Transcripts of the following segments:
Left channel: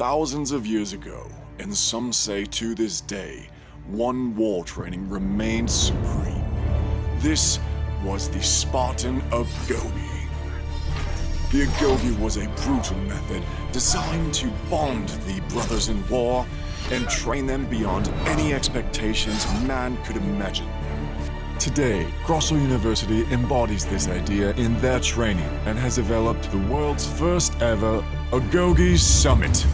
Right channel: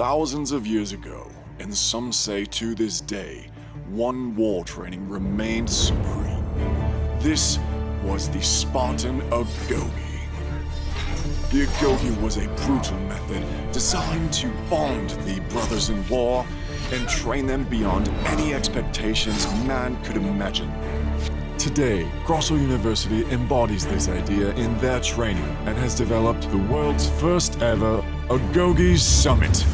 Thousands of years ago, and some say to this day, one war training remained supreme. This was the Spartan Agoge. The Agoge was a brutal method designed to bond the brothers in war and train them beyond any expectations man could have imagined. Today, Grosso University embodies this idea in their training and has developed the world's first ever Agoge Summit.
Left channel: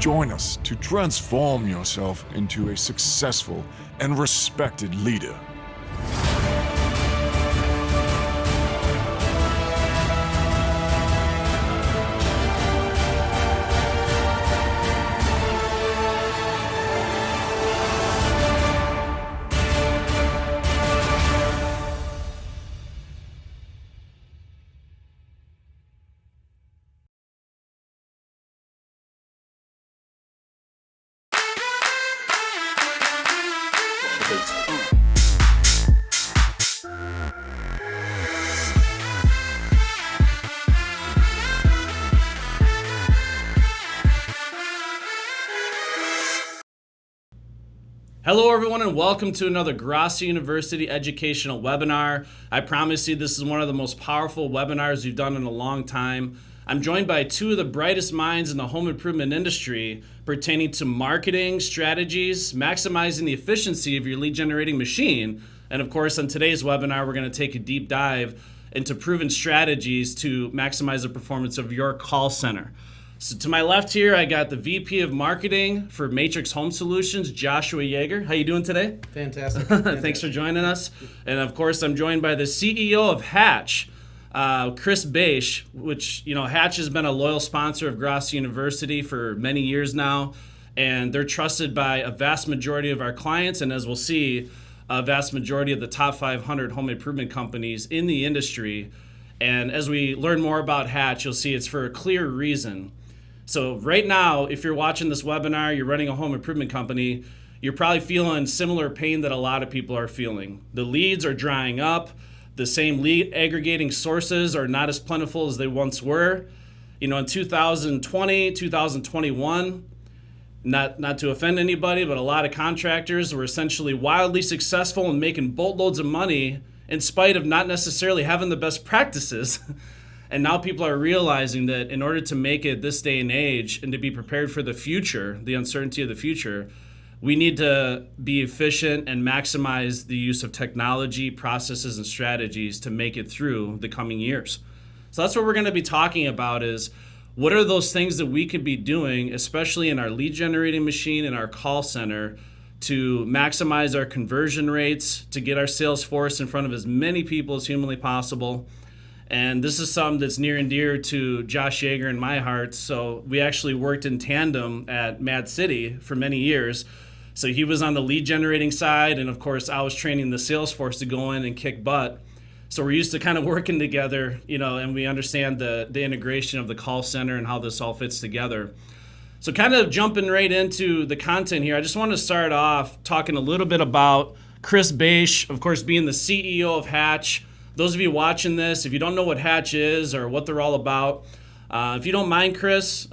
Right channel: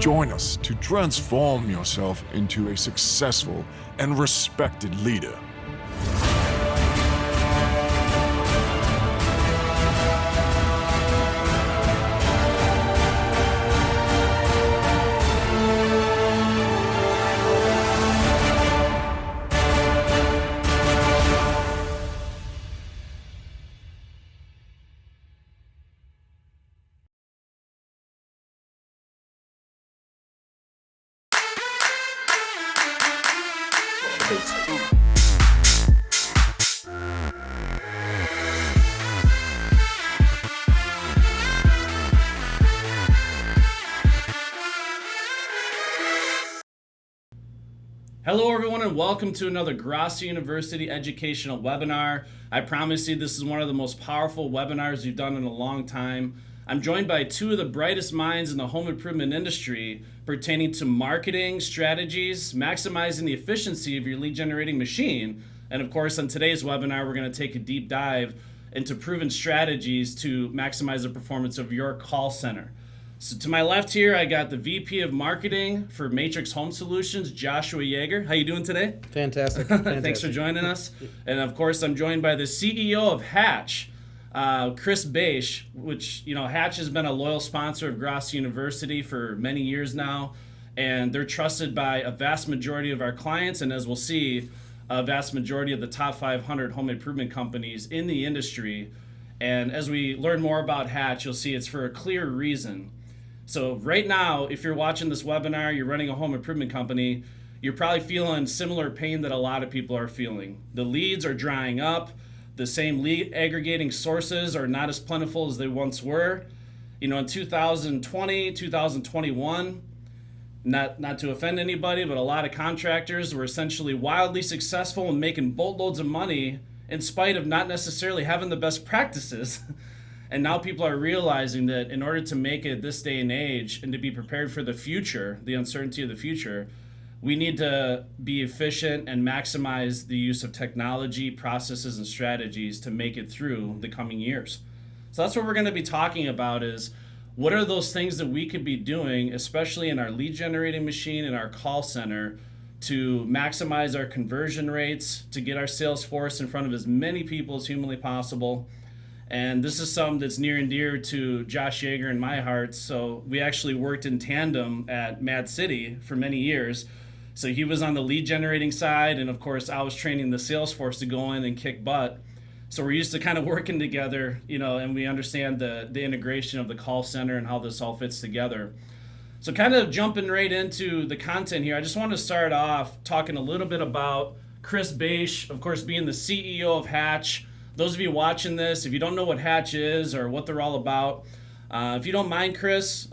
Join us to transform yourself into a successful and respected leader. Hello everyone and welcome to another Grosso University educational webinar. I promise you this is one of the most powerful webinars we've done in a long time. I'm joined by two of the brightest minds in the home improvement industry pertaining to marketing, strategies, maximizing the efficiency of your lead generating machine. And of course, on today's webinar, we're going to take a deep dive into proven strategies to maximize the performance of your call center. So to my left here, I got the VP of Marketing for Matrix Home Solutions, Joshua Yeager. How you doing today? Fantastic. Thanks for joining us. And of course, I'm joined by the CEO of Hatch, Chris Beisch, which, Hatch has been a loyal sponsor of Grosso University for many years now, and they're trusted by a vast majority of our clients, and as we'll see, a vast majority of the top 500 home improvement companies in the industry. And as we learn more about Hatch, you'll see it's for a clear reason. So right now, if you're watching this webinar, you're running a home improvement company, you're probably feeling similar pain that a lot of people are feeling. The leads are drying up. The same lead aggregating sources are not as plentiful as they once were. In 2020, 2021, not to offend anybody, but a lot of contractors were essentially wildly successful in making boatloads of money in spite of not necessarily having the best practices. And now people are realizing that in order to make it this day and age and to be prepared for the future, the uncertainty of the future, we need to be efficient and maximize the use of technology, processes, and strategies to make it through the coming years. So that's what we're going to be talking about is what are those things that we could be doing, especially in our lead generating machine and our call center, to maximize our conversion rates, to get our sales force in front of as many people as humanly possible. And this is something that's near and dear to Josh Yeager and my heart. So we actually worked in tandem at Mad City for many years. So he was on the lead generating side, and of course I was training the sales force to go in and kick butt. So we're used to kind of working together, and we understand the integration of the call center and how this all fits together. So kind of jumping right into the content here, I just want to start off talking a little bit about Chris Beisch, of course being the CEO of Hatch. Those of you watching this, if you don't know what Hatch is or what they're all about, if you don't mind, Chris,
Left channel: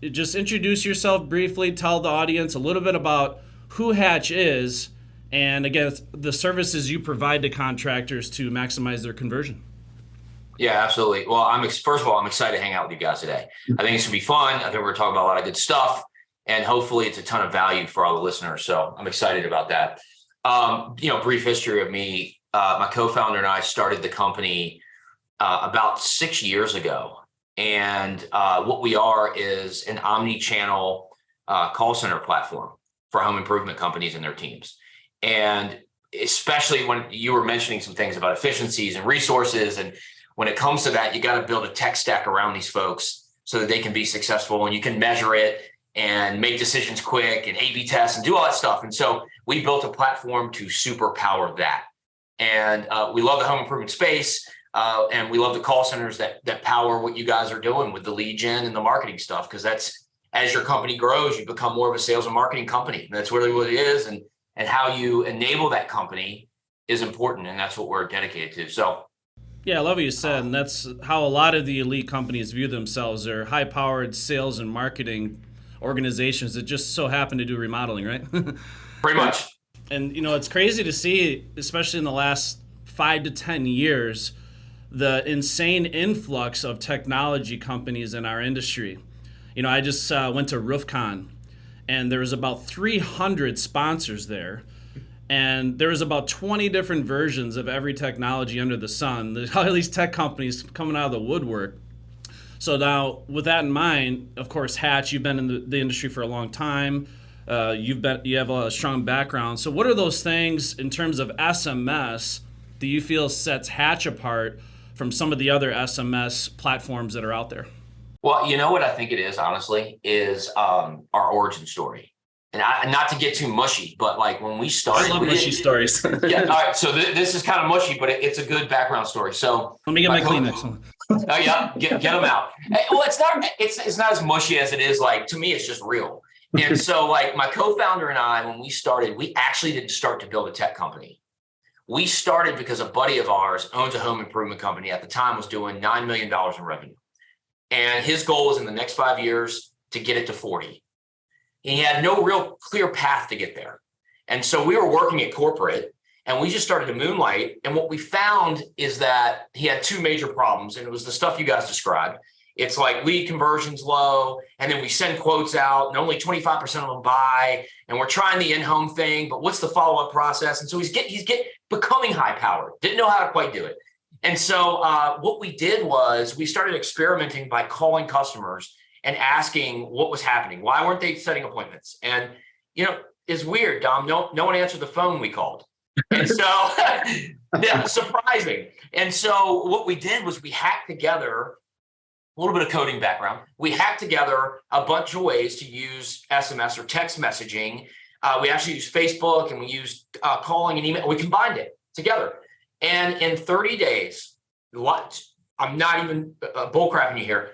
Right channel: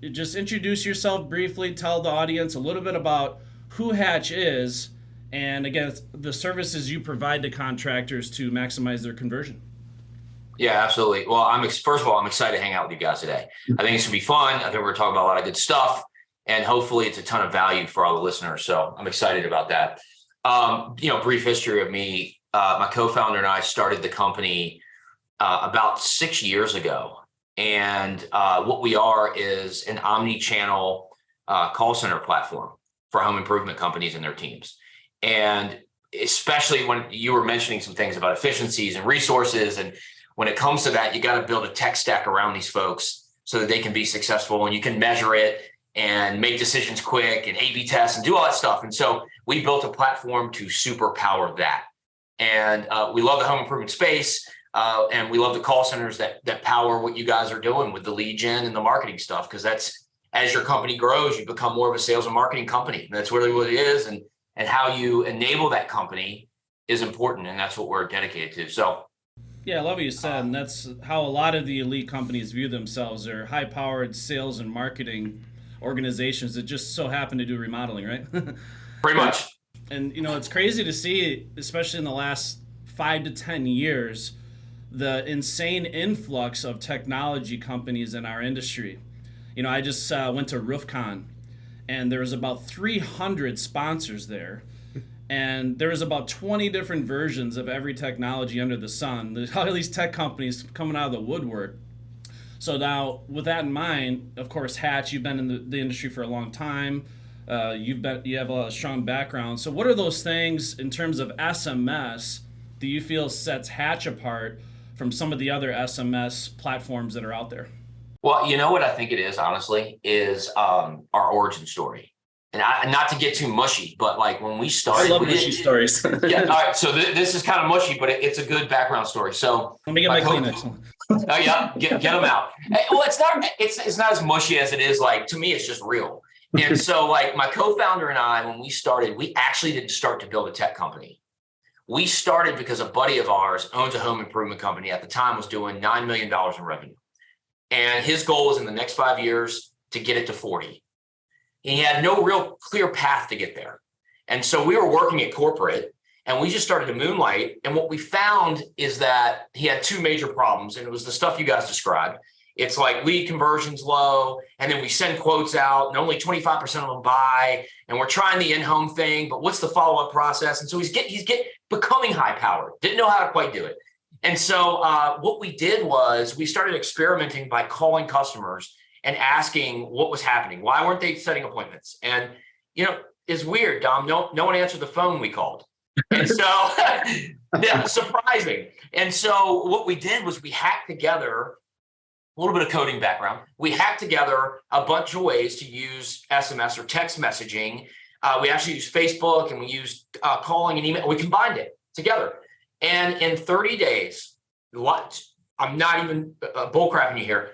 just introduce yourself briefly, tell the audience a little bit about who Hatch is, and again, the services you provide to contractors to maximize their conversion. Yeah, absolutely. Well, first of all, I'm excited to hang out with you guys today. I think it's gonna be fun. I think we're talking about a lot of good stuff, and hopefully it's a ton of value for all the listeners. So I'm excited about that. Brief history of me. My co-founder and I started the company about 6 years ago. And what we are is an omni-channel call center platform for home improvement companies and their teams. And especially when you were mentioning some things about efficiencies and resources, and when it comes to that, you got to build a tech stack around these folks so that they can be successful and you can measure it and make decisions quick and A/B test and do all that stuff. And so we built a platform to superpower that. And we love the home improvement space. And we love the call centers that power what you guys are doing with the lead gen and the marketing stuff, because that's, as your company grows, you become more of a sales and marketing company. That's really what it is. And how you enable that company is important. And that's what we're dedicated to. So, yeah, I love what you said. And that's how a lot of the elite companies view themselves. They're high-powered sales and marketing organizations that just so happen to do remodeling, right? pretty much. And, it's crazy to see, especially in the last 5 to 10 years, the insane influx of technology companies in our industry. I just went to RoofCon, and there was about 300 sponsors there. And there was about 20 different versions of every technology under the sun. There's all these tech companies coming out of the woodwork. So now, with that in mind, of course, Hatch, you've been in the industry for a long time. You have a strong background. So what are those things in terms of SMS that you feel sets Hatch apart from some of the other SMS platforms that are out there? Well, you know what I think it is, honestly, is our origin story. And not to get too mushy, but like when we started, I love mushy stories. Yeah. All right. So this is kind of mushy, but it's a good background story. So let me get my Kleenex. Oh yeah, get them out. Well, it's not as mushy as it is. Like, to me, it's just real. And so, like, my co-founder and I, when we started, we actually didn't start to build a tech company. We started because a buddy of ours owns a home improvement company. At the time, was doing $9 million in revenue, and his goal was in the next 5 years to get it to 40. He had no real clear path to get there. And so we were working at corporate, and we just started to moonlight. And what we found is that he had two major problems. And it was the stuff you guys described. It's like lead conversion's low, and then we send quotes out and only 25% of them buy. And we're trying the in-home thing, but what's the follow-up process? And so he's becoming high powered, didn't know how to quite do it. And so what we did was we started experimenting by calling customers and asking what was happening. Why weren't they setting appointments? And, it's weird, Dom. No one answered the phone we called. And so, yeah, surprising. And so what we did was we hacked together, a little bit of coding background. We hacked together a bunch of ways to use SMS or text messaging. We actually used Facebook, and we used calling and email. We combined it together. And in 30 days, I'm not even bullcrapping you here,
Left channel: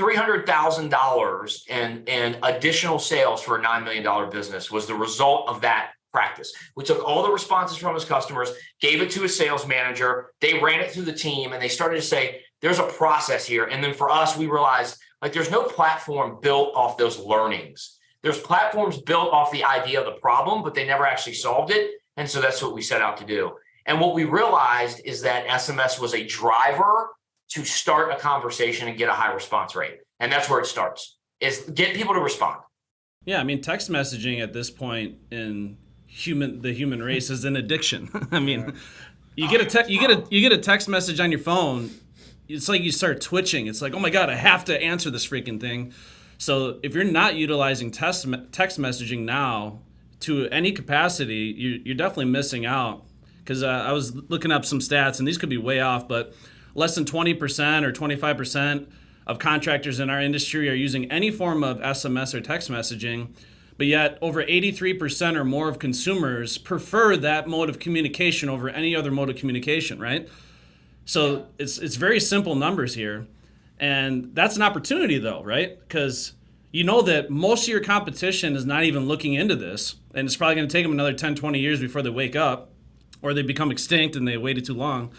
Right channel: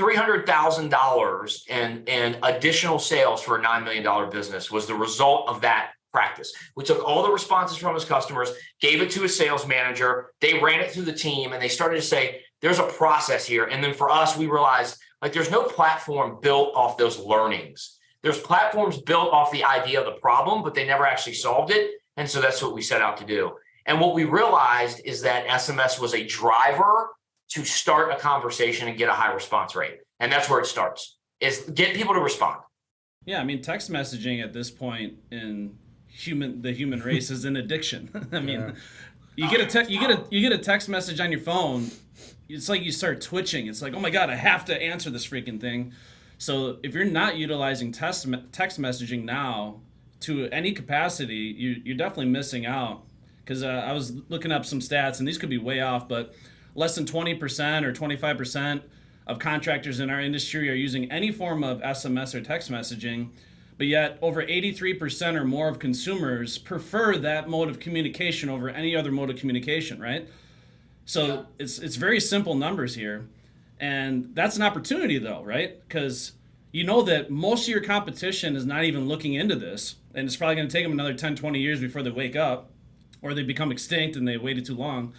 $300,000 and additional sales for a $9 million business was the result of that practice. We took all the responses from his customers, gave it to a sales manager. They ran it through the team, and they started to say, there's a process here. And then for us, we realized, like, there's no platform built off those learnings. There's platforms built off the idea of the problem, but they never actually solved it. And so that's what we set out to do. And what we realized is that SMS was a driver to start a conversation and get a high response rate. And that's where it starts, is get people to respond. Yeah, I mean, text messaging at this point in the human race is an addiction. I mean, you get a text message on your phone, it's like you start twitching. It's like, oh my God, I have to answer this freaking thing. So if you're not utilizing text messaging now to any capacity, you're definitely missing out. Because I was looking up some stats, and these could be way off, but less than 20% or 25% of contractors in our industry are using any form of SMS or text messaging, but yet over 83% or more of consumers prefer that mode of communication over any other mode of communication, right? So it's very simple numbers here. And that's an opportunity though, right? Because you know that most of your competition is not even looking into this, and it's probably going to take them another 10, 20 years before they wake up, or they become extinct and they waited too long.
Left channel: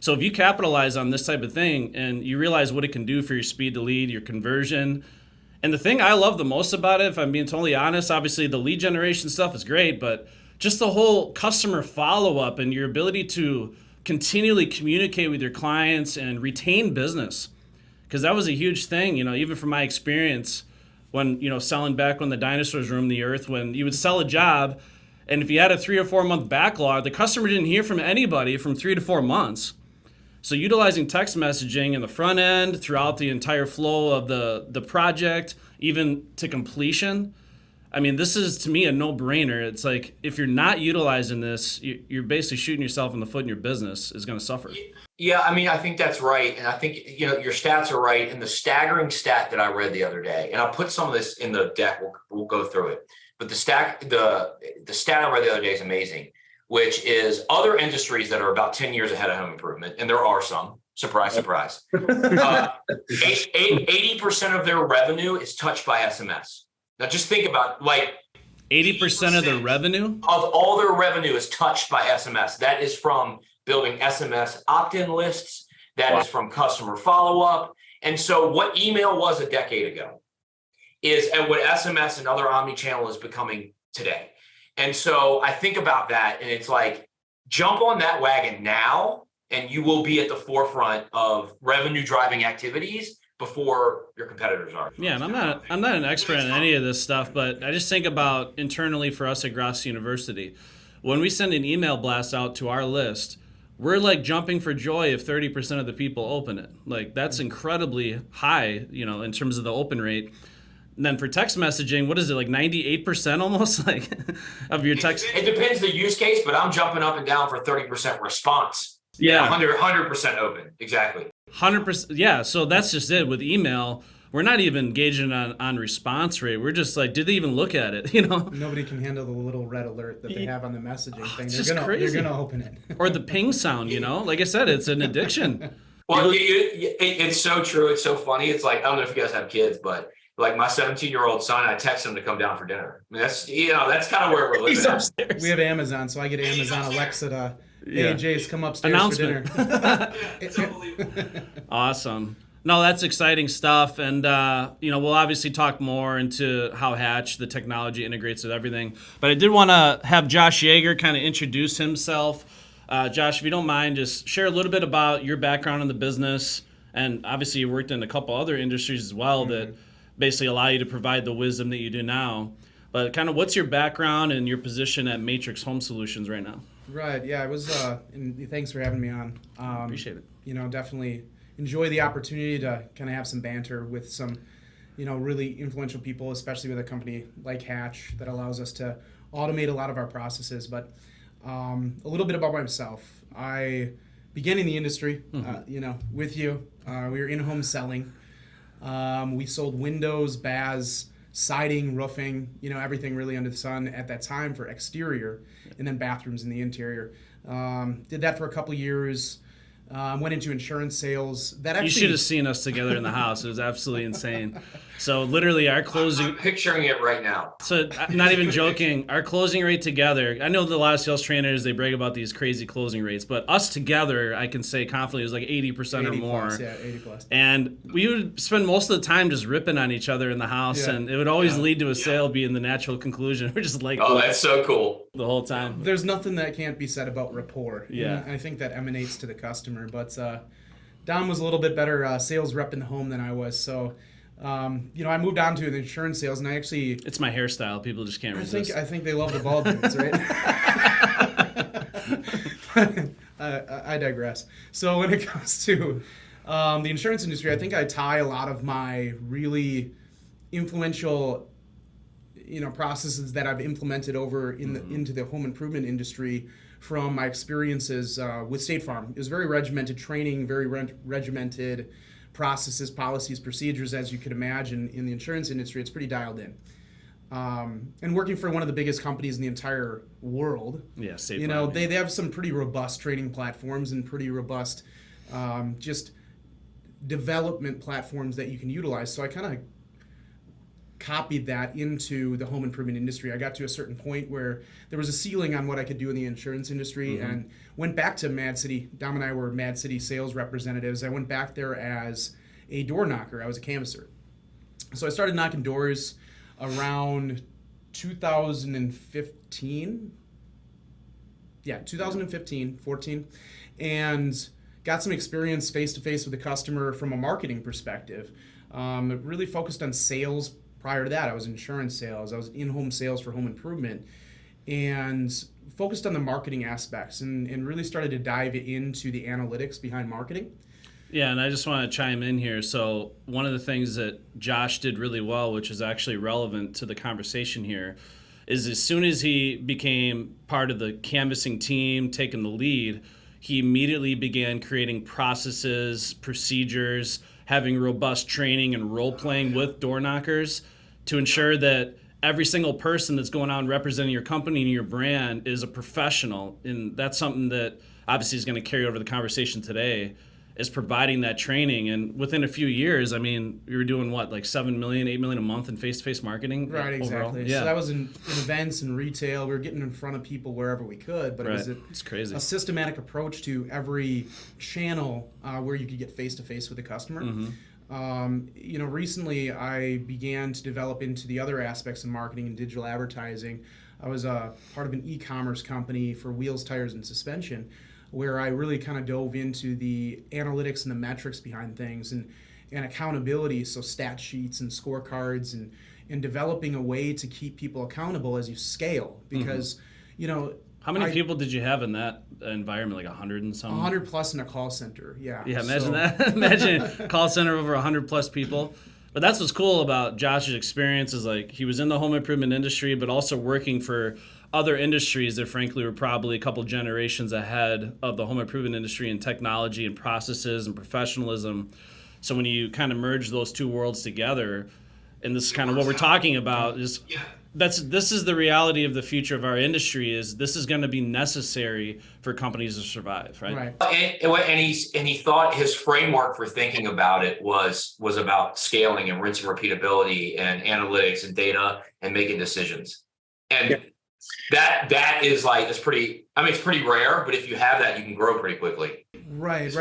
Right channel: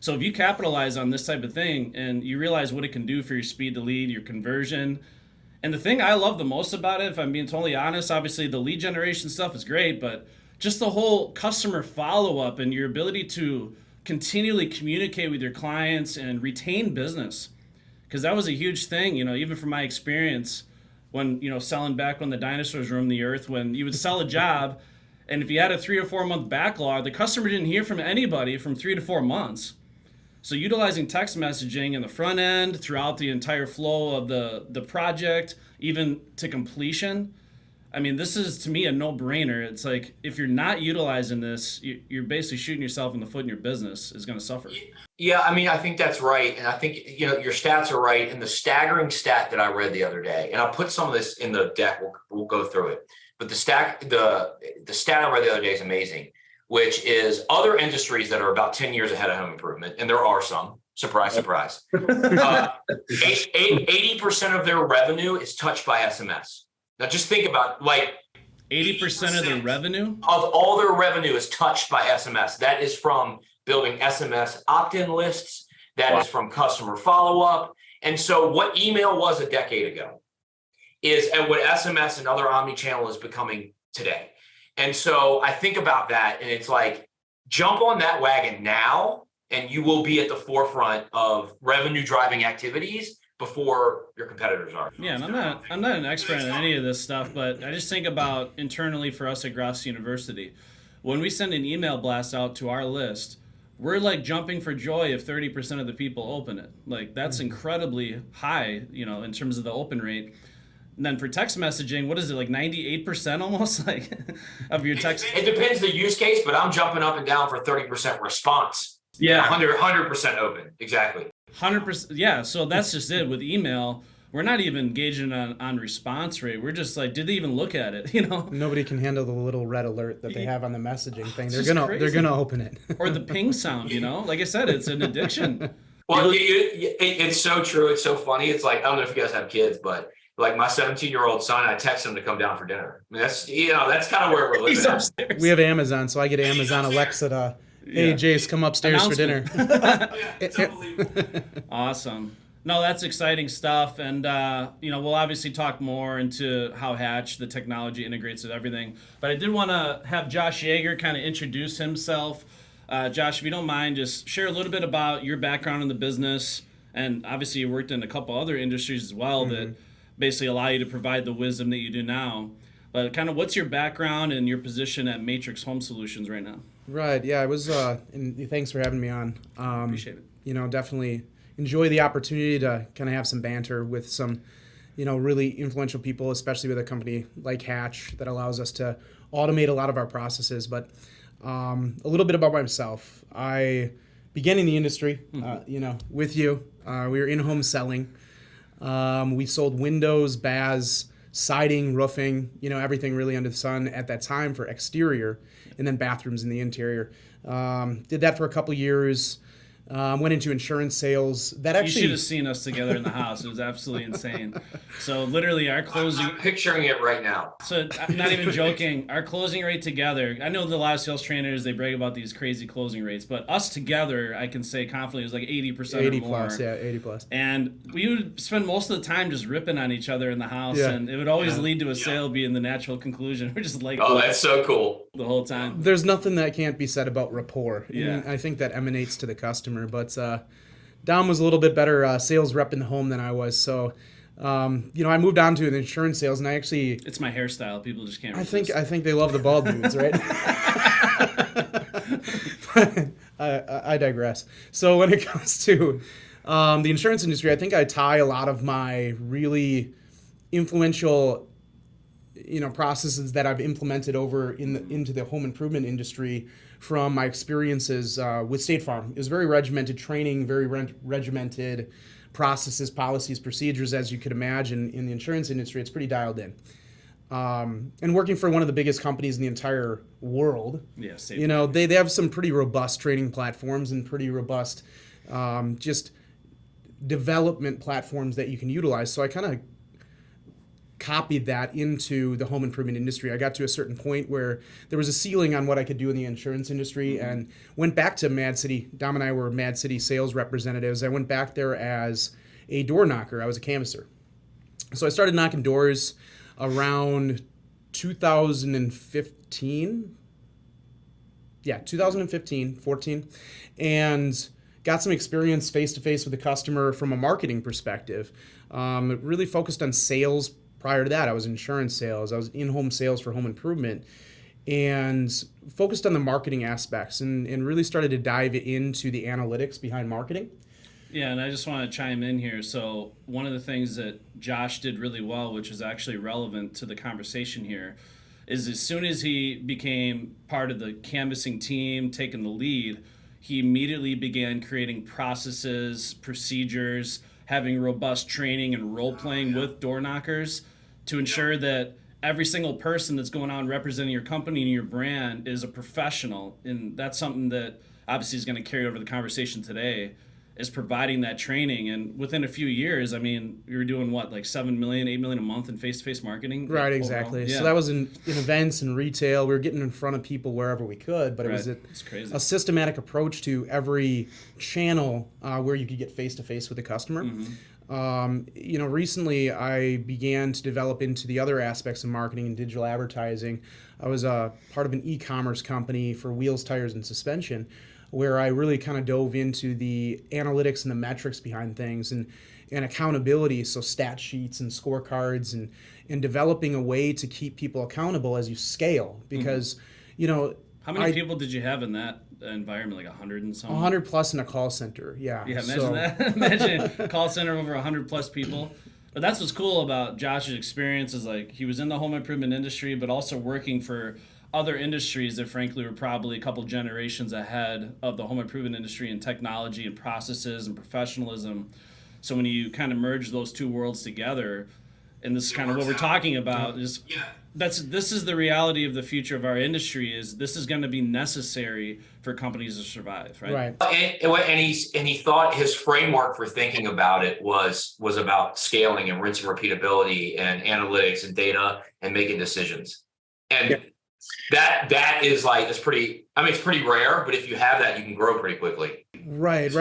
So if you capitalize on this type of thing and you realize what it can do for your speed to lead, your conversion, and the thing I love the most about it, if I'm being totally honest, obviously the lead generation stuff is great, but just the whole customer follow-up and your ability to continually communicate with your clients and retain business. Because that was a huge thing, even from my experience when, selling back when the dinosaurs roamed the earth, when you would sell a job, and if you had a 3 or 4 month backlog, the customer didn't hear from anybody from 3 to 4 months. So utilizing text messaging in the front end throughout the entire flow of the project, even to completion, I mean, this is, to me, a no-brainer. It's like, if you're not utilizing this, you're basically shooting yourself in the foot, and your business is going to suffer. Yeah, I mean, I think that's right. And I think, your stats are right. And the staggering stat that I read the other day, and I'll put some of this in the deck, we'll go through it. But the stat I read the other day is amazing. which is other industries that are about 10 years ahead of home improvement, and there are some. Surprise, surprise. 80% of their revenue is touched by SMS. Now, just think about 80% of their revenue? Of all their revenue is touched by SMS. That is from building SMS opt-in lists. That is from customer follow-up. And so what email was a decade ago is and what SMS and other omni-channel is becoming today. And so I think about that, and it's like, jump on that wagon now, and you will be at the forefront of revenue driving activities before your competitors are. Yeah, and I'm not an expert in any of this stuff, but I just think about internally for us at Gross University. When we send an email blast out to our list, we're like jumping for joy if 30% of the people open it. Like, that's incredibly high, in terms of the open rate. And then for text messaging, what is it, like 98% almost, like, of your text? It depends the use case, but I'm jumping up and down for 30% response. Yeah. 100% open, exactly. 100%, yeah, so that's just it. With email, we're not even engaging on response rate. We're just like, did they even look at it, Nobody can handle the little red alert that they have on the messaging thing. They're gonna open it. Or the ping sound, Like I said, it's an addiction. Well, it's so true. It's so funny. It's like, I don't know if you guys have kids, but like my 17-year-old son, I text him to come down for dinner. I mean, that's kind of where we're living at. We have Amazon, so I get Amazon Alexa to, hey, Jace, come upstairs for dinner. Awesome. No, that's exciting stuff. And, we'll obviously talk more into how Hatch, the technology, integrates with everything. But I did want to have Josh Yeager kind of introduce himself. Josh, if you don't mind, just share a little bit about your background in the business. And obviously you worked in a couple other industries as well that basically allow you to provide the wisdom that you do now. But kind of what's your background and your position at Matrix Home Solutions right now? Right, yeah, I was, and thanks for having me on. Appreciate it. Definitely enjoy the opportunity to kind of have some banter with some, really influential people, especially with a company like Hatch that allows us to automate a lot of our processes. But a little bit about myself. I began in the industry, with you. We were in-home selling. We sold windows, baths, siding, roofing, everything really under the sun at that time for exterior, and then bathrooms in the interior. Did that for a couple years. Went into insurance sales. You should have seen us together in the house. It was absolutely insane. So literally our closing... I'm picturing it right now. So I'm not even joking. Our closing rate together, I know that a lot of sales trainers, they brag about these crazy closing rates, but us together, I can say confidently, it was like 80% or more. Plus, yeah, 80 plus. And we would spend most of the time just ripping on each other in the house, and it would always lead to a sale being the natural conclusion. We're just like... Oh, that's so cool. The whole time. There's nothing that can't be said about rapport. Yeah. And I think that emanates to the customer, but Dom was a little bit better sales rep in the home than I was, so I moved on to the insurance sales, and I actually... It's my hairstyle. People just can't resist. I think they love the bald dudes, right? I digress. So when it comes to the insurance industry, I think I tie a lot of my really influential processes that I've implemented over into the home improvement industry from my experiences with State Farm. It was very regimented training, very regimented processes, policies, procedures, as you could imagine. In the insurance industry, it's pretty dialed in. And working for one of the biggest companies in the entire world, State Farm. They have some pretty robust training platforms and pretty robust just development platforms that you can utilize. So I kind of copied that into the home improvement industry. I got to a certain point where there was a ceiling on what I could do in the insurance industry, and went back to Mad City. Dom and I were Mad City sales representatives. I went back there as a door knocker. I was a canvasser. So I started knocking doors around 2015. Yeah, 2015, 14. And got some experience face-to-face with the customer from a marketing perspective. Really focused on sales. Prior to that, I was insurance sales. I was in-home sales for home improvement, and focused on the marketing aspects and really started to dive into the analytics behind marketing. Yeah, and I just want to chime in here. So one of the things that Josh did really well, which is actually relevant to the conversation here, is as soon as he became part of the canvassing team, taking the lead, he immediately began creating processes, procedures, having robust training and role-playing with door knockers to ensure that every single person that's going out and representing your company and your brand is a professional. And that's something that obviously is going to carry over the conversation today, is providing that training. And within a few years, I mean, you were doing what, like 7 million, 8 million a month in face-to-face marketing? Right, exactly. Yeah. So that was in events and retail. We were getting in front of people wherever we could, but Right. it was It's crazy. a systematic approach to every channel where you could get face-to-face with a customer. Recently I began to develop into the other aspects of marketing and digital advertising. I was part of an e-commerce company for wheels, tires, and suspension, where I really kind of dove into the analytics and the metrics behind things and accountability, so stat sheets and scorecards and developing a way to keep people accountable as you scale. Because, How many people did you have in that environment? Like 100 and something? 100 plus in a call center, yeah. Yeah, imagine So- that. Imagine a call center over 100 plus people. But that's what's cool about Josh's experience, is like he was in the home improvement industry, but also working for other industries that frankly were probably a couple generations ahead of the home improvement industry in technology and processes and professionalism. So when you kind of merge those two worlds together, and this is kind of what we're talking about, is this is the reality of the future of our industry, is this is going to be necessary for companies to survive, right? Right. And he thought his framework for thinking about it was about scaling and rinse and repeatability and analytics and data and making decisions. And that is like, it's pretty rare, but if you have that, you can grow pretty quickly. Right.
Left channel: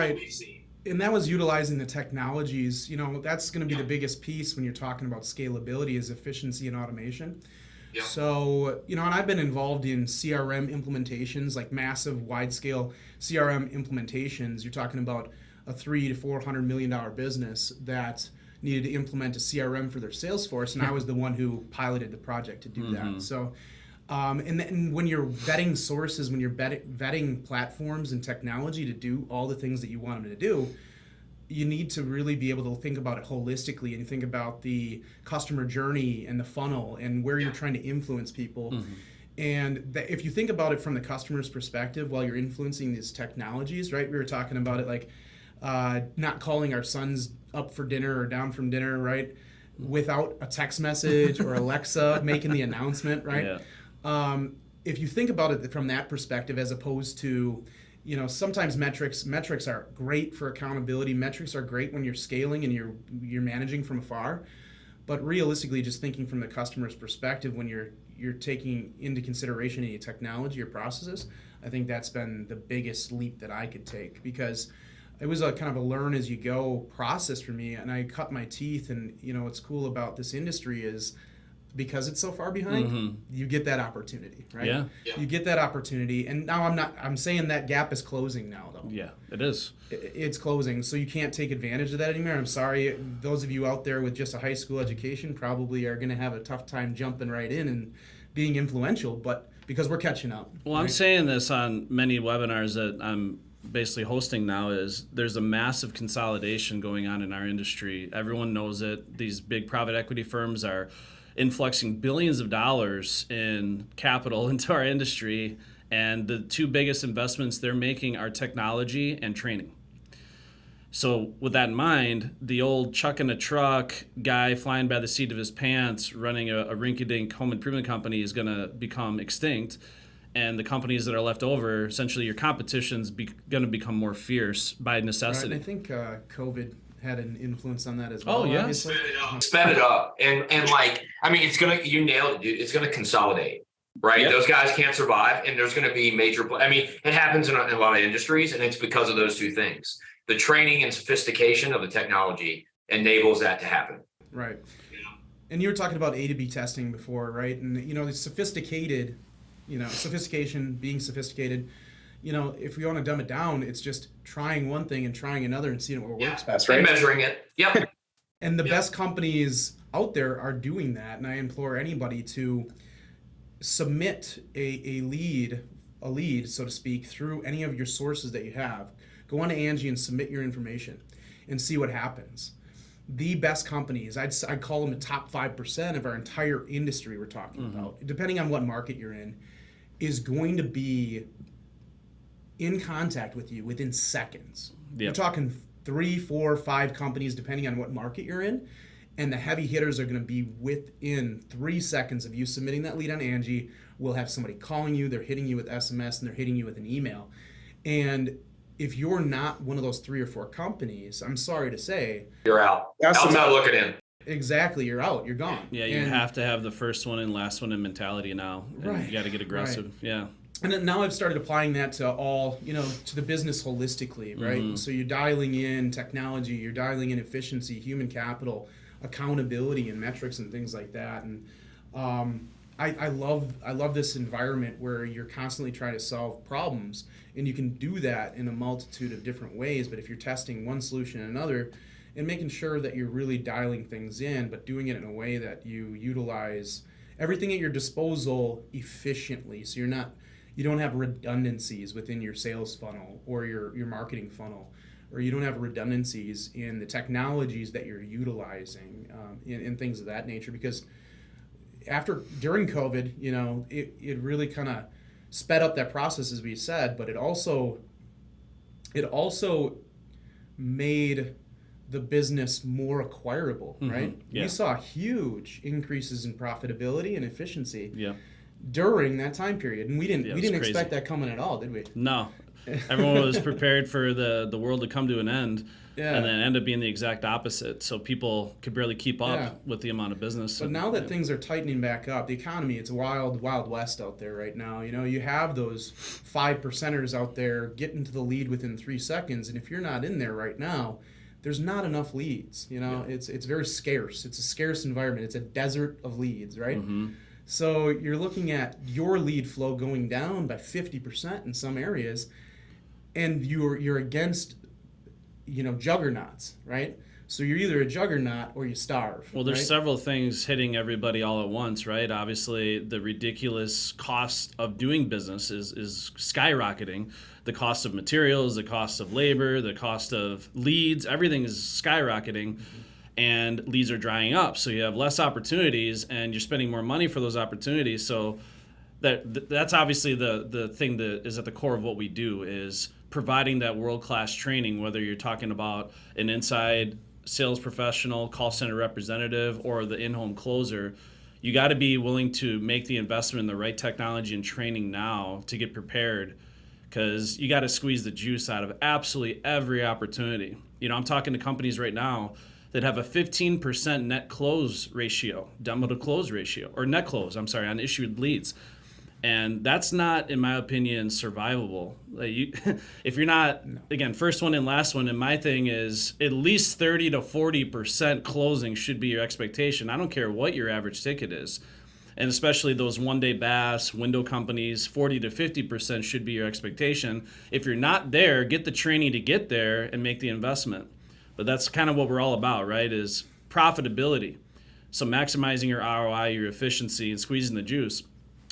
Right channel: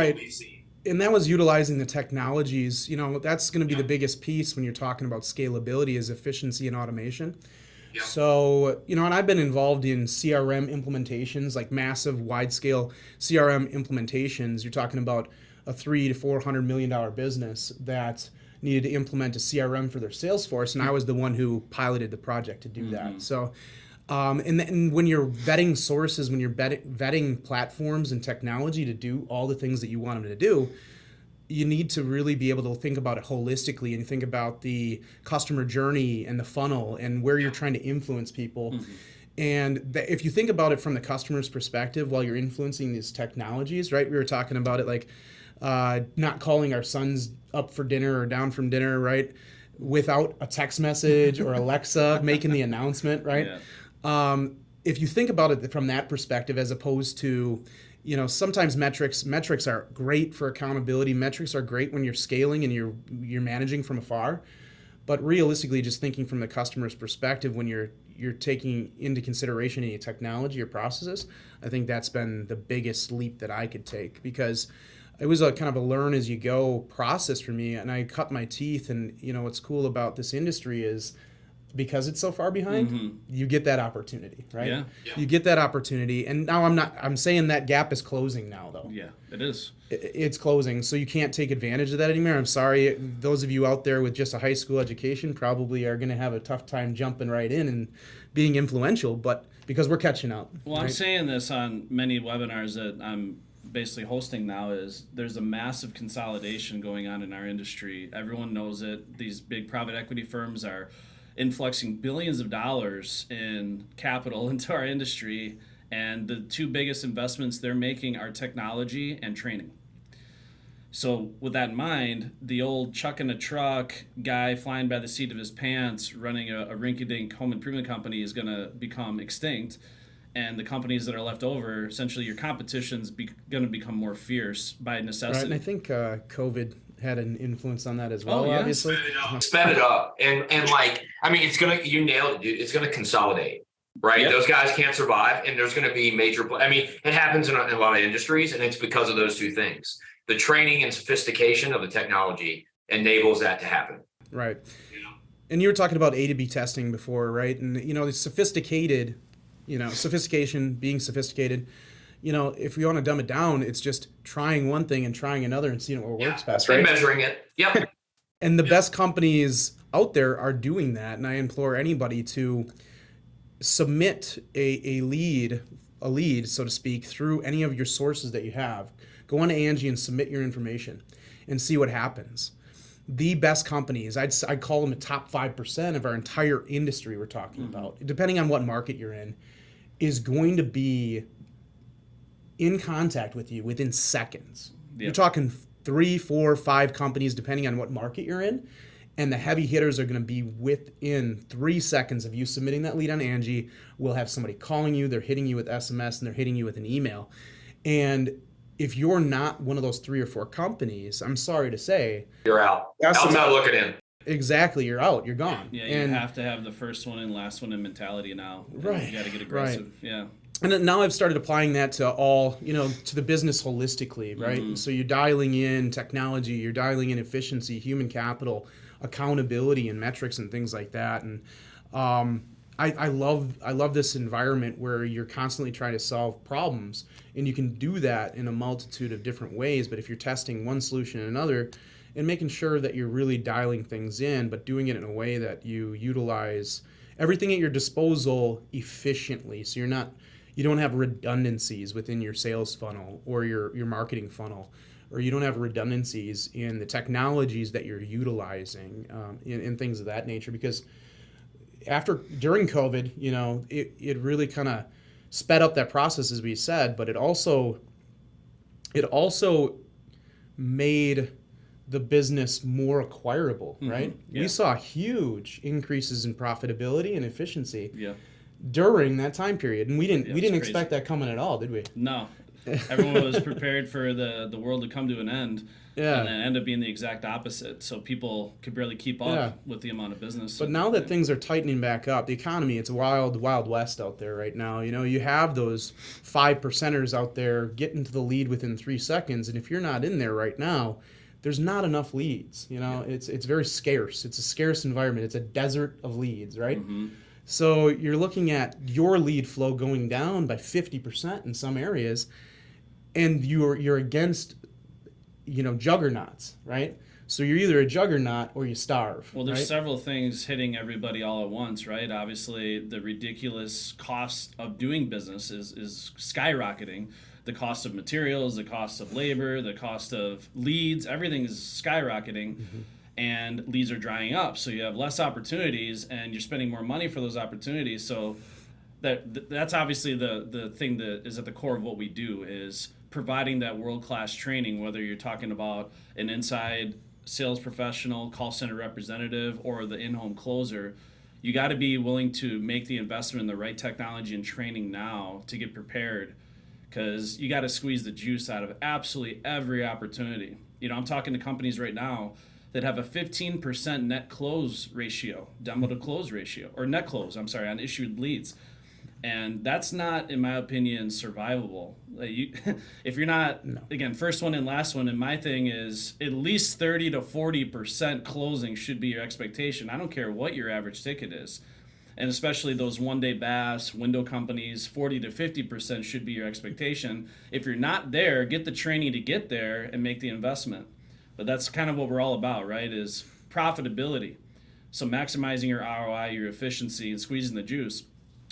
And that was utilizing the technologies. That's going to be the biggest piece when you're talking about scalability, is efficiency and automation. Yeah. So, and I've been involved in CRM implementations, like massive wide-scale CRM implementations. You're talking about a $300 to $400 million business that needed to implement a CRM for their sales force, and I was the one who piloted the project to do that. So, and when you're vetting sources, when you're vetting platforms and technology to do all the things that you want them to do, you need to really be able to think about it holistically and think about the customer journey and the funnel and where you're trying to influence people. And if you think about it from the customer's perspective while you're influencing these technologies, right? We were talking about it like not calling our sons up for dinner or down from dinner, right? Without a text message or Alexa making the announcement, right? Yeah. If you think about it from that perspective, as opposed to, sometimes metrics are great for accountability. Metrics are great when you're scaling and you're managing from afar. But realistically, just thinking from the customer's perspective, when you're taking into consideration any technology or processes, I think that's been the biggest leap that I could take, because it was a kind of a learn as you go process for me, and I cut my teeth. And what's cool about this industry is, because it's so far behind, you get that opportunity, right? Yeah. You get that opportunity, and now I'm saying that gap is closing now, though. Yeah, it is. It's closing, so you can't take advantage of that anymore. I'm sorry, those of you out there with just a high school education probably are going to have a tough time jumping right in and being influential, but because we're catching up. Well, I'm saying this on many webinars that I'm basically hosting now, is there's a massive consolidation going on in our industry. Everyone knows it. These big private equity firms are influxing billions of dollars in capital into our industry, and the two biggest investments they're making are technology and training. So with that in mind, the old chuck in a truck guy flying by the seat of his pants running a rinky-dink home improvement company is going to become extinct, and the companies that are left over, essentially your competition's going to become more fierce by necessity. Right, and I think COVID had an influence on that as well. Oh, yeah. Obviously. Sped it up. And you nailed it, dude. It's going to consolidate, right? Yep. Those guys can't survive, and there's going to be it happens in a lot of industries, and it's because of those two things. The training and sophistication of the technology enables that to happen. Right. And you were talking about A to B testing before, right? And the sophistication, being sophisticated. If we want to dumb it down, it's just trying one thing and trying another and seeing what works best. That's right. And measuring it. Yep. And the best companies out there are doing that. And I implore anybody to submit a lead, so to speak, through any of your sources that you have. Go on to Angie and submit your information and see what happens. The best companies, I'd call them the top 5% of our entire industry we're talking about, depending on what market you're in, is going to be in contact with you within seconds. You're talking 3, 4, 5 companies, depending on what market you're in, And the heavy hitters are going to be within 3 seconds of you submitting that lead on Angie. We'll have somebody calling you, they're hitting you with SMS, and they're hitting you with an email. And if you're not one of those 3 or 4 companies, I'm sorry to say, you're out. Outside looking in. Exactly, you're out, you're gone. Yeah, you have to have the first one and last one in mentality now. Right. You got to get aggressive. Right. Yeah. And then now I've started applying that to all, to the business holistically, right? Mm-hmm. So you're dialing in technology, you're dialing in efficiency, human capital, accountability, and metrics and things like that. And I love this environment where you're constantly trying to solve problems, and you can do that in a multitude of different ways. But if you're testing one solution and another, and making sure that you're really dialing things in, but doing it in a way that you utilize everything at your disposal efficiently, so you don't have redundancies within your sales funnel or your marketing funnel, or you don't have redundancies in the technologies that you're utilizing, in things of that nature. Because during COVID, it really kind of sped up that process, as we said, but it also made the business more acquirable, right? Yeah. We saw huge increases in profitability and efficiency Yeah. during that time period, and we didn't crazy. expect that coming at all, did we? No. Everyone was prepared for the world to come to an end, Yeah. and then end up being the exact opposite. So people could barely keep up Yeah. with the amount of business. But now that things are tightening back up, the economy, it's a wild west out there right now. You have those 5%ers out there getting to the lead within 3 seconds, and if you're not in there right now, there's not enough leads. It's very scarce. It's a scarce environment. It's a desert of leads, right? Mm-hmm. So you're looking at your lead flow going down by 50% in some areas, and you're against, juggernauts, right? So you're either a juggernaut or you starve. Well, there's right? several things hitting everybody all at once, right? Obviously, the ridiculous cost of doing business is skyrocketing. The cost of materials, the cost of labor, the cost of leads, everything is skyrocketing. Mm-hmm. And leads are drying up. So you have less opportunities, and you're spending more money for those opportunities. So that's obviously the thing that is at the core of what we do, is providing that world-class training, whether you're talking about an inside sales professional, call center representative, or the in-home closer. You got to be willing to make the investment in the right technology and training now to get prepared, because you got to squeeze the juice out of absolutely every opportunity. I'm talking to companies right now that have a 15% net close ratio, demo to close ratio, or net close, on issued leads. And that's not, in my opinion, survivable. If you're not, again, first one and last one, and my thing is at least 30 to 40% closing should be your expectation. I don't care what your average ticket is. And especially those one-day BaaS, window companies, 40 to 50% should be your expectation. If you're not there, get the training to get there and make the investment. But that's kind of what we're all about, right, is profitability. So maximizing your ROI, your efficiency, and squeezing the juice.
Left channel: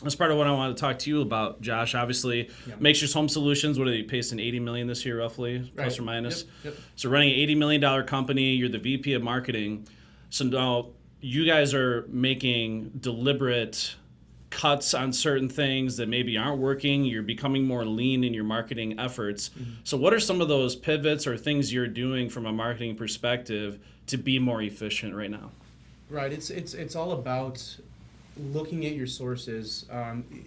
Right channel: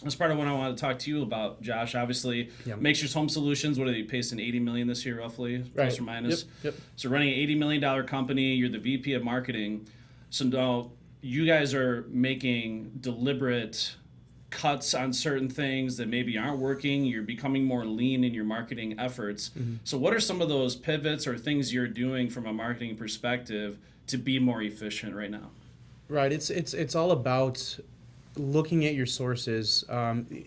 That's part of what I want to talk to you about, Josh. Obviously, Makeshift Home Solutions, what are they pacing, $80 million this year, roughly, plus or minus? Yep. So running an $80 million company, you're the VP of marketing. So now you guys are making deliberate cuts on certain things that maybe aren't working. You're becoming more lean in your marketing efforts. Mm-hmm. So what are some of those pivots or things you're doing from a marketing perspective to be more efficient right now? Right. It's all about looking at your sources,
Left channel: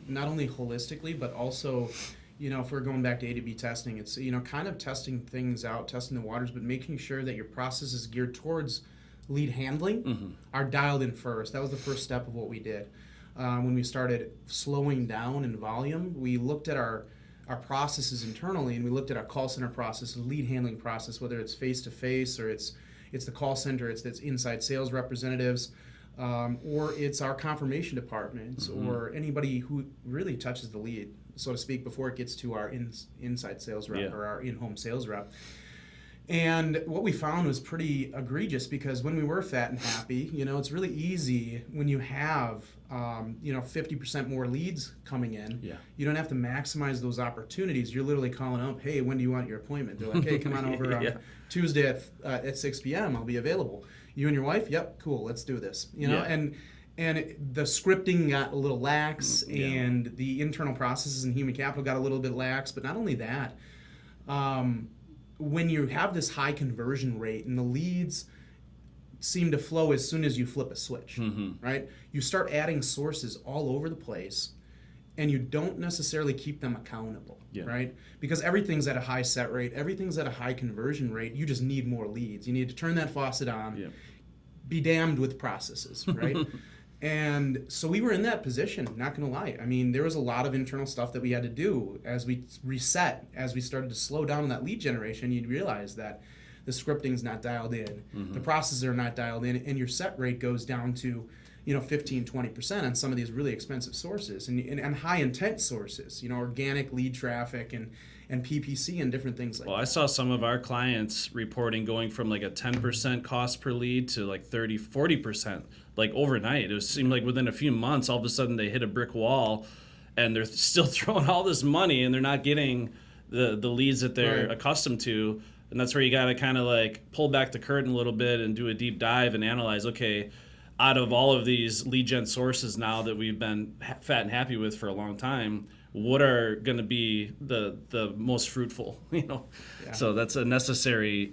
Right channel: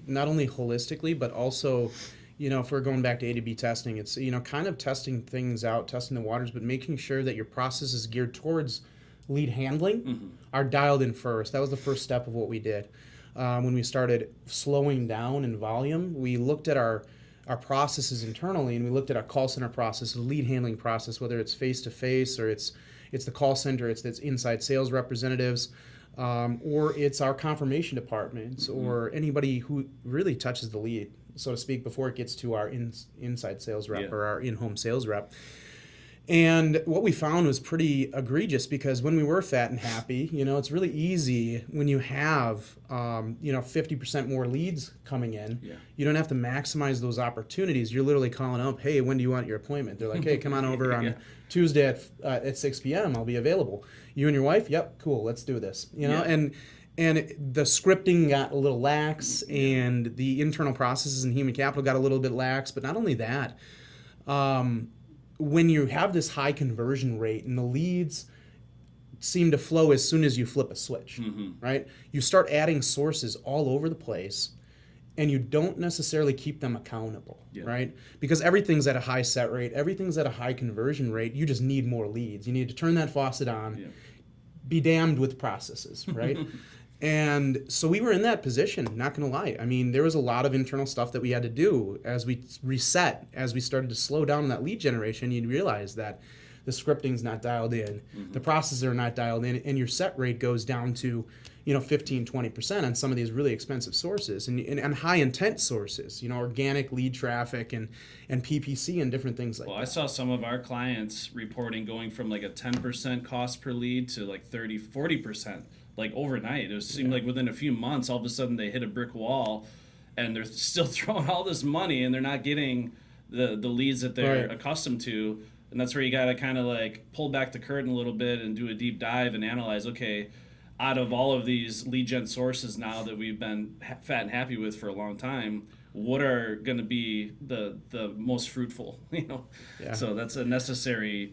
not only holistically, but also, if we're going back to A/B testing, it's, kind of testing things out, testing the waters, but making sure that your process is geared towards lead handling are dialed in first. That was the first step of what we did. When we started slowing down in volume, we looked at our processes internally, and we looked at our call center process, the lead handling process, whether it's face-to-face or it's the call center, it's inside sales representatives, or it's our confirmation departments, or anybody who really touches the lead, so to speak, before it gets to our inside sales rep or our in-home sales rep. And what we found was pretty egregious, because when we were fat and happy, it's really easy when you have, 50% more leads coming in. Yeah. You don't have to maximize those opportunities. You're literally calling up, hey, when do you want your appointment? They're like, hey, come on over on Tuesday at 6 p.m. I'll be available. You and your wife? Yep, cool, let's do this. And the scripting got a little lax, and the internal processes and human capital got a little bit lax. But not only that, when you have this high conversion rate and the leads seem to flow as soon as you flip a switch, right? You start adding sources all over the place, and you don't necessarily keep them accountable, right? Because everything's at a high set rate, everything's at a high conversion rate. You just need more leads. You need to turn that faucet on, be damned with processes, right? And so we were in that position, not gonna lie. I mean, there was a lot of internal stuff that we had to do as we reset, as we started to slow down that lead generation. You'd realize that the scripting's not dialed in, the processes are not dialed in, and your set rate goes down to 15, 20% on some of these really expensive sources and high intent sources, organic lead traffic and PPC and different things like that. Well, I saw some of our clients reporting going from like a 10% cost per lead to like 30, 40%, like overnight. It seemed like within a few months, all of a sudden they hit a brick wall and they're still throwing all this money and they're not getting the leads that they're accustomed to. And that's where you got to kind of like pull back the curtain a little bit and do a deep dive and analyze, okay, out of all of these lead gen sources now that we've been fat and happy with for a long time, what are going to be the most fruitful, So that's a necessary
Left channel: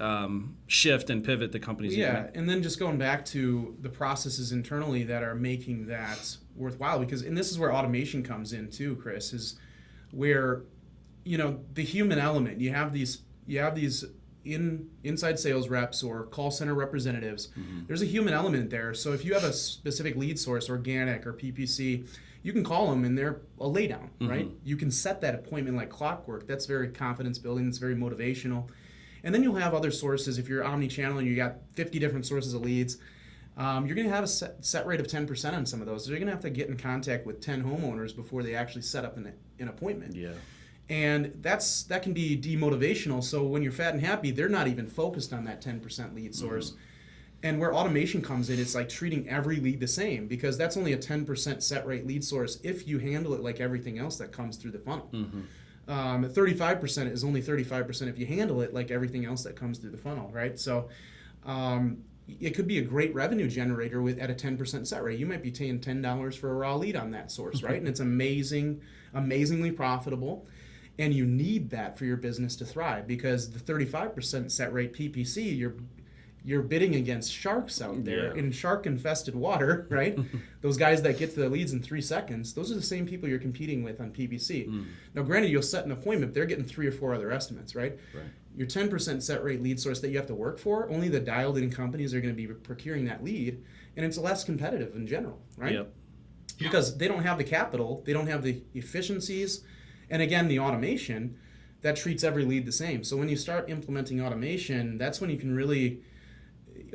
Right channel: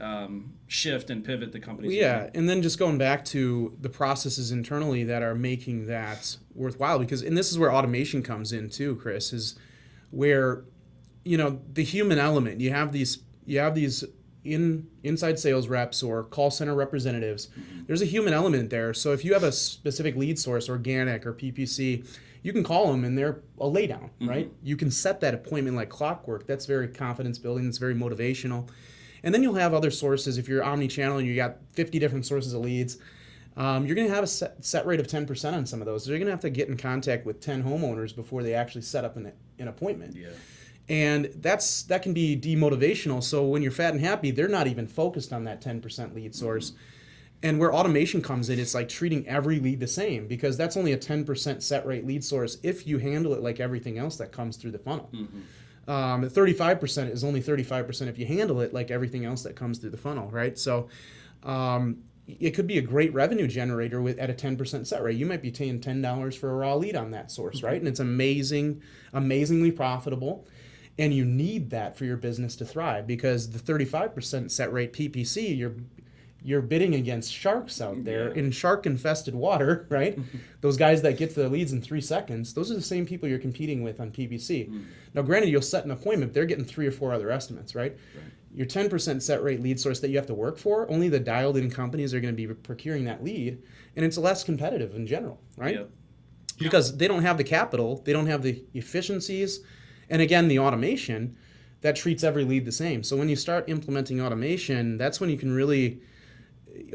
shift and pivot the companies and then just going back to the processes internally that are making that worthwhile, and this is where automation comes in too, Chris, is where, the human element, you have these inside sales reps or call center representatives, there's a human element there. So if you have a specific lead source, organic or PPC, you can call them and they're a laydown, right? You can set that appointment like clockwork. That's very confidence building. That's very motivational. And then you'll have other sources. If you're omni-channel and you got 50 different sources of leads, you're going to have a set rate of 10% on some of those. So you're going to have to get in contact with 10 homeowners before they actually set up an appointment. Yeah. And that can be demotivational. So when you're fat and happy, they're not even focused on that 10% lead source. And where automation comes in, it's like treating every lead the same, because that's only a 10% set rate lead source if you handle it like everything else that comes through the funnel. 35% is only 35% if you handle it like everything else that comes through the funnel, right? So it could be a great revenue generator at a 10% set rate. You might be paying $10 for a raw lead on that source, right? And it's amazingly profitable. And you need that for your business to thrive, because the 35% set rate PPC, you're bidding against sharks out there in shark-infested water, right? Those guys that get to their leads in 3 seconds, those are the same people you're competing with on PPC. Now, granted, you'll set an appointment, they're getting 3 or 4 other estimates, right? Your 10% set rate lead source that you have to work for, only the dialed-in companies are going to be procuring that lead, and it's less competitive in general, right? Because they don't have the capital, they don't have the efficiencies, and again, the automation that treats every lead the same. So when you start implementing automation, that's when you can really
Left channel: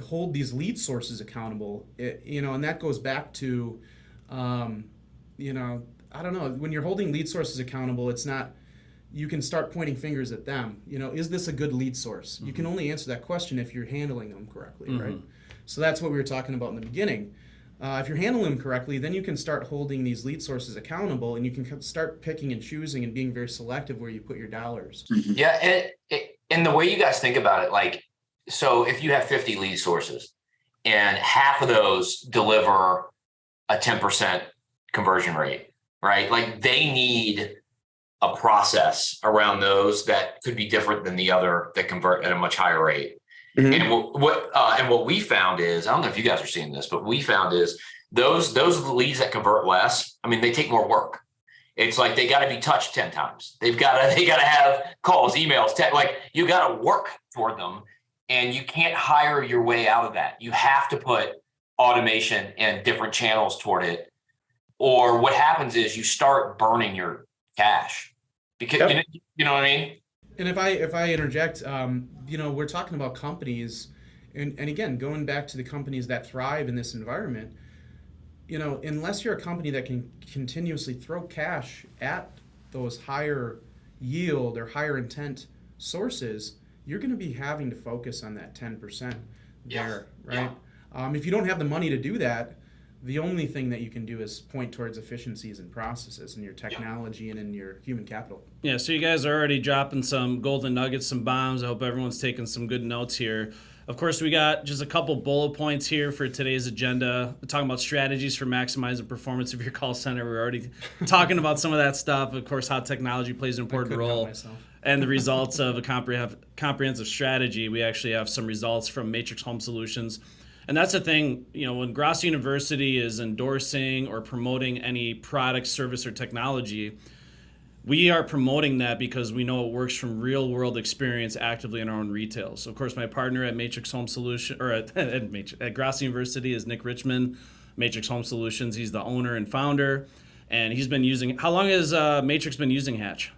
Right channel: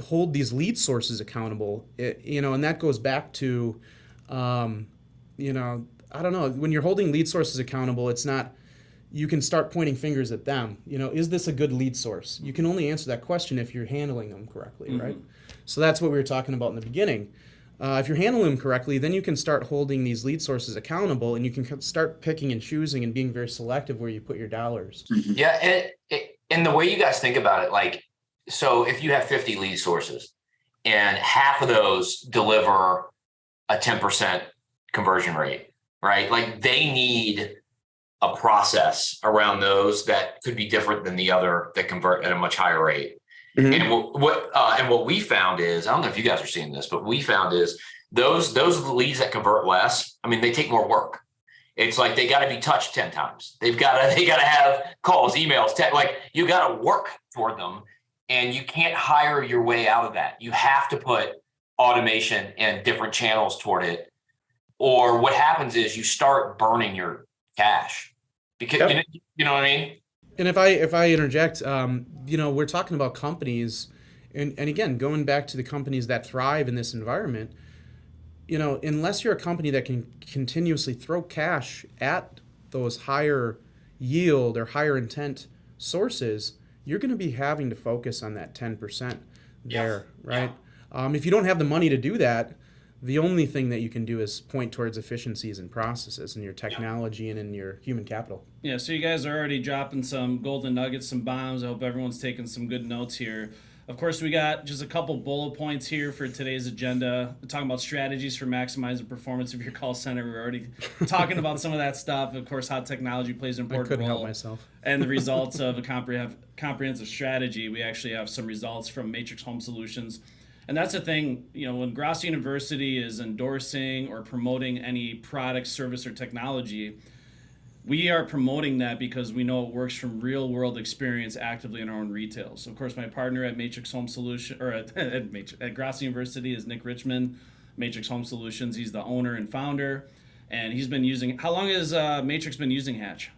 hold these lead sources accountable, and that goes back to, I don't know, when you're holding lead sources accountable, it's not, you can start pointing fingers at them. Is this a good lead source? You can only answer that question if you're handling them correctly, right? So that's what we were talking about in the beginning. If you're handling them correctly, then you can start holding these lead sources accountable, and you can start picking and choosing and being very selective where you put your dollars. Yeah, and the way you guys think about it, like, so if you have 50 lead sources and half of those deliver a 10% conversion rate, right? Like, they need a process around those that could be different than the other that convert at a much higher rate. And what we found is, I don't know if you guys are seeing this, but we found is those leads that convert less, I mean, they take more work. It's like they got to be touched 10 times. They got to have calls, emails, like you got to work toward them. And you can't hire your way out of that. You have to put automation and different channels toward it. Or what happens is you start burning your cash. Because you know what I mean? And if I interject, we're talking about companies, and again, going back to the companies that thrive in this environment, unless you're a company that can continuously throw cash at those higher yield or higher intent sources, you're going to be having to focus on that 10% there, right? If you don't have the money to do that, the only thing that you can do is point towards efficiencies and processes and your technology and in your human capital. Yeah, so you guys are already dropping some golden nuggets, some bombs. I hope everyone's taking some good notes here. Of course, we got just a couple bullet points here for today's agenda. We're talking about strategies for maximizing performance of your call center. We're already talking about some of that stuff. Of course, how technology plays an important role. And the results of a comprehensive strategy. We actually have some results from Matrix Home Solutions. And that's the thing, when Gross University is endorsing or promoting any product, service, or technology, we are promoting that because we know it works from real world experience actively in our own retail. So of course, my partner at Matrix Home Solution, or at Gross University, is Nick Richmond, Matrix Home Solutions. He's the owner and founder, and he's been using. How long has Matrix been using Hatch?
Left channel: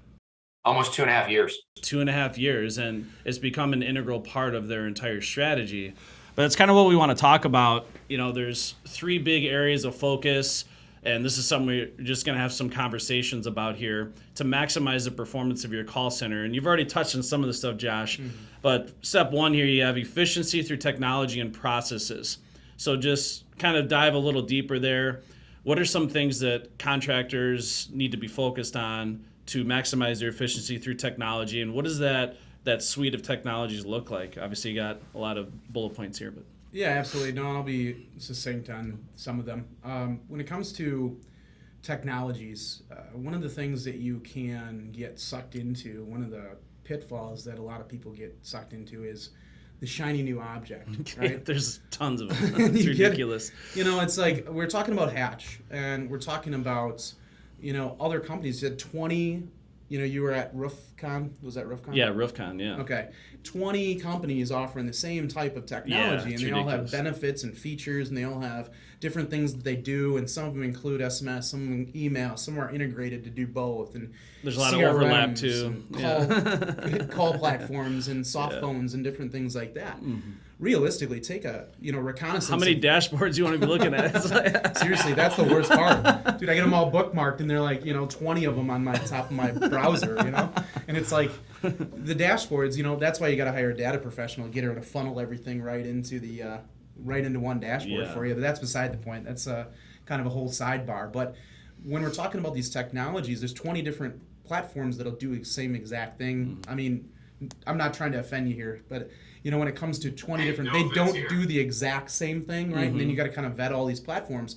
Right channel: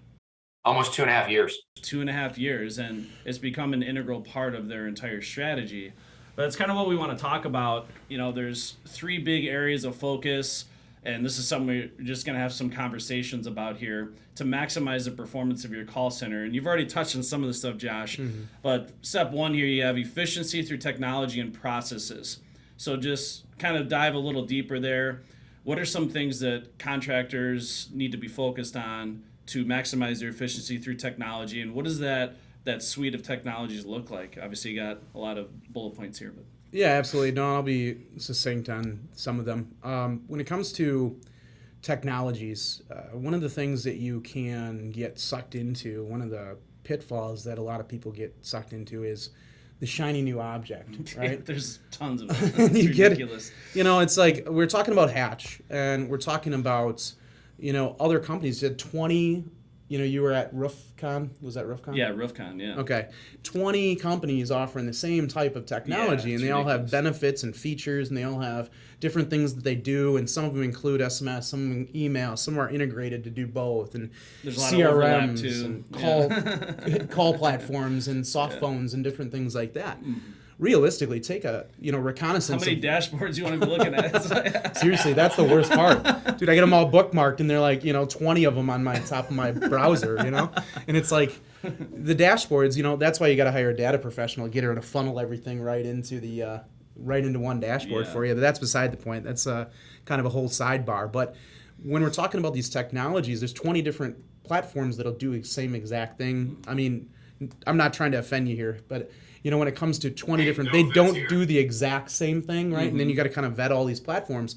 Almost 2.5 years. 2.5 years, and it's become an integral part of their entire strategy. But that's kind of what we want to talk about. There's 3 big areas of focus, and this is something we're just going to have some conversations about here to maximize the performance of your call center. And you've already touched on some of the stuff, Josh. But step 1 here, you have efficiency through technology and processes. So just kind of dive a little deeper there. What are some things that contractors need to be focused on to maximize their efficiency through technology, and what does that suite of technologies look like? Obviously, you got a lot of bullet points here, but Yeah, absolutely. No, I'll be succinct on some of them. When it comes to technologies, one of the things that you can get sucked into, one of the pitfalls that a lot of people get sucked into, is the shiny new object, right? There's tons of it. It's ridiculous. It's like we're talking about Hatch, and we're talking about, other companies did 20. You were at RoofCon. Was that RoofCon? Yeah, RoofCon, yeah. Okay. 20 companies offering the same type of technology, and they all have ridiculous. benefits and features, and they all have different things that they do, and some of them include SMS, some of them email, some are integrated to do both, and There's a lot of overlap, too. and call platforms and soft phones and different things like that. Realistically, take a reconnaissance. How many dashboards you want to be looking at? Seriously, that's the worst part. Dude, I get them all bookmarked, and they're like, 20 of them on my top of my browser, And it's like, the dashboards, that's why you got to hire a data professional, get her to funnel everything right into one dashboard for you. But that's beside the point. That's kind of a whole sidebar. But when we're talking about these technologies, there's 20 different platforms that'll do the same exact thing. I mean, I'm not trying to offend you here, but when it comes to 20 different, they don't do the exact same thing, right? And then you got to kind of vet all these platforms.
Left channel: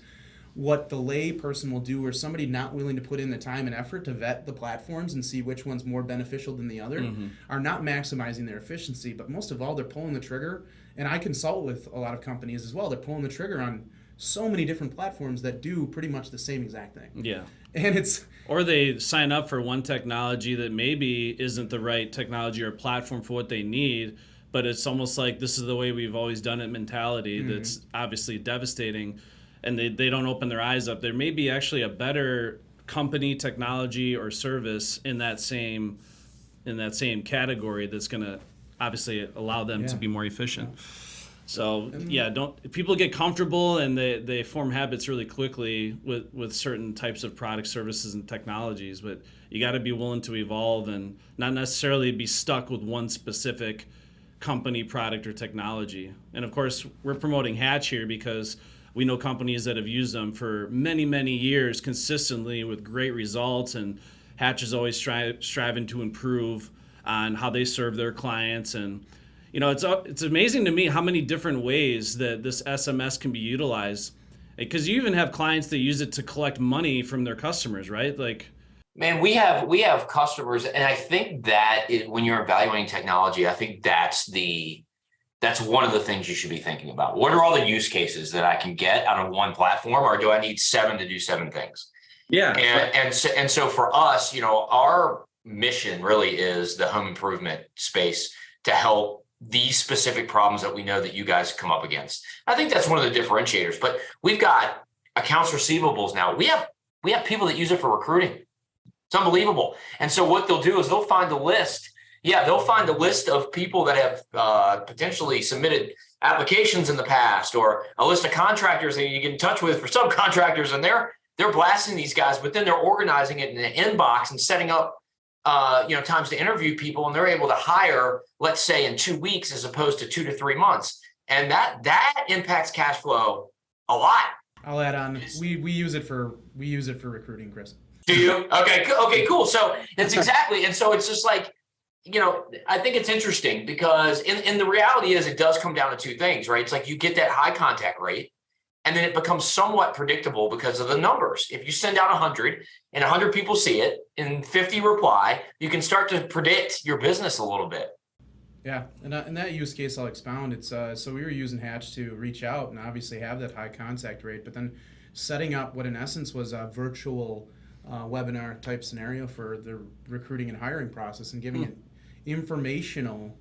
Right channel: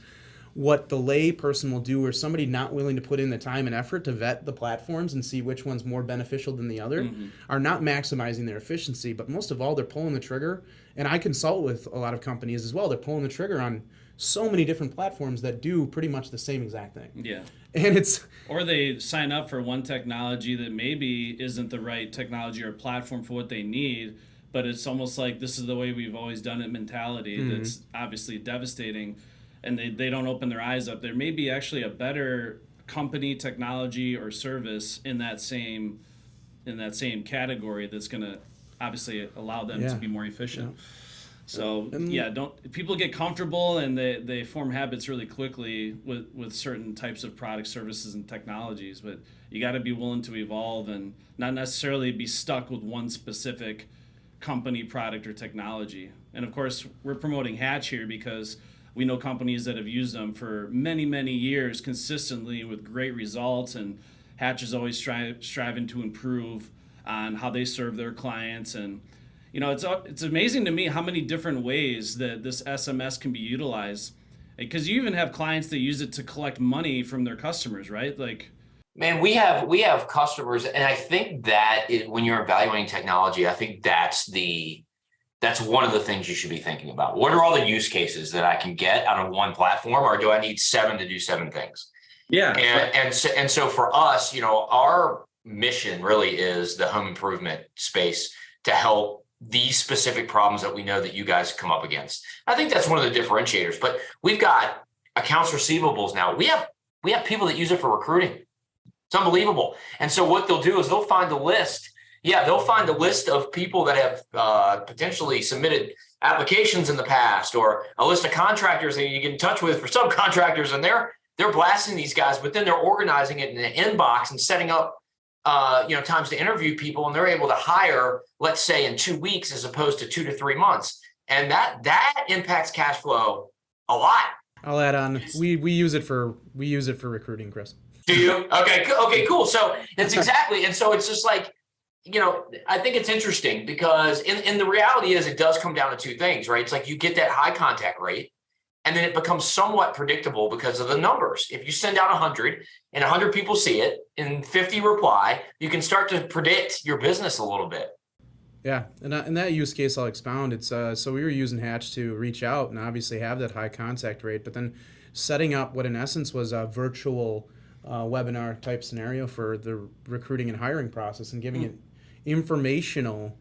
What the lay person will do, or somebody not willing to put in the time and effort to vet the platforms and see which one's more beneficial than the other, are not maximizing their efficiency. But most of all, they're pulling the trigger. And I consult with a lot of companies as well. They're pulling the trigger on so many different platforms that do pretty much the same exact thing. Yeah. And or they sign up for one technology that maybe isn't the right technology or platform for what they need, but it's almost like this is the way we've always done it mentality. That's obviously devastating, and they don't open their eyes up. There may be actually a better company, technology, or service in that same category that's going to obviously allow them to be more efficient. So people get comfortable and they form habits really quickly with certain types of products, services, and technologies, but you got to be willing to evolve and not necessarily be stuck with one specific company, product, or technology. And of course, we're promoting Hatch here because we know companies that have used them for many, many years consistently with great results, and Hatch is always striving to improve on how they serve their clients. And it's amazing to me how many different ways that this SMS can be utilized, because you even have clients that use it to collect money from their customers, right? Like, man, we have customers, and I think that when you're evaluating technology, I think that's one of the things you should be thinking about. What are all the use cases that I can get out of one platform, or do I need 7 to do 7 things? Yeah. And so for us, our mission really is the home improvement space to help these specific problems that we know that you guys come up against. I think that's one of the differentiators. But we've got accounts receivables now. We have people that use it for recruiting. It's unbelievable. And so what they'll do is they'll find a list. Yeah, they'll find a list of people that have potentially submitted applications in the past, or a list of contractors that you get in touch with for subcontractors, and they're blasting these guys, but then they're organizing it in an inbox and setting up times to interview people, and they're able to hire, let's say, in 2 weeks as opposed to 2 to 3 months. And that impacts cash flow a lot. I'll add on. We use it for recruiting, Chris. Do you? Okay, cool. So it's exactly, and so it's just like, I think it's interesting because in the reality is it does come down to 2 things, right? It's like you get that high contact rate, and then it becomes somewhat predictable because of the numbers. If you send out 100 and 100 people see it and 50 reply, you can start to predict your business a little bit. Yeah, and that use case I'll expound. It's so we were using Hatch to reach out and obviously have that high contact rate, but then setting up what in essence was a virtual webinar type scenario for the recruiting and hiring process and giving an informational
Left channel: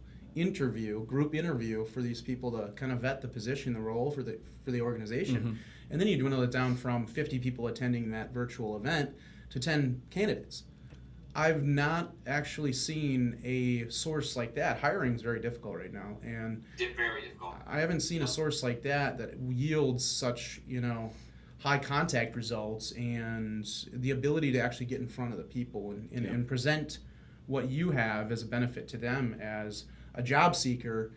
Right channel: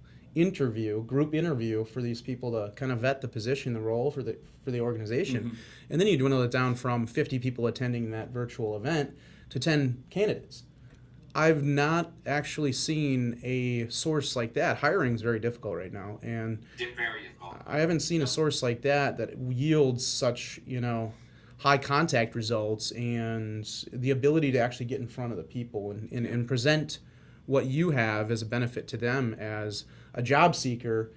group interview for these people to kind of vet the position, the role for the organization. And then you dwindle it down from 50 people attending that virtual event to 10 candidates. I've not actually seen a source like that. Hiring is very difficult right now, and Very difficult. I haven't seen a source like that yields such, high contact results and the ability to actually get in front of the people and present what you have as a benefit to them as a job seeker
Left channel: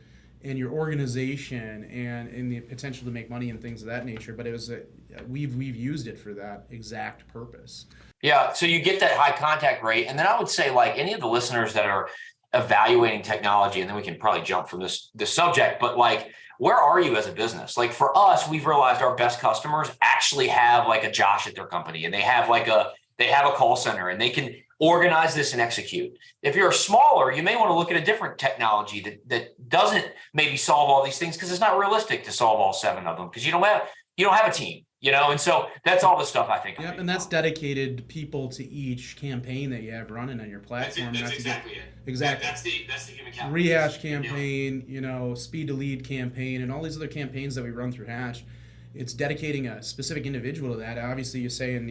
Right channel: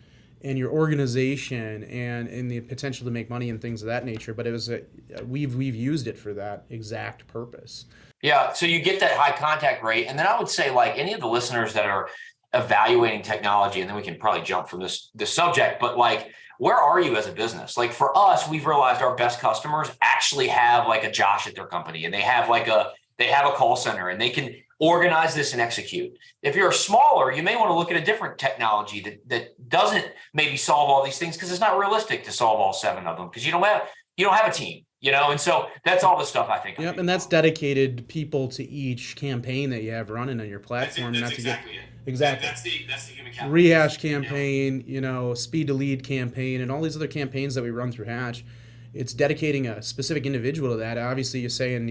and your organization and the potential to make money and things of that nature. But it was we've used it for that exact purpose. Yeah, so you get that high contact rate. And then I would say, like, any of the listeners that are evaluating technology, and then we can probably jump from this subject, but like, where are you as a business? Like for us, we've realized our best customers actually have like a Josh at their company, and they have a call center, and they can organize this and execute. If you're smaller, you may want to look at a different technology that doesn't maybe solve all these things, because it's not realistic to solve all 7 of them, because you don't have a team. And so that's all the stuff I think. Yep, and that's dedicated people to each campaign that you have running on your platform. That's exactly it. Exactly. That's the human capital. Rehash campaign, speed to lead campaign, and all these other campaigns that we run through Hatch. It's dedicating a specific individual to that. Obviously, you're saying,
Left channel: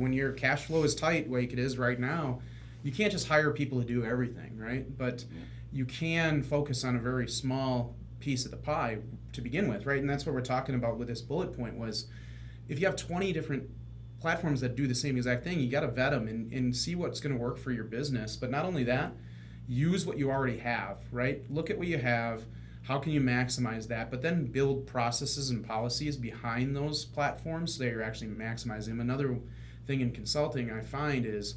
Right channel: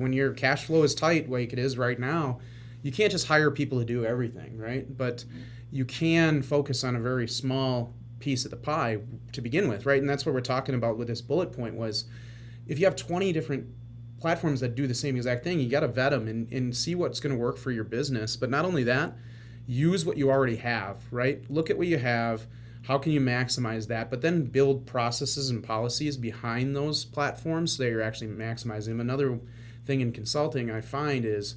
when your cash flow is tight, like it is right now, you can't just hire people to do everything, right? But you can focus on a very small piece of the pie to begin with, right? And that's what we're talking about with this bullet point was, if you have 20 different platforms that do the same exact thing, you got to vet them and see what's going to work for your business. But not only that, use what you already have, right? Look at what you have. How can you maximize that? But then build processes and policies behind those platforms so that you're actually maximizing them. Another thing in consulting I find is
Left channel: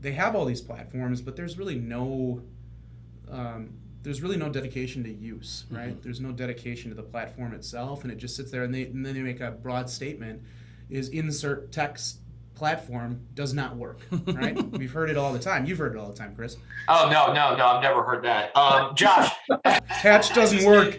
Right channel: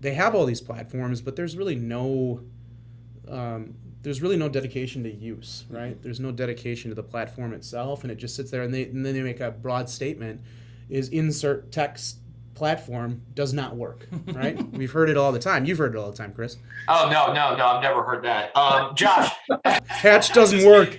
they have all these platforms, but there's really no dedication to use, right? There's no dedication to the platform itself, and it just sits there, and then they make a broad statement: is insert text platform does not work, right? We've heard it all the time. You've heard it all the time, Chris. Oh, no, I've never heard that. Josh. Hatch doesn't work.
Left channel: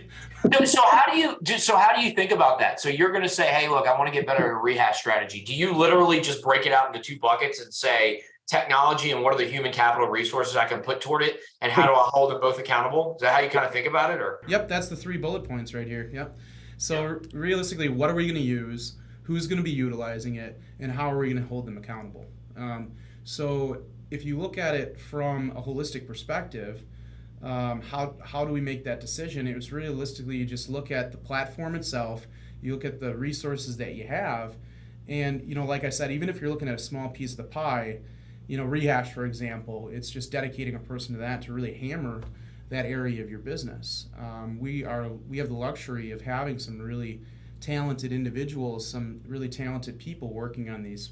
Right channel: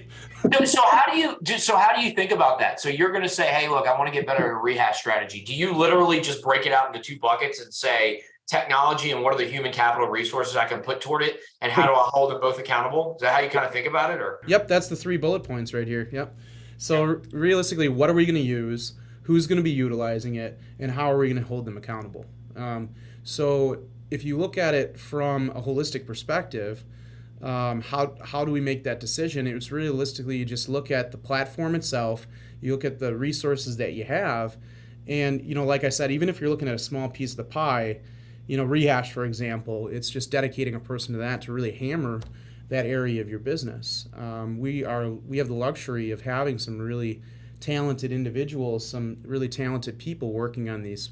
So how do you think about that? So you're going to say, hey, look, I want to get better at a rehash strategy. Do you literally just break it out into 2 buckets and say technology and what are the human capital resources I can put toward it, and how do I hold them both accountable? Is that how you kind of think about it? Or Yep, that's the 3 bullet points right here. Yep. So realistically, what are we going to use? Who's going to be utilizing it, and how are we going to hold them accountable? So if you look at it from a holistic perspective, how do we make that decision? It was realistically, you just look at the platform itself, you look at the resources that you have, and like I said, even if you're looking at a small piece of the pie, Rehash, for example, it's just dedicating a person to that to really hammer that area of your business. We have the luxury of having some really talented individuals, some really talented people working on these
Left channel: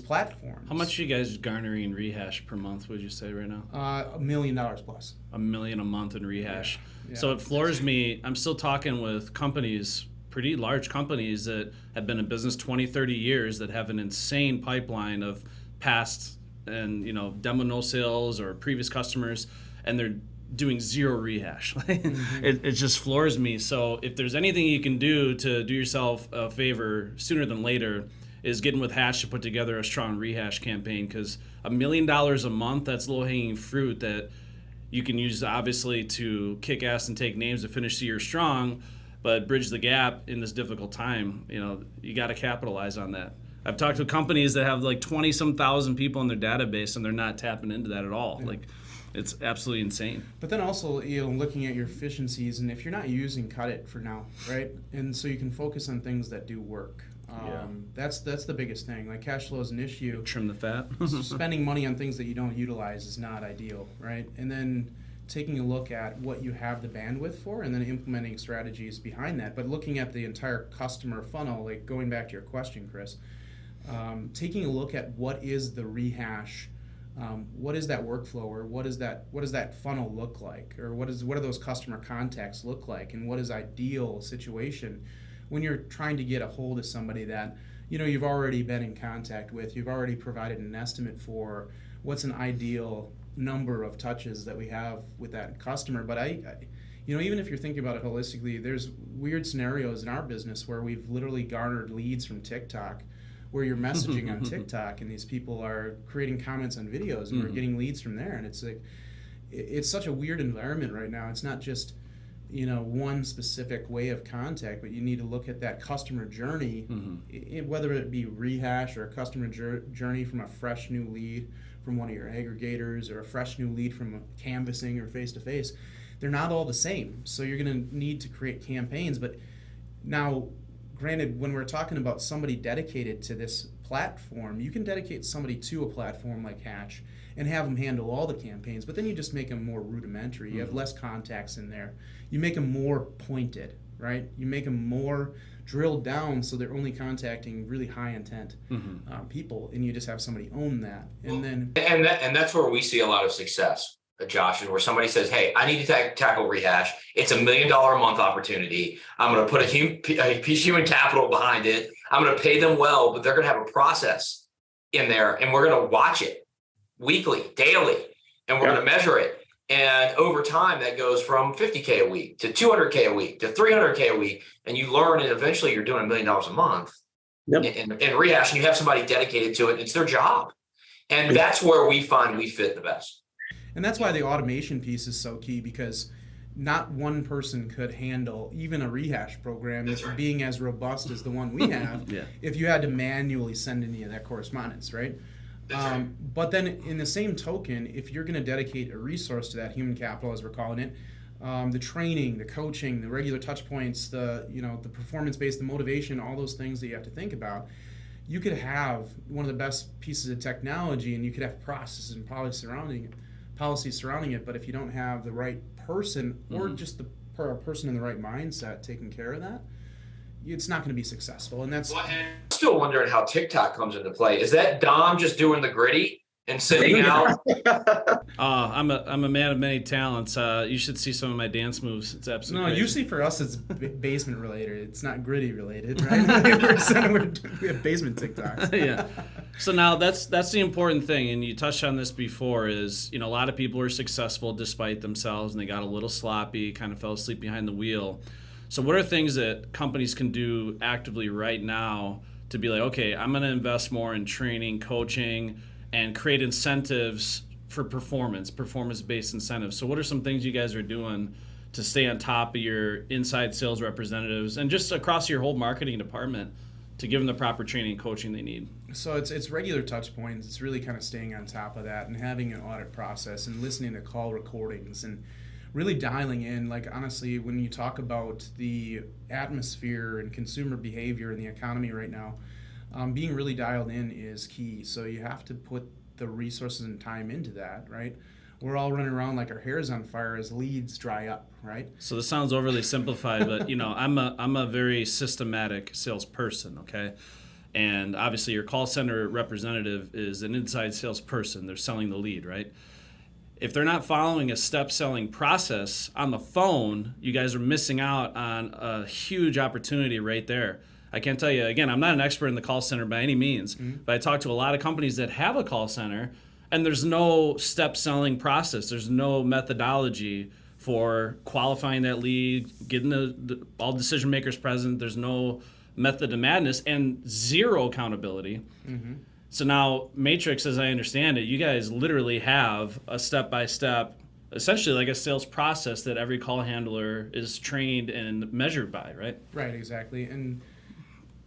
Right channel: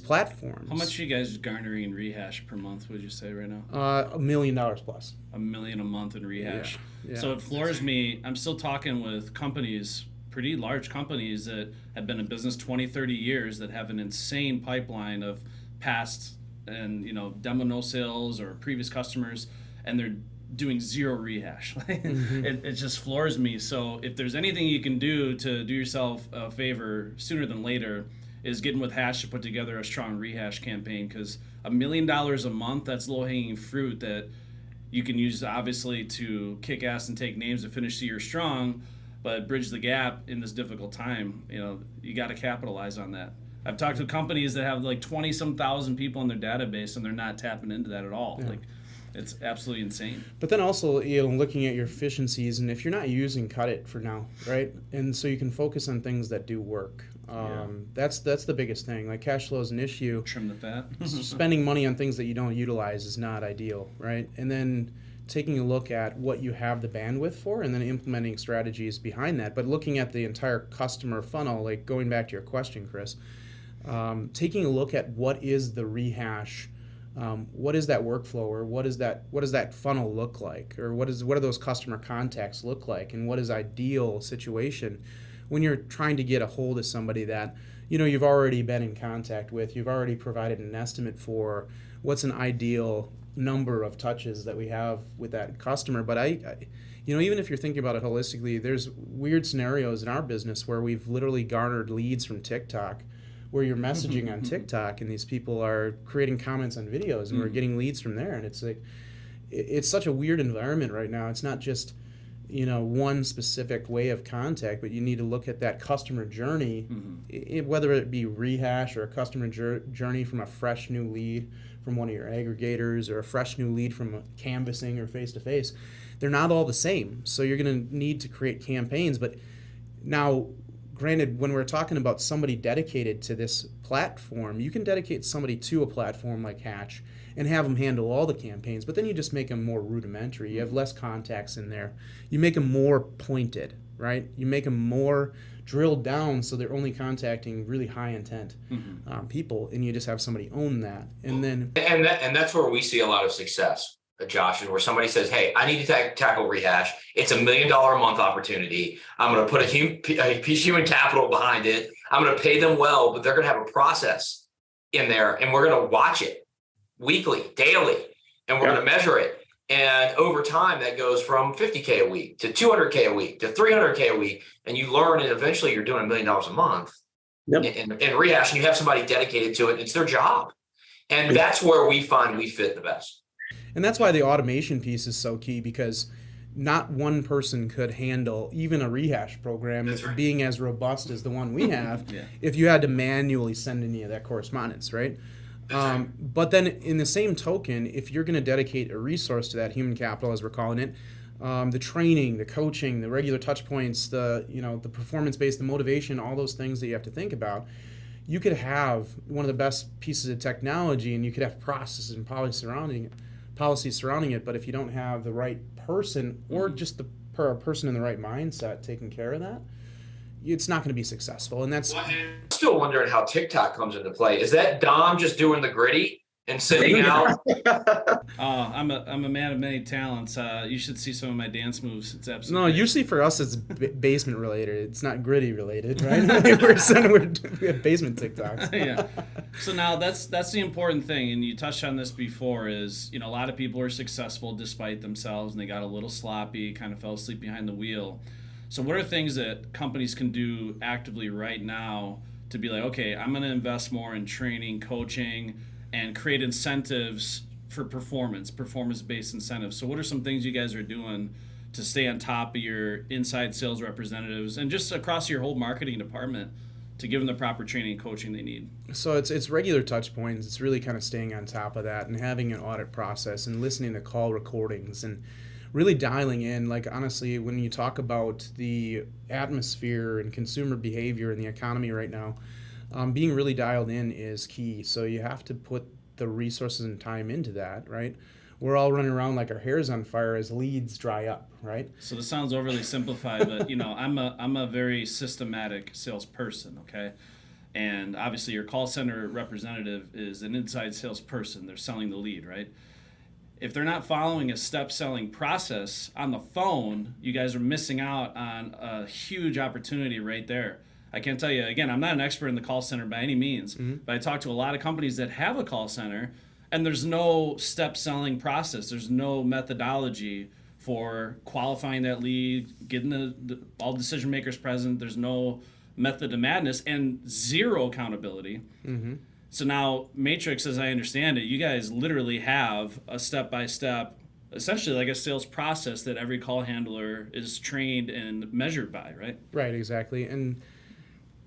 platforms. How much are you guys garnering in Rehash per month, would you say right now? $1 million plus. $1 million a month in Rehash. Yeah. So it floors me. I'm still talking with companies, pretty large companies that have been in business 20, 30 years that have an insane pipeline of past and demo no sales or previous customers, and they're doing 0 rehash. It just floors me. So if there's anything you can do to do yourself a favor sooner than later, is getting with Hatch to put together a strong rehash campaign, because $1 million a month, that's low-hanging fruit that you can use obviously to kick ass and take names to finish the year strong, but bridge the gap in this difficult time. You got to capitalize on that. I've talked to companies that have like 20-some thousand people in their database, and they're not tapping into that at all. Like, it's absolutely insane. But then also, looking at your efficiencies, and if you're not using, cut it for now, right? And so you can focus on things that do work. That's the biggest thing. Like, cash flow is an issue. Trim the fat. Spending money on things that you don't utilize is not ideal, right? And then taking a look at what you have the bandwidth for, and then implementing strategies behind that. But looking at the entire customer funnel, like going back to your question, Chris, taking a look at what is the rehash, what is that workflow, or what does that funnel look like, or what do those customer contacts look like, and what is ideal situation when you're trying to get a hold of somebody that you've already been in contact with, you've already provided an estimate for what's an ideal number of touches that we have with that customer. But I even if you're thinking about it holistically, there's weird scenarios in our business where we've literally garnered leads from TikTok, where you're messaging on TikTok and these people are creating comments on videos and we're getting leads from there. And it's like, it's such a weird environment right now. It's not just, one specific way of contact, but you need to look at that customer journey, whether it be rehash or a customer journey from a fresh new lead from one of your aggregators or a fresh new lead from canvassing or face-to-face. They're not all the same. So you're going to need to create campaigns. But now, granted, when we're talking about somebody dedicated to this platform, you can dedicate somebody to a platform like Hatch and have them handle all the campaigns, but then you just make them more rudimentary. You have less contacts in there. You make them more pointed, right? You make them more drilled down so they're only contacting really high intent people, and you just have somebody own that. And that's where we see a lot of success, Josh, is where somebody says, hey, I need to tackle rehash. It's $1 million a month opportunity. I'm going to put a piece of human capital behind it. I'm going to pay them well, but they're going to have a process in there, and we're going to watch it weekly, daily, and we're going to measure it. And over time, that goes from $50K a week to $200K a week to $300K a week. And you learn, and eventually you're doing $1 million a month in rehash, and you have somebody dedicated to it. It's their job. And that's where we find we fit the best. And that's why the automation piece is so key, because not one person could handle even a rehash program being as robust as the one we have if you had to manually send any of that correspondence, right? But then in the same token, if you're going to dedicate a resource to that human capital, as we're calling it, the training, the coaching, the regular touch points, the performance-based, the motivation, all those things that you have to think about, you could have one of the best pieces of technology and you could have processes and policies surrounding it, but if you don't have the right person or just the person in the right mindset taking care of that, it's not going to be successful. And that's... I'm still wondering how TikTok comes into play. Is that Dom just doing the gritty and sitting out? I'm a man of many talents. You should see some of my dance moves. It's absolutely no. great. Usually for us, it's basement related. It's not gritty related, right? we have basement TikToks. Yeah. So now that's the important thing, and you touched on this before. Is a lot of people are successful despite themselves, and they got a little sloppy, kind of fell asleep behind the wheel. So what are things that companies can do actively right now to be like, okay, I'm going to invest more in training, coaching, and create incentives for performance-based incentives. So what are some things you guys are doing to stay on top of your inside sales representatives and just across your whole marketing department to give them the proper training and coaching they need? So it's regular touch points. It's really kind of staying on top of that and having an audit process and listening to call recordings and really dialing in. Like, honestly, when you talk about the atmosphere and consumer behavior in the economy right now, being really dialed in is key. So you have to put the resources and time into that, right? We're all running around like our hair's on fire as leads dry up, right? So this sounds overly simplified, but I'm a very systematic salesperson, okay? And obviously your call center representative is an inside salesperson. They're selling the lead, right? If they're not following a step selling process on the phone, you guys are missing out on a huge opportunity right there. I can't tell you, again, I'm not an expert in the call center by any means, but I talk to a lot of companies that have a call center and there's no step selling process. There's no methodology for qualifying that lead, getting all decision makers present. There's no method to madness and zero accountability. So now Matrix, as I understand it, you guys literally have a step-by-step, essentially like a sales process that every call handler is trained and measured by, right? Right, exactly. And,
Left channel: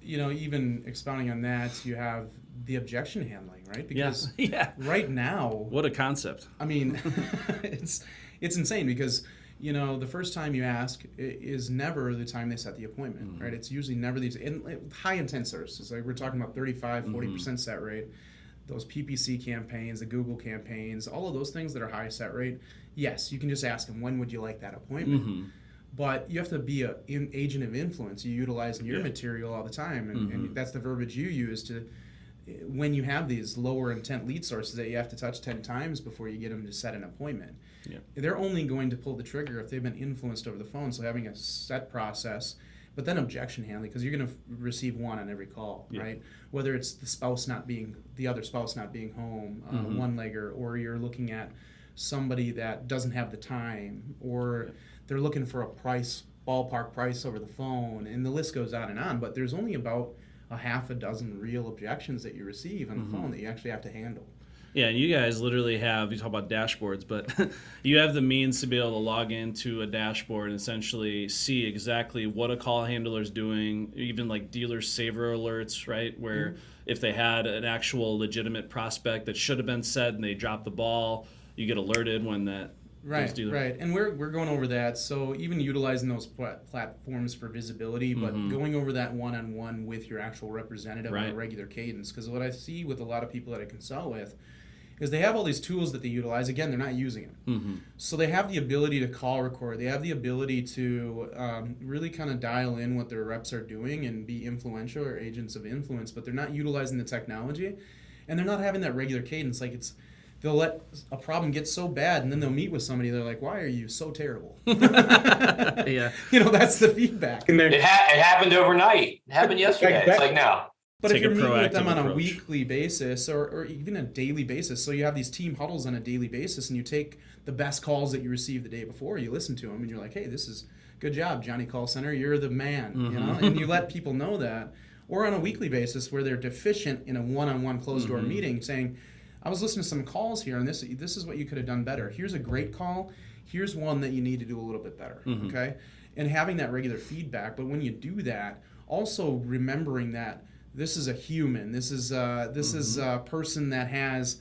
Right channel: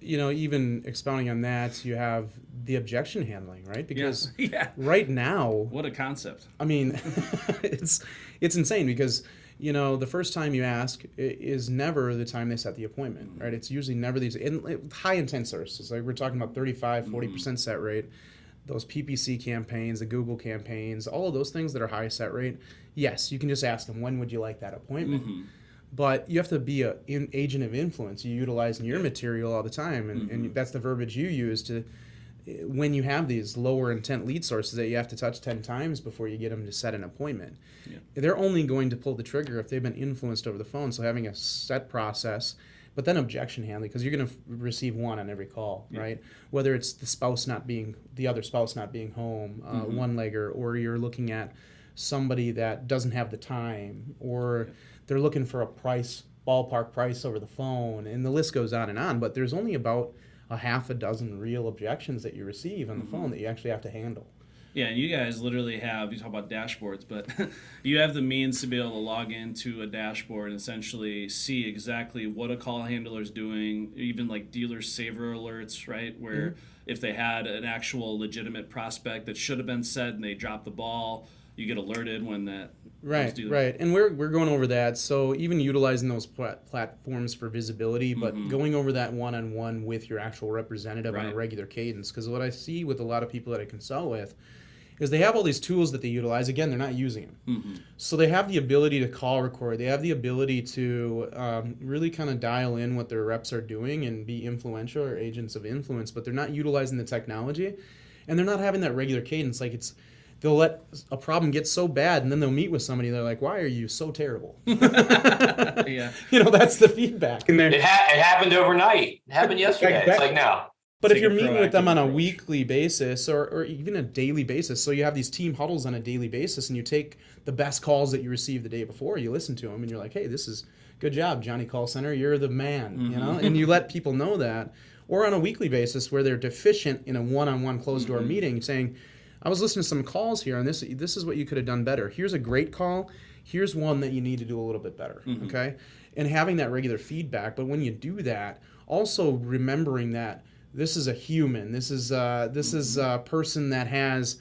even expounding on that, you have the objection handling, right? Because right now... What a concept. I mean, it's insane because... the first time you ask is never the time they set the appointment, right? It's usually never these high intent services. Like we're talking about 35, 40% set rate, those PPC campaigns, the Google campaigns, all of those things that are high set rate. Yes, you can just ask them, when would you like that appointment? But you have to be an agent of influence. You utilize your material all the time. And that's the verbiage you use to, when you have these lower intent lead sources that you have to touch 10 times before you get them to set an appointment. They're only going to pull the trigger if they've been influenced over the phone. So having a set process, but then objection handling, because you're going to receive one on every call, right? Whether it's the other spouse not being home, one-legger, or you're looking at somebody that doesn't have the time, or they're looking for a ballpark price over the phone, and the list goes on, but there's only about a half a dozen real objections that you receive on the phone that you actually have to handle. Yeah, and you guys literally have, you talk about dashboards, but you have the means to be able to log into a dashboard and essentially see exactly what a call handler is doing, even like dealer saver alerts, right? Where if they had an actual legitimate prospect that should have been said and they dropped the ball, you get alerted when that. Right. And we're going over that. So even utilizing those platforms for visibility, but going over that one-on-one with your actual representative on a regular cadence. Because what I see with a lot of people that I consult with is they have all these tools that they utilize. Again, they're not using them. So they have the ability to call record. They have the ability to really kind of dial in what their reps are doing and be influential or agents of influence, but they're not utilizing the technology, and they're not having that regular cadence. Like they'll let a problem get so bad, and then they'll meet with somebody. They're like, "Why are you so terrible?" Yeah, that's the feedback. And It happened overnight. It happened yesterday. It's like now. But if you're meeting with them on a approach. weekly basis or even a daily basis, so you have these team huddles on a daily basis, and you take the best calls that you received the day before, you listen to them, and you're like, "Hey, this is good job, Johnny Call Center. You're the man," and you let people know that. Or on a weekly basis where they're deficient in a one-on-one closed-door meeting, saying, "I was listening to some calls here, and this is what you could have done better. Here's a great call. Here's one that you need to do a little bit better." Okay, and having that regular feedback. But when you do that, also remembering that this is a human. This is a person that has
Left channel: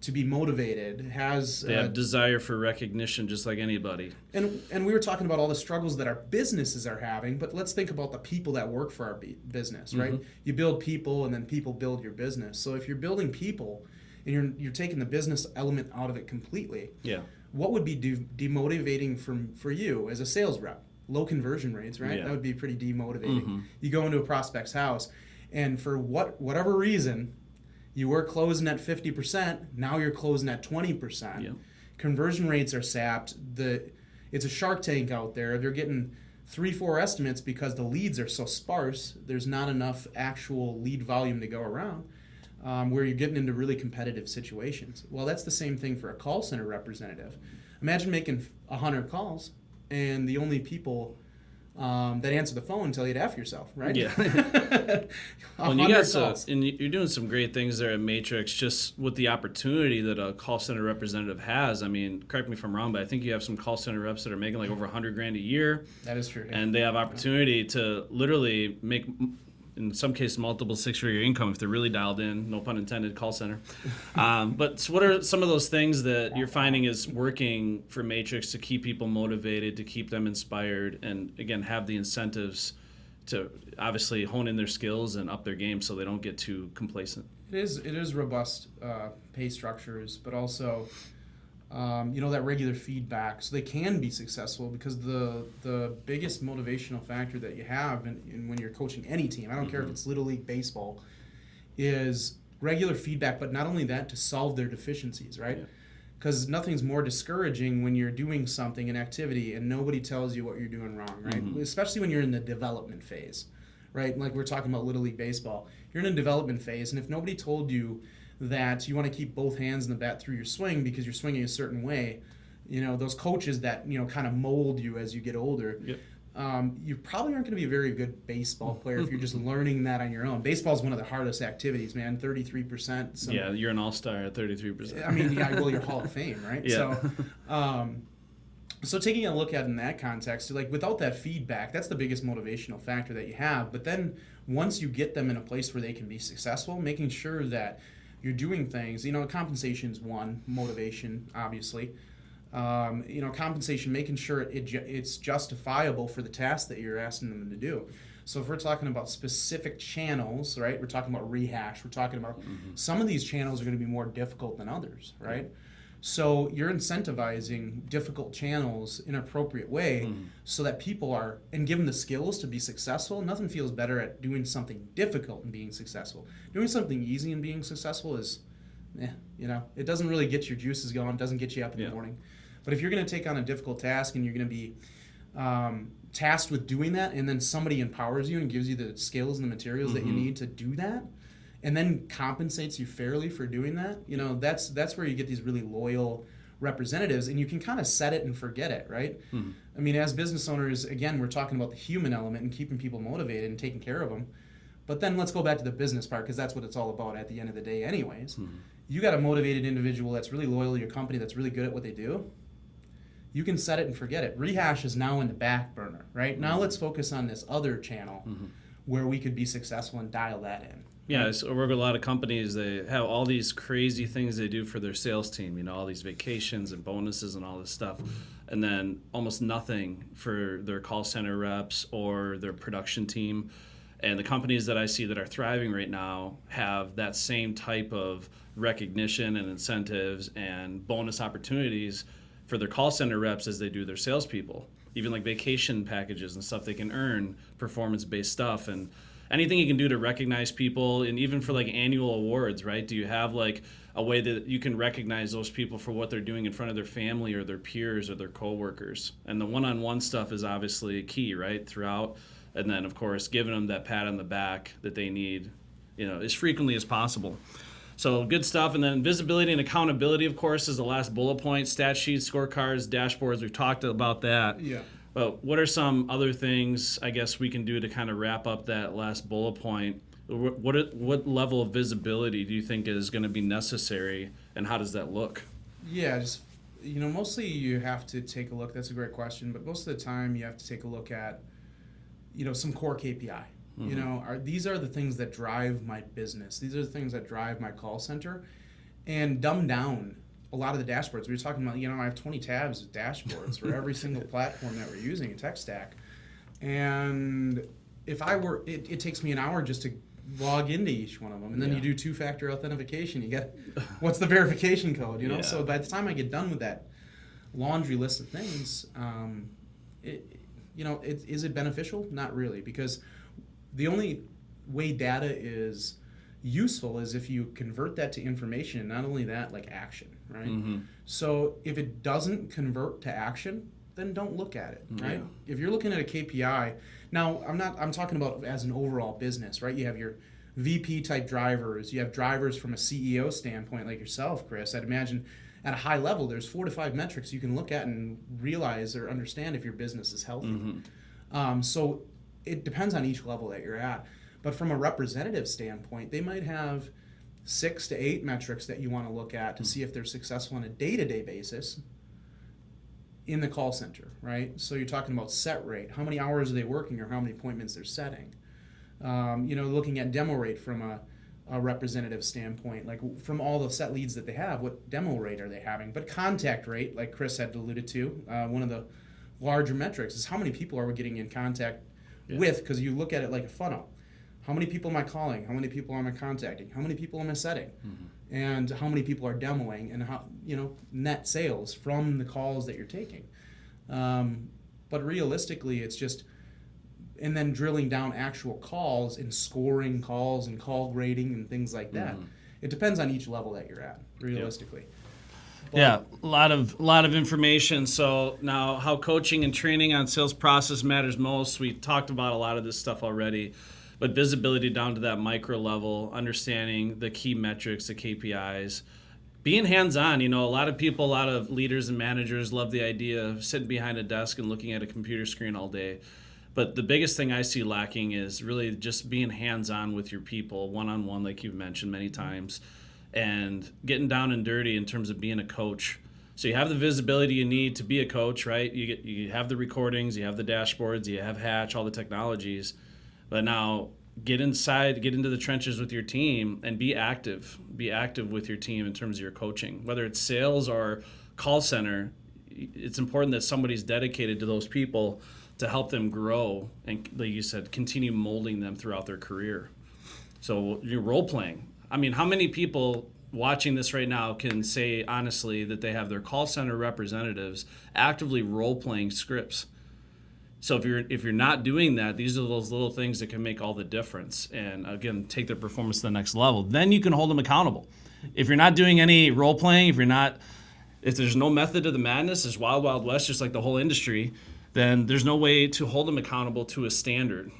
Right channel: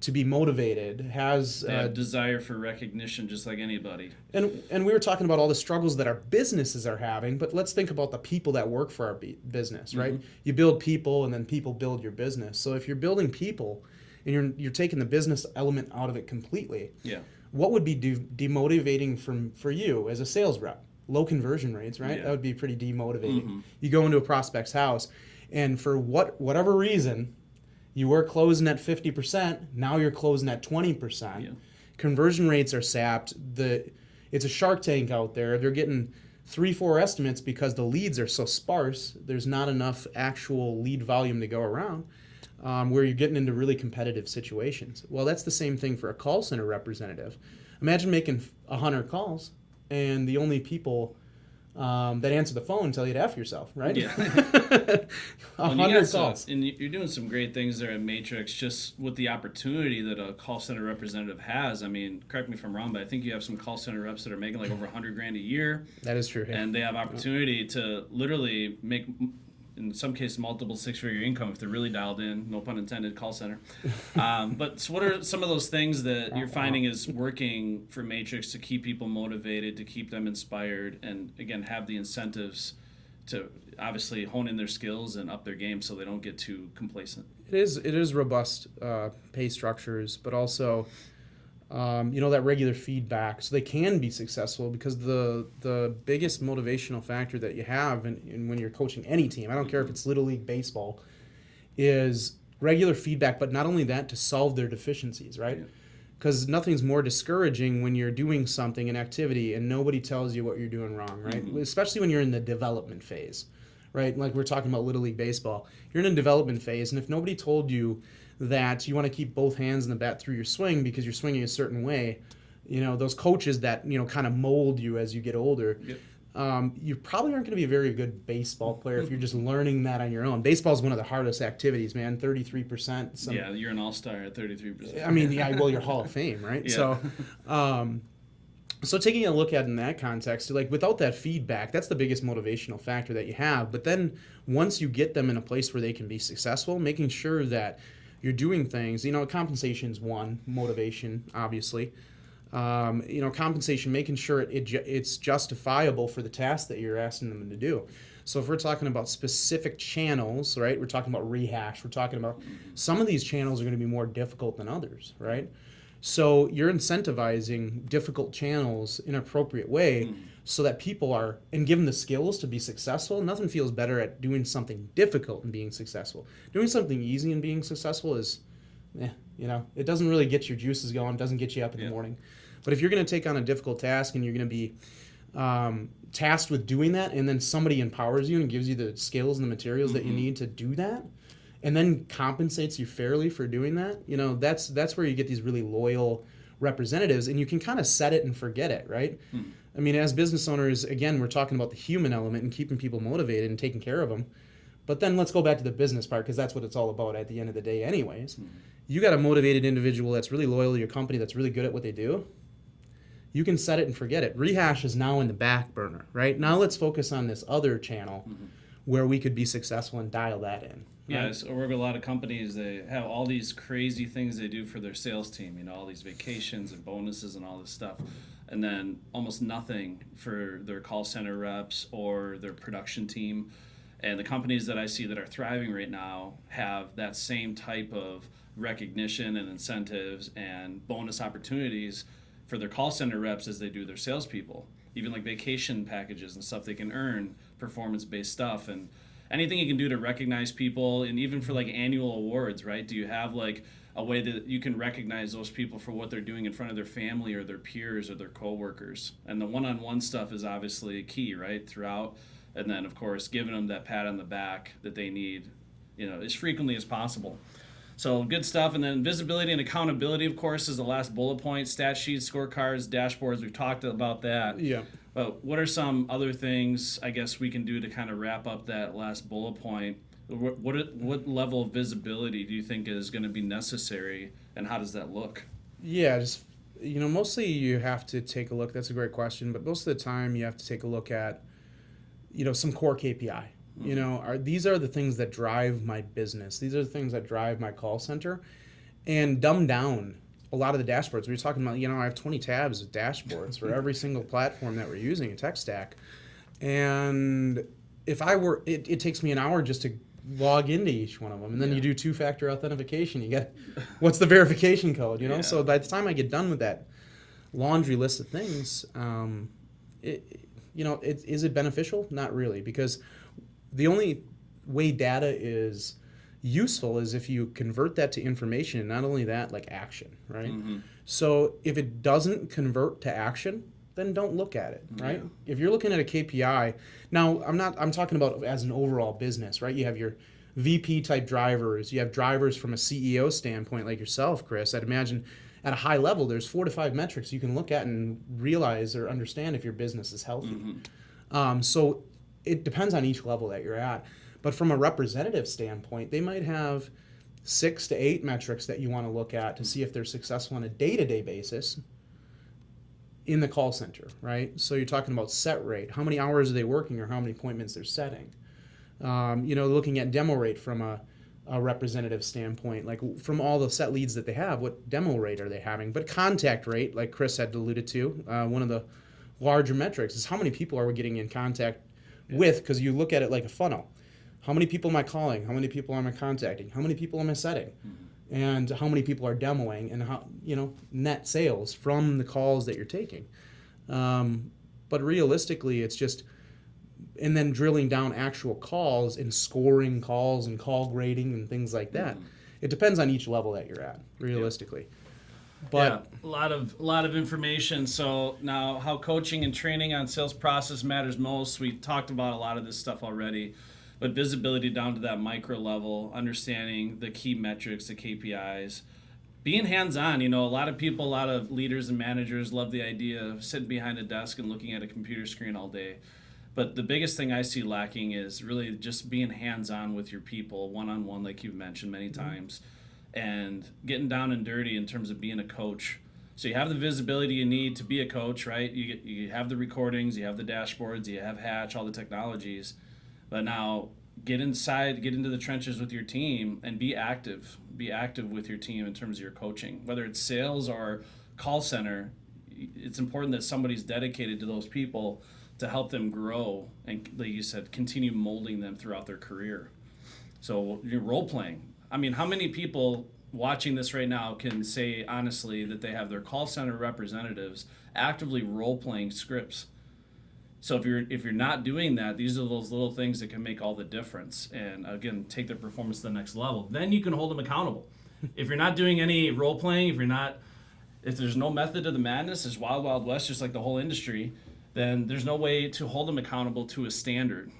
to be motivated, has they have desire for recognition, just like anybody. And we were talking about all the struggles that our businesses are having, but let's think about the people that work for our business, right? You build people, and then people build your business. So if you're building people, and you're taking the business element out of it completely, what would be demotivating for you as a sales rep? Low conversion rates, right? That would be pretty demotivating. You go into a prospect's house, and for whatever reason, you were closing at 50%, now you're closing at 20%. Conversion rates are sapped. It's a Shark Tank out there. They're getting 3-4 estimates because the leads are so sparse. There's not enough actual lead volume to go around, where you're getting into really competitive situations. Well, that's the same thing for a call center representative. Imagine making 100 calls, and the only people that answer the phone tell you to F yourself, right? Yeah. 100 calls. And you're doing some great things there at Matrix, just with the opportunity that a call center representative has. I mean, correct me if I'm wrong, but I think you have some call center reps that are making like over $100,000 a year. That is true. And they have opportunity to literally make, in some cases, multiple six-figure income if they're really dialed in, no pun intended, call center. But so what are some of those things that you're finding is working for Matrix to keep people motivated, to keep them inspired, and again, have the incentives to obviously hone in their skills and up their game so they don't get too complacent? It is robust pay structures, but also that regular feedback, so they can be successful. Because the biggest motivational factor that you have in when you're coaching any team, I don't care if it's Little League baseball, is regular feedback. But not only that, to solve their deficiencies, right? Because nothing's more discouraging when you're doing something, an activity, and nobody tells you what you're doing wrong, right? Especially when you're in the development phase, right? Like we're talking about Little League baseball. You're in a development phase, and if nobody told you that you want to keep both hands in the bat through your swing because you're swinging a certain way, those coaches that, kind of mold you as you get older, you probably aren't going to be a very good baseball player if you're just learning that on your own. Baseball is one of the hardest activities, man. 33%. Yeah, you're an all-star at 33%. I mean, well, you're Hall of Fame, right? Yeah. So taking a look at it in that context, like without that feedback, that's the biggest motivational factor that you have. But then once you get them in a place where they can be successful, making sure that you're doing things, compensation's one, motivation, obviously. Compensation, making sure it's justifiable for the task that you're asking them to do. So if we're talking about specific channels, right, we're talking about rehash, we're talking about some of these channels are going to be more difficult than others, right? So you're incentivizing difficult channels in an appropriate way so that people are, and given the skills to be successful. Nothing feels better at doing something difficult and being successful. Doing something easy and being successful is, it doesn't really get your juices going, doesn't get you up in the morning. But if you're going to take on a difficult task and you're going to be tasked with doing that, and then somebody empowers you and gives you the skills and the materials that you need to do that, and then compensates you fairly for doing that, that's where you get these really loyal representatives, and you can kind of set it and forget it, right? I mean, as business owners, again, we're talking about the human element and keeping people motivated and taking care of them. But then let's go back to the business part, because that's what it's all about at the end of the day anyways. You got a motivated individual that's really loyal to your company, that's really good at what they do. You can set it and forget it. Rehash is now in the back burner, right? Now let's focus on this other channel where we could be successful and dial that in. Yeah, so I work with a lot of companies. They have all these crazy things they do for their sales team, you know, all these vacations and bonuses and all this stuff. And then almost nothing for their call center reps or their production team. And the companies that I see that are thriving right now have that same type of recognition and incentives and bonus opportunities for their call center reps as they do their salespeople. Even like vacation packages and stuff they can earn, performance-based stuff, and anything you can do to recognize people, and even for like annual awards, right? Do you have like a way that you can recognize those people for what they're doing in front of their family or their peers or their coworkers? And the one-on-one stuff is obviously key, right, throughout. And then, of course, giving them that pat on the back that they need, you know, as frequently as possible. So good stuff. And then visibility and accountability, of course, is the last bullet point. Stat sheets, scorecards, dashboards. We've talked about that. Yeah. But what are some other things, I guess, we can do to kind of wrap up that last bullet point? What level of visibility do you think is going to be necessary, and how does that look? Yeah, just, you know, mostly you have to take a look. That's a great question. But most of the time you have to take a look at, you know, some core KPI. You know, these are the things that drive my business. These are the things that drive my call center, and dumb down a lot of the dashboards. We were talking about, you know, I have 20 tabs of dashboards for every single platform that we're using, a tech stack. And if I were, it takes me an hour just to log into each one of them. And then you do two-factor authentication. You get, what's the verification code, you know? So by the time I get done with that laundry list of things, is it beneficial? Not really, because the only way data is useful is if you convert that to information, and not only that, like action, right? So if it doesn't convert to action, then don't look at it, right? If you're looking at a KPI, now I'm talking about as an overall business, right? You have your VP type drivers, you have drivers from a CEO standpoint like yourself, Chris. I'd imagine at a high level, there's 4 to 5 metrics you can look at and realize or understand if your business is healthy. So it depends on each level that you're at. But from a representative standpoint, they might have 6 to 8 metrics that you want to look at to see if they're successful on a day-to-day basis in the call center, right? So you're talking about set rate. How many hours are they working, or how many appointments they're setting? Looking at demo rate from a representative standpoint, like from all the set leads that they have, what demo rate are they having? But contact rate, like Chris had alluded to, one of the larger metrics is how many people are we getting in contact with, because you look at it like a funnel. How many people am I calling? How many people am I contacting? How many people am I setting? And how many people are demoing, and how, you know, net sales from the calls that you're taking. But realistically, it's just, and then drilling down actual calls and scoring calls and call grading and things like that. It depends on each level that you're at, realistically. But, a lot of information. So now, how coaching and training on sales process matters most. We talked about a lot of this stuff already, but visibility down to that micro level, understanding the key metrics, the KPIs, being hands-on. You know, a lot of leaders and managers love the idea of sitting behind a desk and looking at a computer screen all day. But the biggest thing I see lacking is really just being hands-on with your people, one-on-one, like you've mentioned many times, and getting down and dirty in terms of being a coach. So you have the visibility you need to be a coach, right? You have the recordings, you have the dashboards, you have Hatch, all the technologies. But now get inside, get into the trenches with your team, and be active. Be active with your team in terms of your coaching. Whether it's sales or call center, it's important that somebody's dedicated to those people to help them grow and, like you said, continue molding them throughout their career. So you're role playing. I mean, how many people watching this right now can say honestly that they have their call center representatives actively role playing scripts? So if you're not doing that, these are those little things that can make all the difference, and again, take their performance to the next level. Then you can hold them accountable. If you're not doing any role playing, if there's no method to the madness, it's wild, wild west, just like the whole industry, then there's no way to hold them accountable to a standard.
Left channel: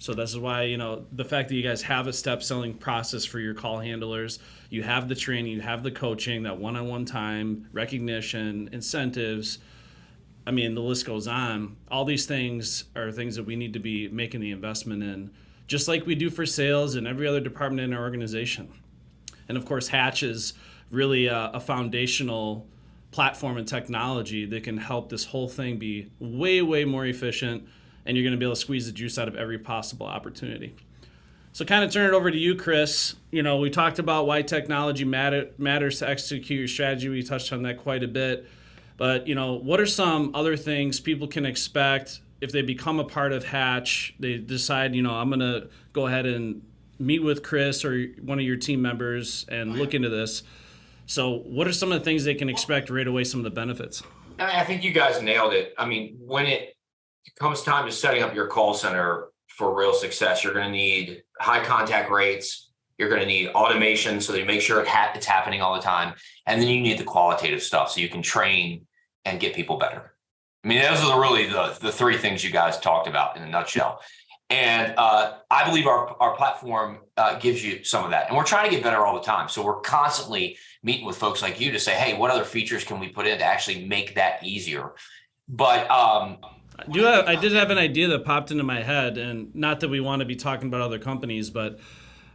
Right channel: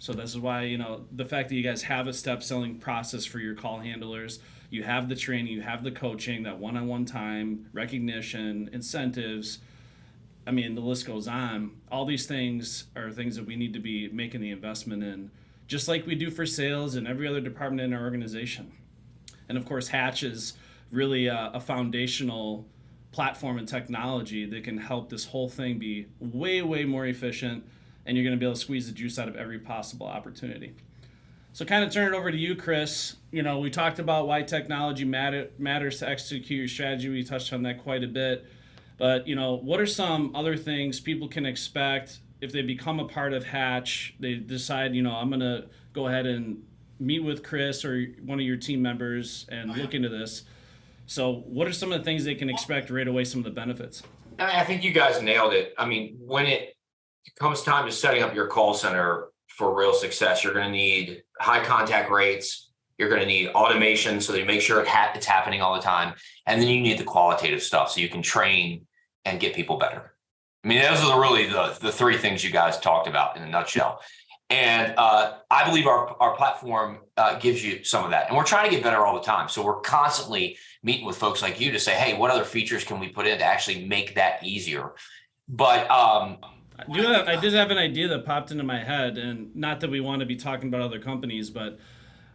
So this is why, the fact that you guys have a step selling process for your call handlers, you have the training, you have the coaching, that one-on-one time, recognition, incentives. I mean, the list goes on. All these things are things that we need to be making the investment in, just like we do for sales and every other department in our organization. And of course, Hatch is really a foundational platform and technology that can help this whole thing be way, way more efficient, and you're going to be able to squeeze the juice out of every possible opportunity. So kind of turn it over to you, Chris. We talked about why technology matters to execute your strategy. We touched on that quite a bit. But, what are some other things people can expect if they become a part of Hatch? They decide, I'm going to go ahead and meet with Chris or one of your team members and look into this. So what are some of the things they can expect right away, some of the benefits? I think you guys nailed it. I mean, when it comes time to setting up your call center for real success, you're going to need high contact rates. You're going to need automation so that you make sure it's happening all the time. And then you need the qualitative stuff so you can train and get people better. I mean, those are really the three things you guys talked about in a nutshell. And I believe our platform gives you some of that. And we're trying to get better all the time. So we're constantly meeting with folks like you to say, hey, what other features can we put in to actually make that easier? But I did have an idea that popped into my head, and not that we want to be talking about other companies, but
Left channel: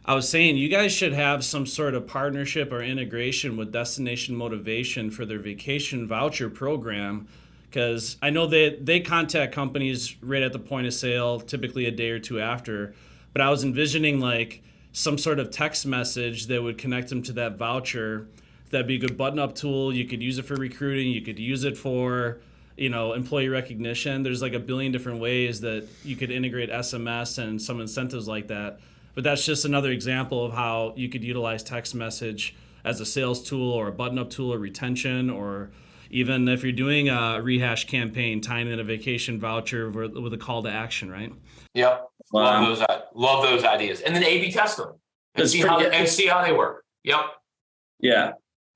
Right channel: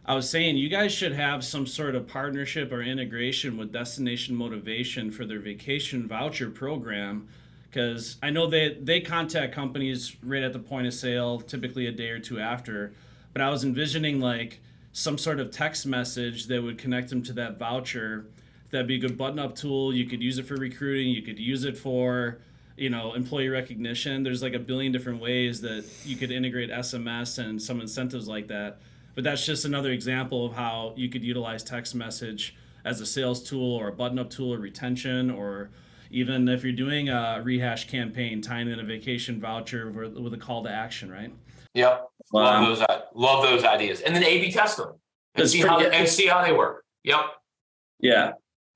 I was saying you guys should have some sort of partnership or integration with Destination Motivation for their vacation voucher program, because I know they contact companies right at the point of sale, typically a day or two after, but I was envisioning like some sort of text message that would connect them to that voucher. That'd be a good button-up tool. You could use it for recruiting. You could use it for employee recognition. There's like a billion different ways that you could integrate SMS and some incentives like that. But that's just another example of how you could utilize text message as a sales tool or a button-up tool or retention, or even if you're doing a rehash campaign, tying in a vacation voucher with a call to action, right? Yep. Wow. Love those ideas. And then A/B test them and see how they work. Yep. Yeah.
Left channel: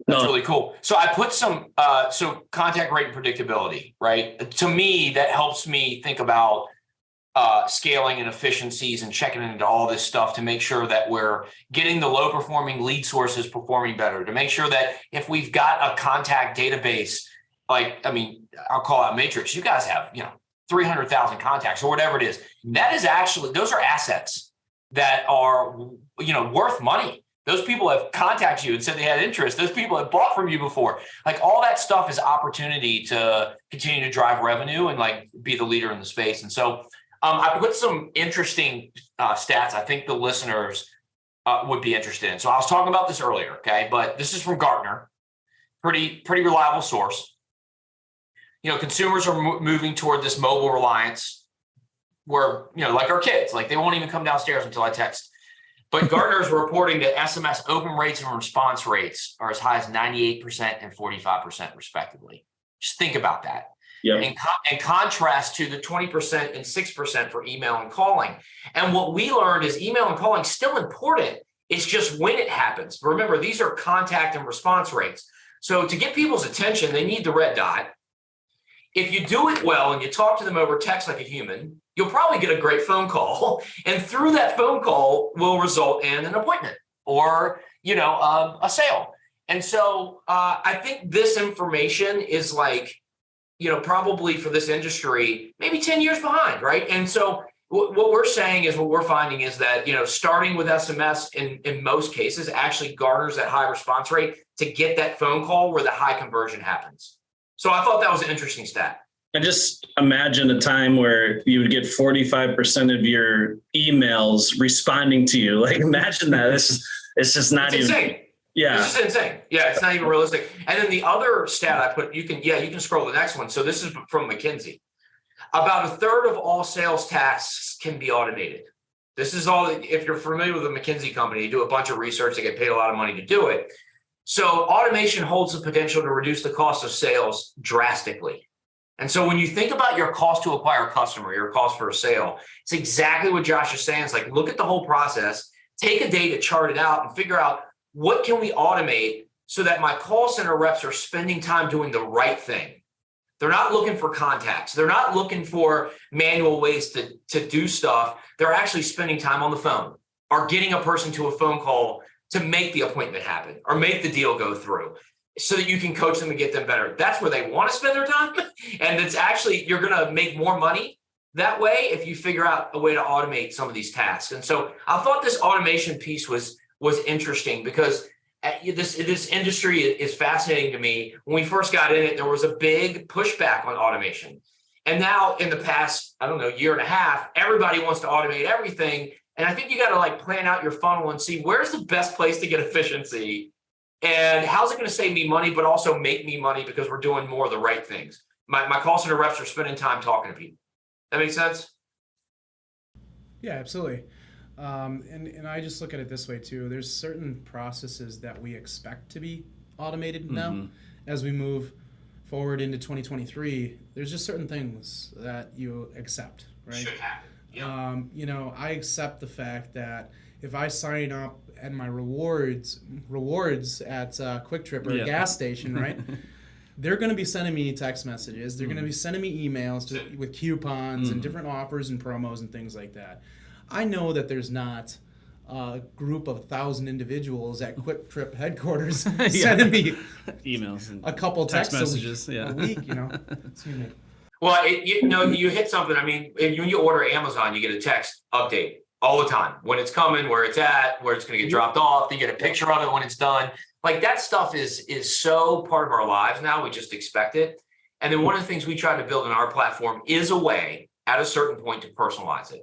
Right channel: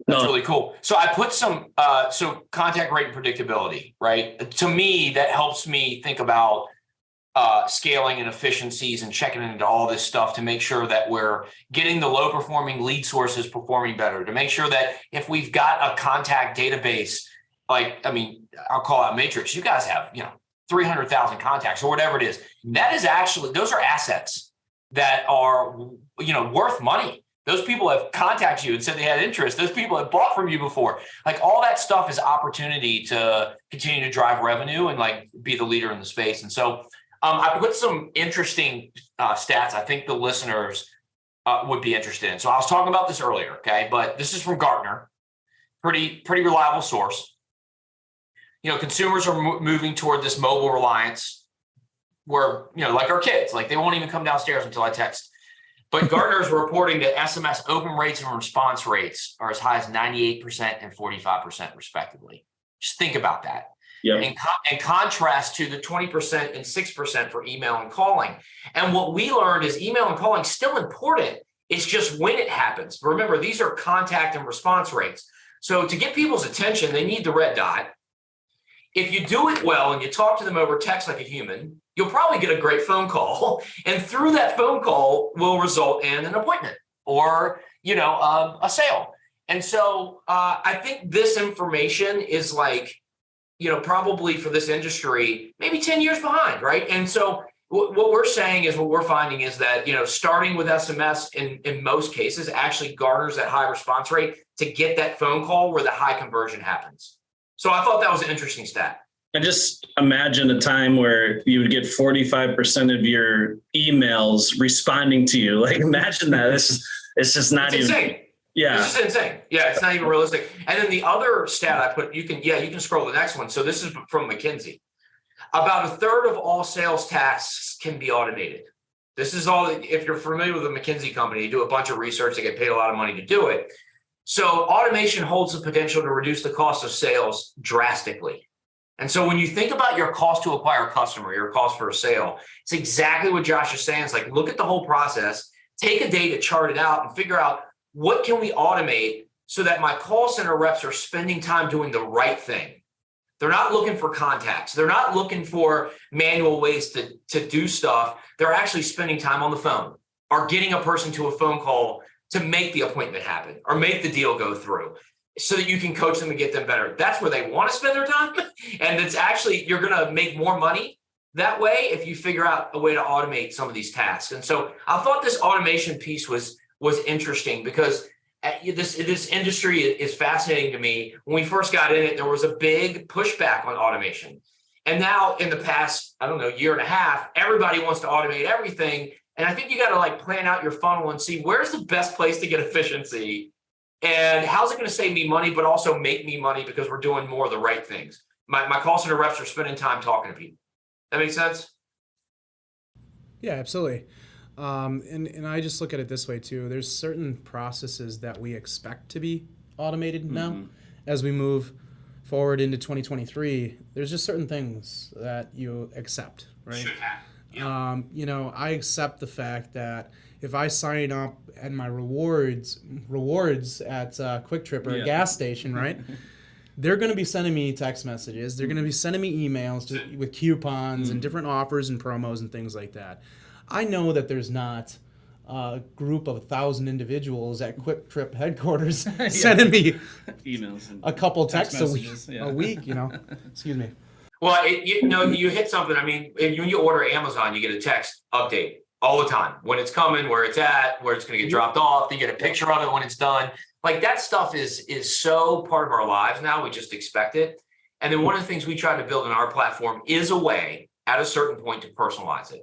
That's really cool. So I put some contact rate and predictability, right? To me, that helps me think about scaling and efficiencies and checking into all this stuff to make sure that we're getting the low performing lead sources performing better, to make sure that if we've got a contact database, I'll call out Matrix, you guys have, 300,000 contacts or whatever it is. That is actually, those are assets that are, worth money. Those people have contacted you and said they had interest. Those people have bought from you before. Like all that stuff is opportunity to continue to drive revenue and be the leader in the space. And so I put some interesting stats I think the listeners would be interested in. So I was talking about this earlier, okay? But this is from Gartner, pretty reliable source. Consumers are moving toward this mobile reliance where, like our kids, they won't even come downstairs until I text. But Gartner is reporting that SMS open rates and response rates are as high as 98% and 45% respectively. Just think about that. Yep. In contrast to the 20% and 6% for email and calling. And what we learned is email and calling still important. It's just when it happens. But remember, these are contact and response rates. So to get people's attention, they need the red dot. If you do it well and you talk to them over text like a human, you'll probably get a great phone call. And through that phone call will result in an appointment or, a sale. And so I think this information is probably for this industry, maybe 10 years behind, right? And so what we're saying is, what we're finding is that, starting with SMS in most cases actually garners that high response rate to get that phone call where the high conversion happens. So I thought that was an interesting stat. I just imagine a time where you would get 45% of your emails responding to you. Imagine that. It's just not even insane. Yeah. It's just insane. Yeah, it's not even realistic. And then the other stat I put, you can scroll the next one. So this is from McKinsey. About a third of all sales tasks can be automated. This is all, if you're familiar with a McKinsey company, you do a bunch of research, they get paid a lot of money to do it. So automation holds the potential to reduce the cost of sales drastically. And so when you think about your cost to acquire a customer, your cost for a sale, it's exactly what Josh is saying. It's look at the whole process, take a day to chart it out and figure out what can we automate so that my call center reps are spending time doing the right thing. They're not looking for contacts. They're not looking for manual ways to do stuff. They're actually spending time on the phone or getting a person to a phone call to make the appointment happen or make the deal go through so that you can coach them and get them better. That's where they want to spend their time. And it's actually, you're going to make more money that way if you figure out a way to automate some of these tasks. And so I thought this automation piece was interesting because this industry is fascinating to me. When we first got in it, there was a big pushback on automation. And now in the past, I don't know, year and a half, everybody wants to automate everything. And I think you got to like plan out your funnel and see where's the best place to get efficiency and how's it going to save me money, but also make me money because we're doing more of the right things. My call center reps are spending time talking to people. That makes sense? Yeah, absolutely. And I just look at it this way too. There's certain processes that we expect to be automated now as we move forward into 2023. There's just certain things that you accept, right? Should happen. Yeah. I accept the fact that if I sign up and my rewards at Quick Trip or a gas station, right? They're going to be sending me text messages. They're going to be sending me emails with coupons and different offers and promos and things like that. I know that there's not a group of 1,000 individuals at Quick Trip headquarters sending me emails, and a couple text messages a week. Excuse me. Well, you hit something. I mean, when you order Amazon, you get a text update all the time. When it's coming, where it's at, where it's going to get dropped off. You get a picture of it when it's done. Like that stuff is so part of our lives now. We just expect it. And then one of the things we try to build in our platform is a way at a certain point to personalize it.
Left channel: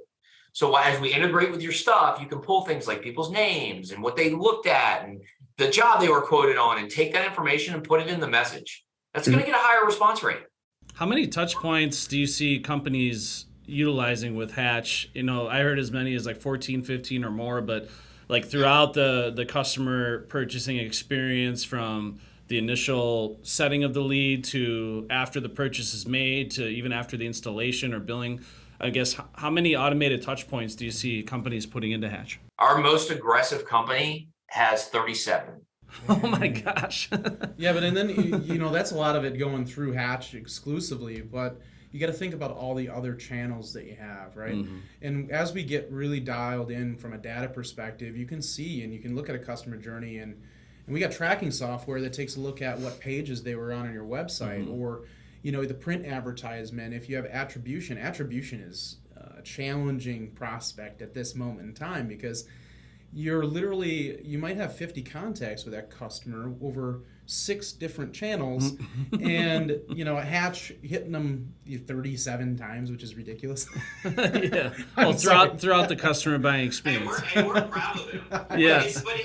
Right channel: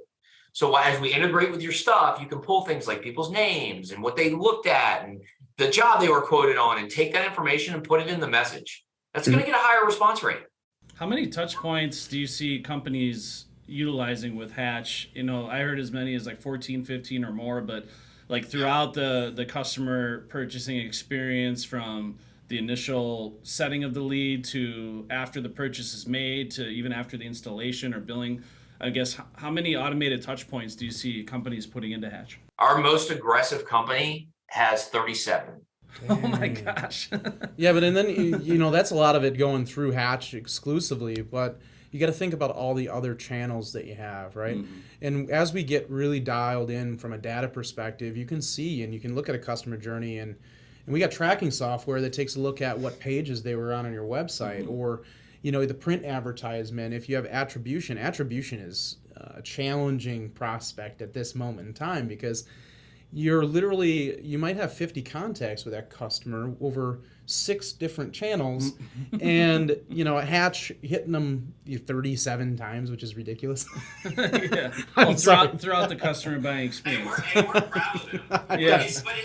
So as we integrate with your stuff, you can pull things like people's names and what they looked at and the job they were quoted on and take that information and put it in the message. That's going to get a higher response rate. How many touch points do you see companies utilizing with Hatch? I heard as many as like 14, 15 or more, but like throughout the customer purchasing experience, from the initial setting of the lead to after the purchase is made to even after the installation or billing, I guess, how many automated touch points do you see companies putting into Hatch? Our most aggressive company has 37. Oh my gosh. Yeah, but and then that's a lot of it going through Hatch exclusively, but you got to think about all the other channels that you have, right? And as we get really dialed in from a data perspective, you can see and you can look at a customer journey, and we got tracking software that takes a look at what pages they were on your website, or the print advertisement. If you have attribution is a challenging prospect at this moment in time, because you might have 50 contacts with that customer over 6 different channels, and Hatch hitting them 37 times, which is ridiculous. Yeah. Well, throughout the customer buying experience. We're proud of it. Yes. But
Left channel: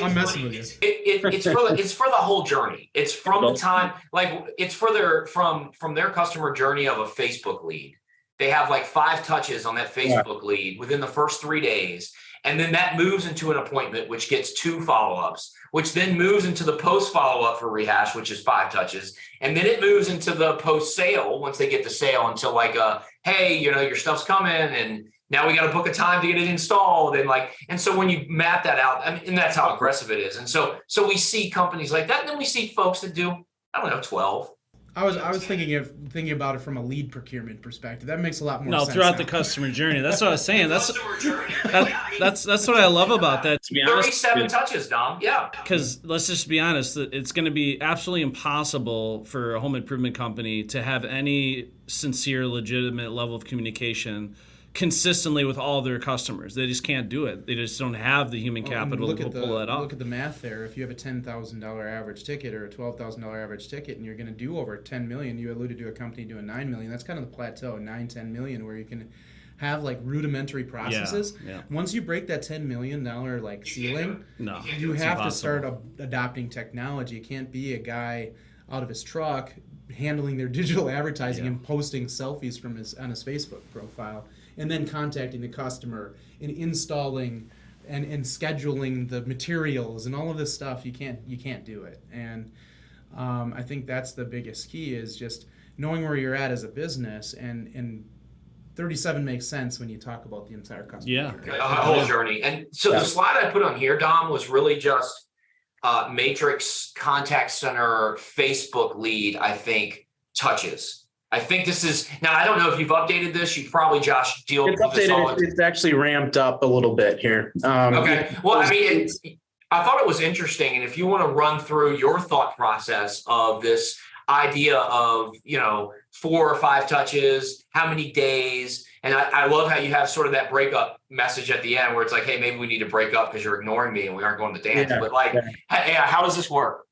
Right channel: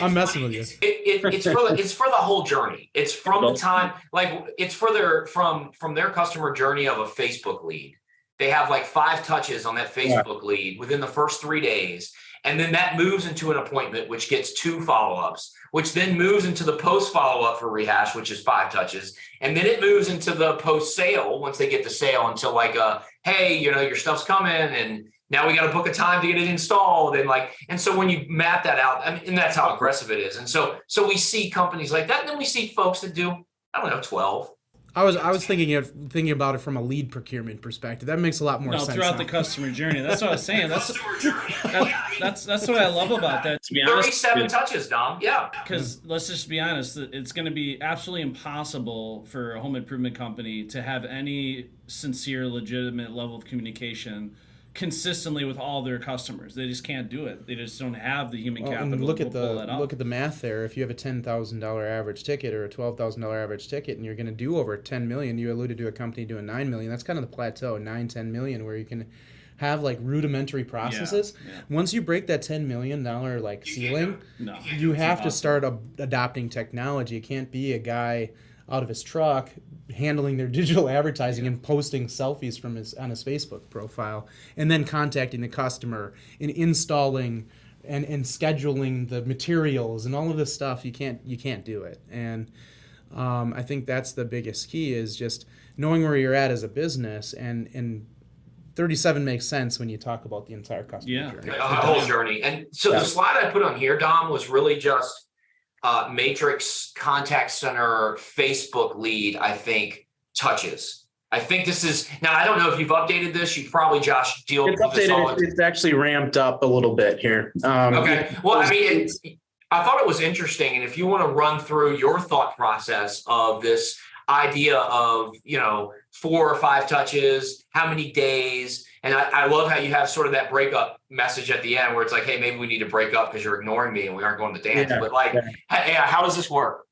I'm messing with you. It's for the whole journey. It's from the time, like it's further from their customer journey of a Facebook lead. They have like 5 touches on that Facebook lead within the first 3 days. And then that moves into an appointment, which gets 2 follow-ups, which then moves into the post follow-up for rehash, which is 5 touches. And then it moves into the post sale once they get the sale until like, hey, your stuff's coming and now we got to book a time to get it installed. And so when you map that out, and that's how aggressive it is. And so we see companies like that. And then we see folks that do, 12. I was thinking about it from a lead procurement perspective. That makes a lot more sense. No, throughout the customer journey. That's what I was saying. That's what I love about that. To be honest, 37 touches, Dom. Yeah. Because let's just be honest, it's going to be absolutely impossible for a home improvement company to have any sincere, legitimate level of communication consistently with all their customers. They just can't do it. They just don't have the human capital to pull that off. Look at the math there. If you have a $10,000 average ticket or a $12,000 average ticket, and you're going to do over 10 million, you alluded to a company doing 9 million. That's kind of the plateau, 9-10 million, where you can have like rudimentary processes. Yeah. Once you break that $10 million like ceiling, you have to start adopting technology. It can't be a guy out of his truck handling their digital advertising and posting selfies on his Facebook profile, and then contacting the customer and installing and scheduling the materials and all of this stuff. You can't do it. And I think that's the biggest key, is just knowing where you're at as a business, and 37 makes sense when you talk about the entire customer journey. A whole journey. And so the slide I put on here, Dom, was really just Matrix contact center Facebook lead, I think, touches. I think this is, now I don't know if you've updated this. You probably, Josh, deal with It's this all. updated. It's actually ramped up a little bit here. Okay. Well, I mean, I thought it was interesting. And if you want to run through your thought process of this idea of, 4 or 5 touches, how many days, and I love how you have sort of that breakup message at the end where it's like, hey, maybe we need to break up because you're ignoring me and we aren't going to dance. Yeah, but like, how does this work?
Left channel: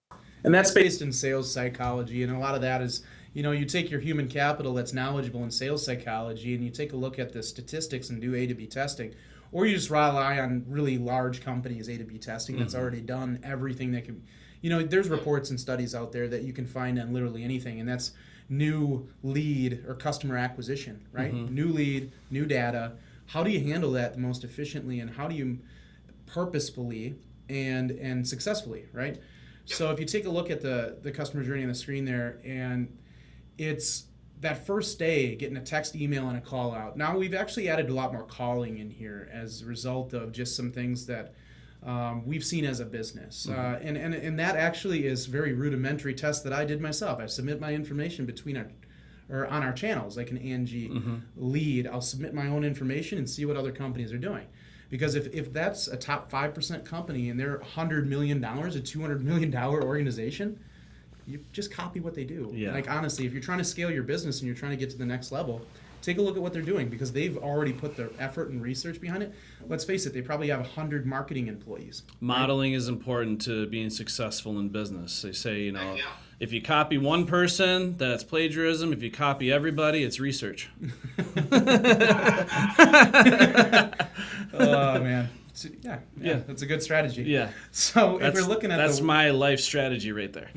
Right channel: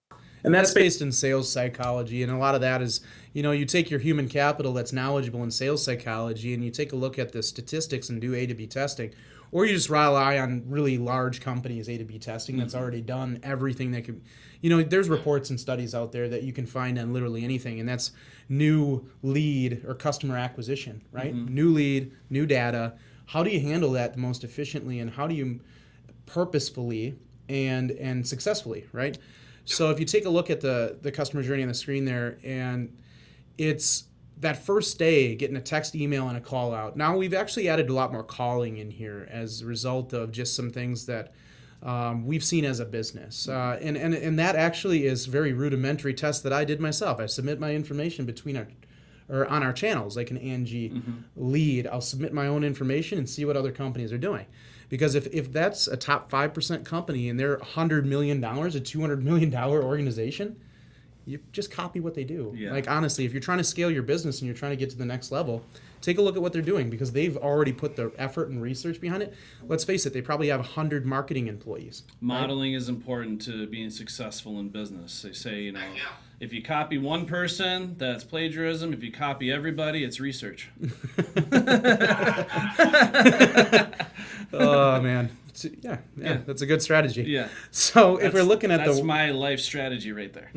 And that's based in sales psychology. And a lot of that is, you take your human capital that's knowledgeable in sales psychology and you take a look at the statistics and do A to B testing. Or you just rely on really large companies, A to B testing, that's already done everything that can, there's reports and studies out there that you can find on literally anything. And that's new lead or customer acquisition, right? New lead, new data. How do you handle that the most efficiently and how do you purposefully and successfully, right? So if you take a look at the customer journey on the screen there, and it's that first day getting a text, email, and a call out. Now we've actually added a lot more calling in here as a result of just some things that we've seen as a business. And that actually is very rudimentary test that I did myself. I submit my information on our channels, like an Angie lead. I'll submit my own information and see what other companies are doing. Because if that's a top 5% company and they're $100 million, a $200 million organization, you just copy what they do. Yeah. Like honestly, if you're trying to scale your business and you're trying to get to the next level, take a look at what they're doing because they've already put the effort and research behind it. Let's face it, they probably have 100 marketing employees. Modeling is important to being successful in business. They say, if you copy one person, that's plagiarism. If you copy everybody, it's research. Oh, man. Yeah, that's a good strategy. Yeah. So if we're looking at that's my life strategy right there.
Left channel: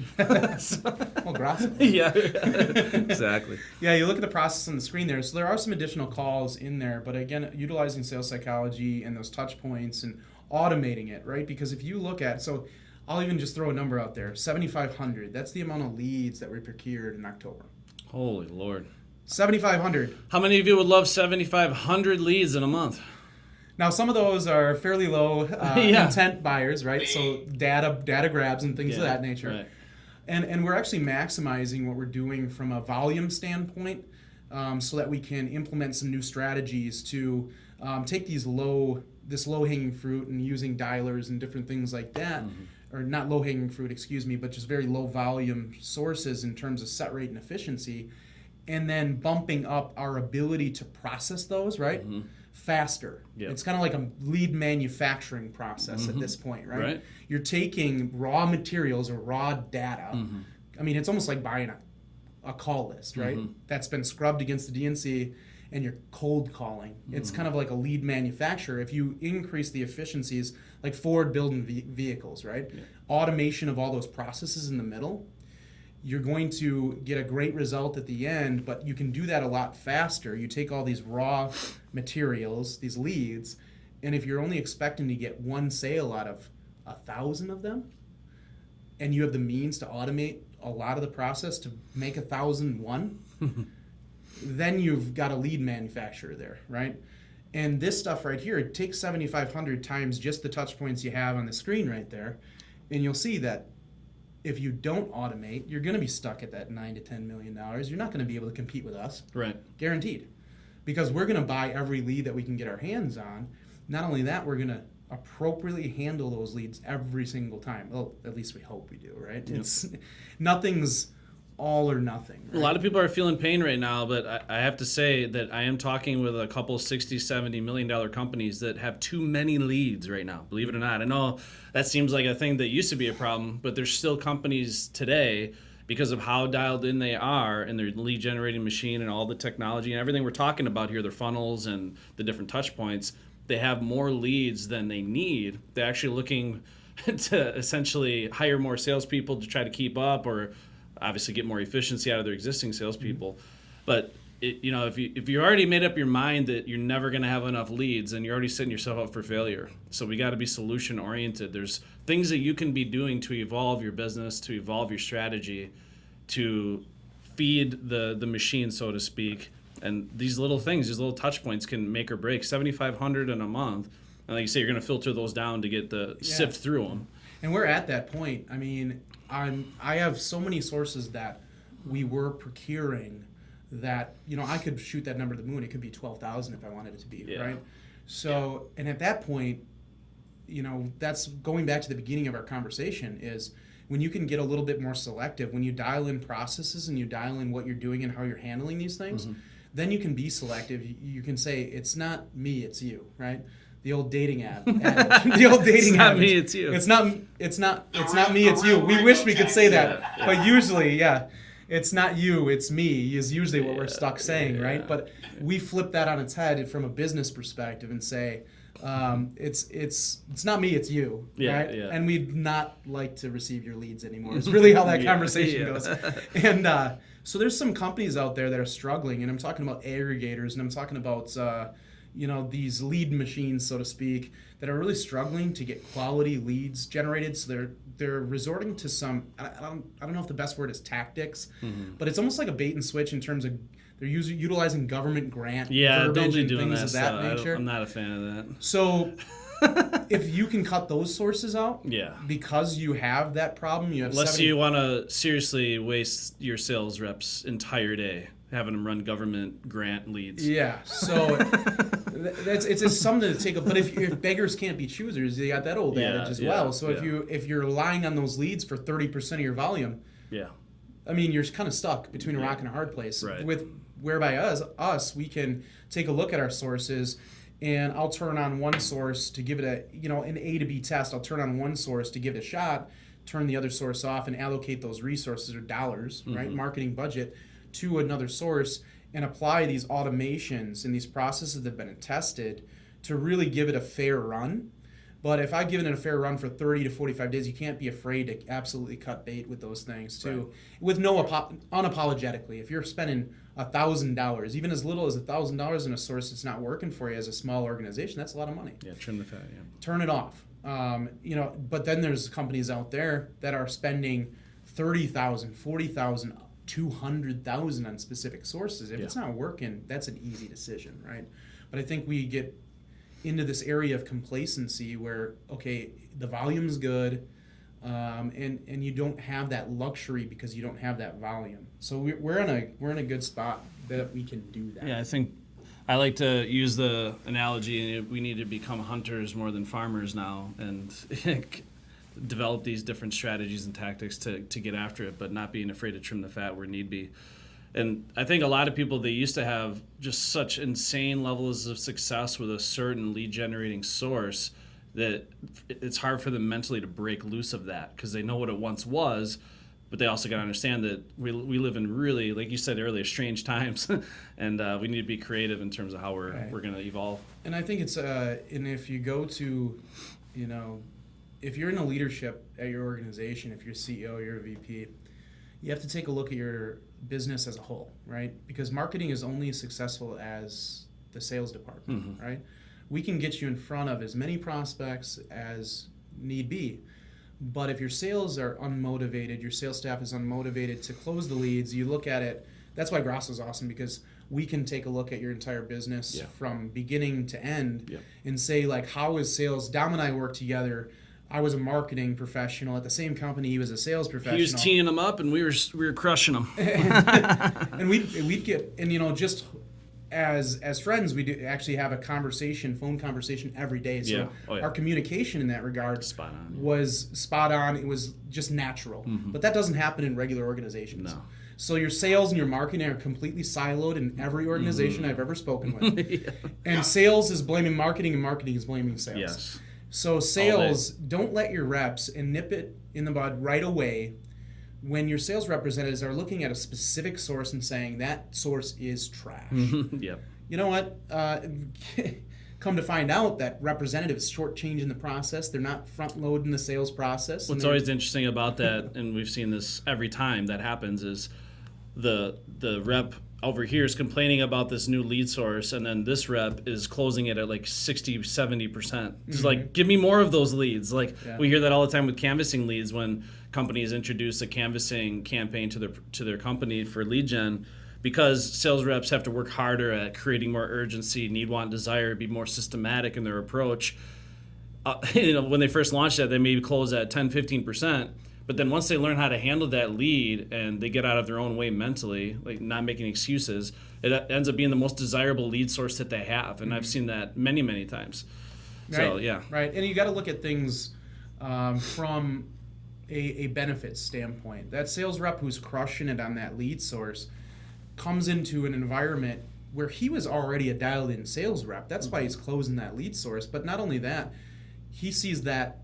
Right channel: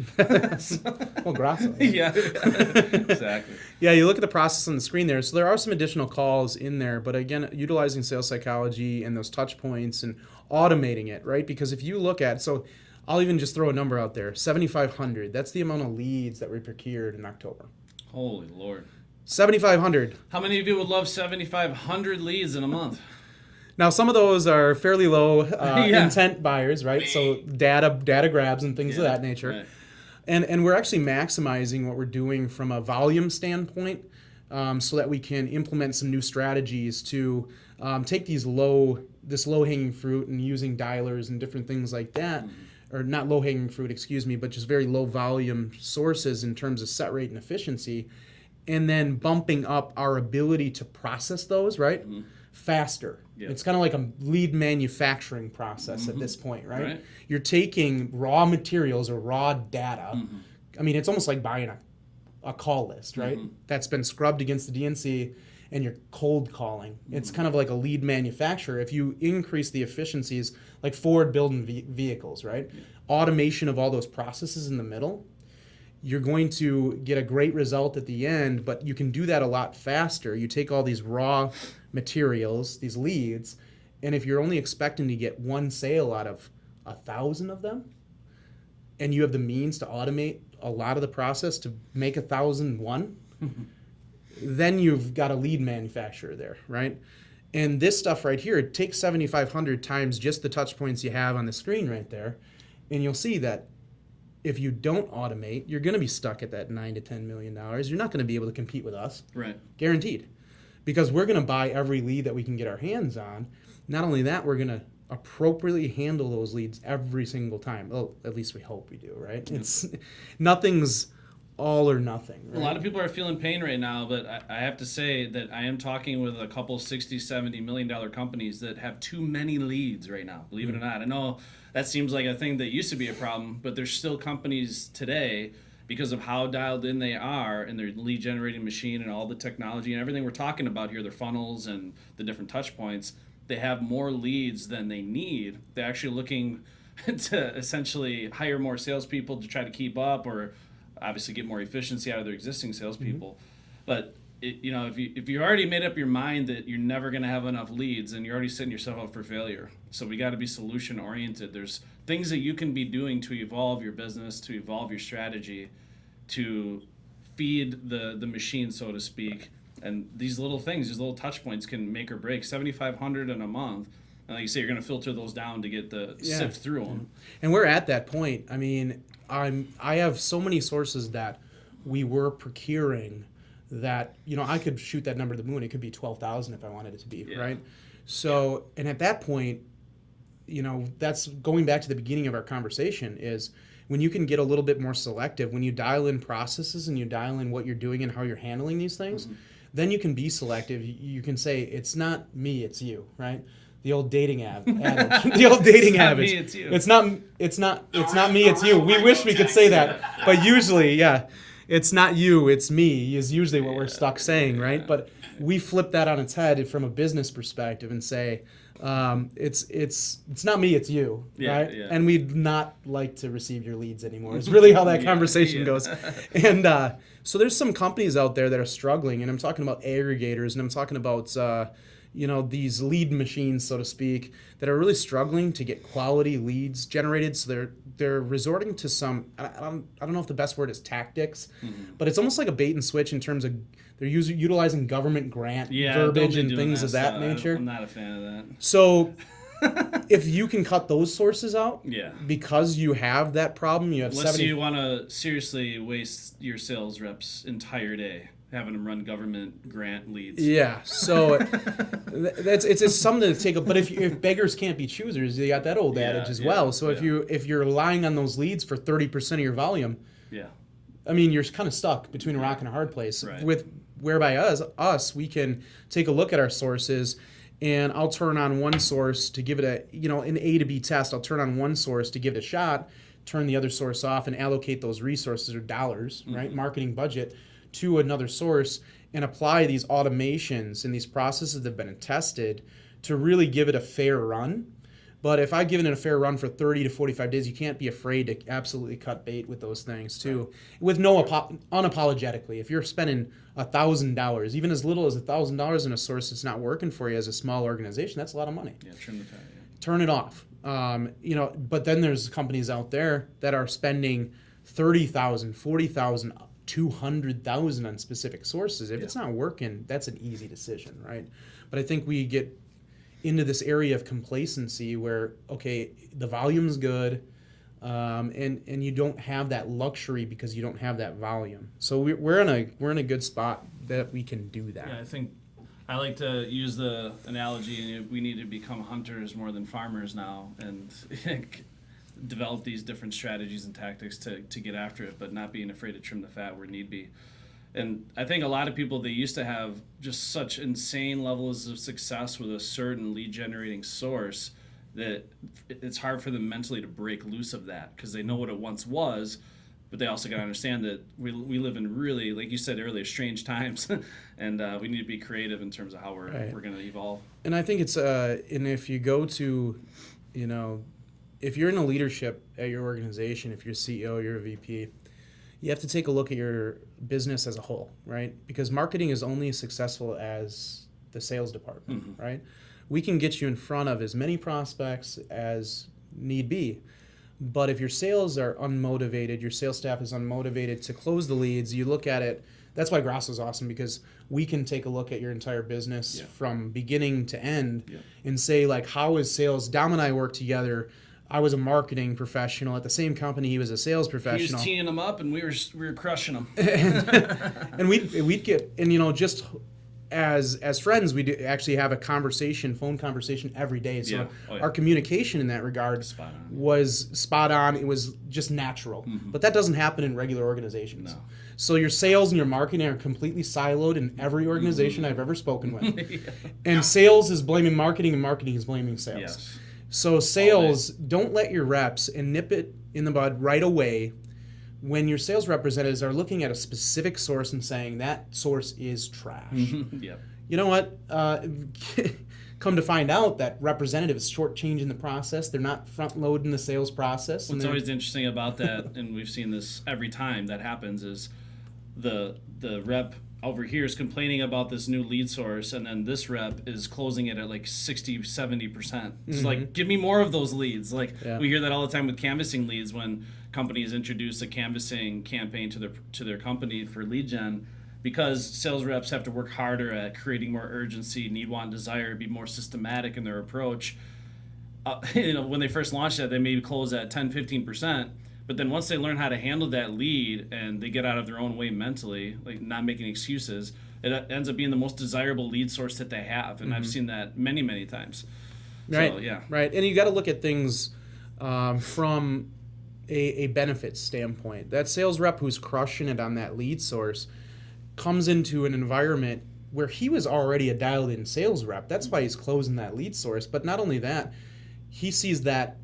Well, gracias. Yeah, exactly. Yeah, you look at the process on the screen there. So there are some additional calls in there, but again, utilizing sales psychology and those touch points and automating it, right? Because if you look at, so I'll even just throw a number out there, 7,500. That's the amount of leads that we procured in October. Holy Lord. 7,500. How many of you would love 7,500 leads in a month? Now, some of those are fairly low intent buyers, right? So data grabs and things of that nature. Right. And we're actually maximizing what we're doing from a volume standpoint so that we can implement some new strategies to take this low-hanging fruit and using dialers and different things like that. Or not low-hanging fruit, excuse me, but just very low volume sources in terms of set rate and efficiency. And then bumping up our ability to process those, right? Faster. Yep. It's kind of like a lead manufacturing process at this point, right? You're taking raw materials or raw data. I mean, it's almost like buying a call list, right? That's been scrubbed against the DNC and you're cold calling. It's kind of like a lead manufacturer. If you increase the efficiencies, like Ford building vehicles, right? Automation of all those processes in the middle, you're going to get a great result at the end, but you can do that a lot faster. You take all these raw materials, these leads, and if you're only expecting to get one sale out of 1,000 of them, and you have the means to automate a lot of the process to make 1,001, then you've got a lead manufacturer there, right? And this stuff right here, it takes 7,500 times just the touch points you have on the screen right there, and you'll see that if you don't automate, you're going to be stuck at that $9 to $10 million. You're not going to be able to compete with us. Right. Guaranteed. Because we're going to buy every lead that we can get our hands on. Not only that, we're going to appropriately handle those leads every single time. Well, at least we hope we do, right? Yep. Nothing's all or nothing. Right? A lot of people are feeling pain right now, but I have to say that I am talking with a couple $60, $70 million companies that have too many leads right now, believe it or not. I know that seems like a thing that used to be a problem, but there's still companies today, because of how dialed in they are and their lead generating machine and all the technology and everything we're talking about here, their funnels and the different touch points, they have more leads than they need. They're actually looking to essentially hire more salespeople to try to keep up, or obviously get more efficiency out of their existing salespeople. But if you already made up your mind that you're never going to have enough leads, then you're already setting yourself up for failure. So we got to be solution oriented. There's things that you can be doing to evolve your business, to evolve your strategy, to feed the machine, so to speak. And these little things, these little touch points can make or break. 7,500 in a month. And like you say, you're going to filter those down to get sift through them. And we're at that point. I mean, I have so many sources that we were procuring that, I could shoot that number to the moon. It could be 12,000 if I wanted it to be, right? So, and at that point, that's going back to the beginning of our conversation, is when you can get a little bit more selective, when you dial in processes and you dial in what you're doing and how you're handling these things, then you can be selective. You can say, it's not me, it's you, right? The old dating adage. The old dating adage. Me, it's you. It's not me, it's you. We wish we could say that, but usually, it's not you, it's me is usually what we're stuck saying, right? But we flip that on its head from a business perspective and say, it's not me, it's you, right? Yeah. And we'd not like to receive your leads anymore. It's really how that conversation goes. And so there's some companies out there that are struggling, and I'm talking about aggregators, and I'm talking about these lead machines, so to speak, that are really struggling to get quality leads generated. So they're resorting to some, I don't know if the best word is tactics, but it's almost like a bait and switch in terms of they're utilizing government grant verbiage and things of that nature. I'm not a fan of that. So if you can cut those sources out, because you have that problem, you have unless you want to seriously waste your sales reps' entire day having them run government grant leads. Yeah, so it's something to take up. But if beggars can't be choosers, you got that old adage as well. So if you're relying on those leads for 30% of your volume, I mean, you're kind of stuck between a rock and a hard place. Right. Whereby us, we can take a look at our sources, and I'll turn on one source to give it an A to B test. I'll turn on one source to give it a shot, turn the other source off, and allocate those resources or dollars, right, marketing budget, to another source, and apply these automations and these processes that have been tested to really give it a fair run. But if I give it a fair run for 30 to 45 days, you can't be afraid to absolutely cut bait with those things too, with unapologetically. If you're spending $1,000, even as little as $1,000 in a source that's not working for you as a small organization, that's a lot of money. Yeah, trim the fat. Yeah. Turn it off. But then there's companies out there that are spending $30,000, $40,000, $200,000 on specific sources. If it's not working, that's an easy decision, right? But I think we get into this area of complacency where, okay, the volume's good, and you don't have that luxury because you don't have that volume. So we're in a good spot that we can do that. Yeah, I think I like to use the analogy, we need to become hunters more than farmers now, and develop these different strategies and tactics to get after it, but not being afraid to trim the fat where need be. And I think a lot of people, they used to have just such insane levels of success with a certain lead generating source that it's hard for them mentally to break loose of that, because they know what it once was, but they also got to understand that we live in really, like you said earlier, strange times, and we need to be creative in terms of how we're going to evolve. And I think it's, and if you go to, if you're in a leadership at your organization, if you're CEO, you're a VP, you have to take a look at your business as a whole, right? Because marketing is only as successful as the sales department, right? We can get you in front of as many prospects as need be, but if your sales are unmotivated, your sales staff is unmotivated to close the leads, you look at it. That's why Gross is awesome, because we can take a look at your entire business from beginning to end and say, like, how is sales? Dom and I work together. I was a marketing professional at the same company. He was a sales professional. He was teeing them up, and we were crushing them. And we'd get, and just as friends, we actually have a phone conversation every day. So our communication in that regard was spot on. It was just natural. But that doesn't happen in regular organizations. No. So your sales and your marketing are completely siloed in every organization I've ever spoken with. And sales is blaming marketing, and marketing is blaming sales. Yes. So sales, don't let your reps, and nip it in the bud right away when your sales representatives are looking at a specific source and saying that source is trash. Yep. You know what? Come to find out that representative is shortchanging the process. They're not front-loading the sales process. What's always interesting about that, and we've seen this every time that happens, is the rep over here is complaining about this new lead source, and then this rep is closing it at like 60-70%. It's like, give me more of those leads. Like we hear that all the time with canvassing leads, when companies introduce a canvassing campaign to their company for lead gen, because sales reps have to work harder at creating more urgency, need, want, desire, be more systematic in their approach. When they first launched that, they maybe close at 10-15%. But then once they learn how to handle that lead and they get out of their own way mentally, like not making excuses, it ends up being the most desirable lead source that they have. And I've seen that many, many times. Right. So, yeah. Right. And you got to look at things from a benefits standpoint. That sales rep who's crushing it on that lead source comes into an environment where he was already a dialed in sales rep. That's why he's closing that lead source. But not only that, he sees that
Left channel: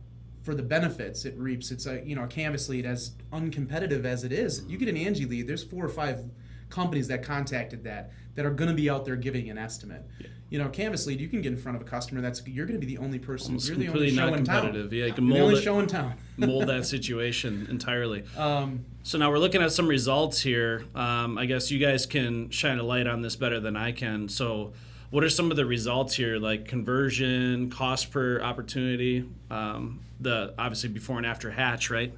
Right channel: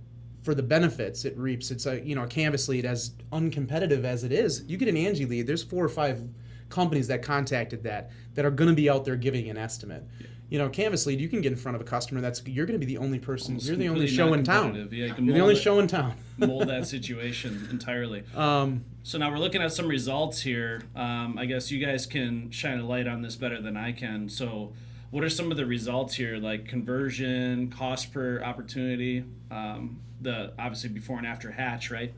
for the benefits it reaps. It's a canvas lead, as uncompetitive as it is. You get an Angie lead, there's 4 or 5 companies that contacted that are going to be out there giving an estimate. Canvas lead, you can get in front of a customer you're going to be the only person. Almost you're the only completely show in town. non-competitive. Yeah, you can You're the mold only it. show in town. Mold that situation entirely. So now we're looking at some results here. I guess you guys can shine a light on this better than I can. So what are some of the results here, like conversion, cost per opportunity, the obviously before and after Hatch, right?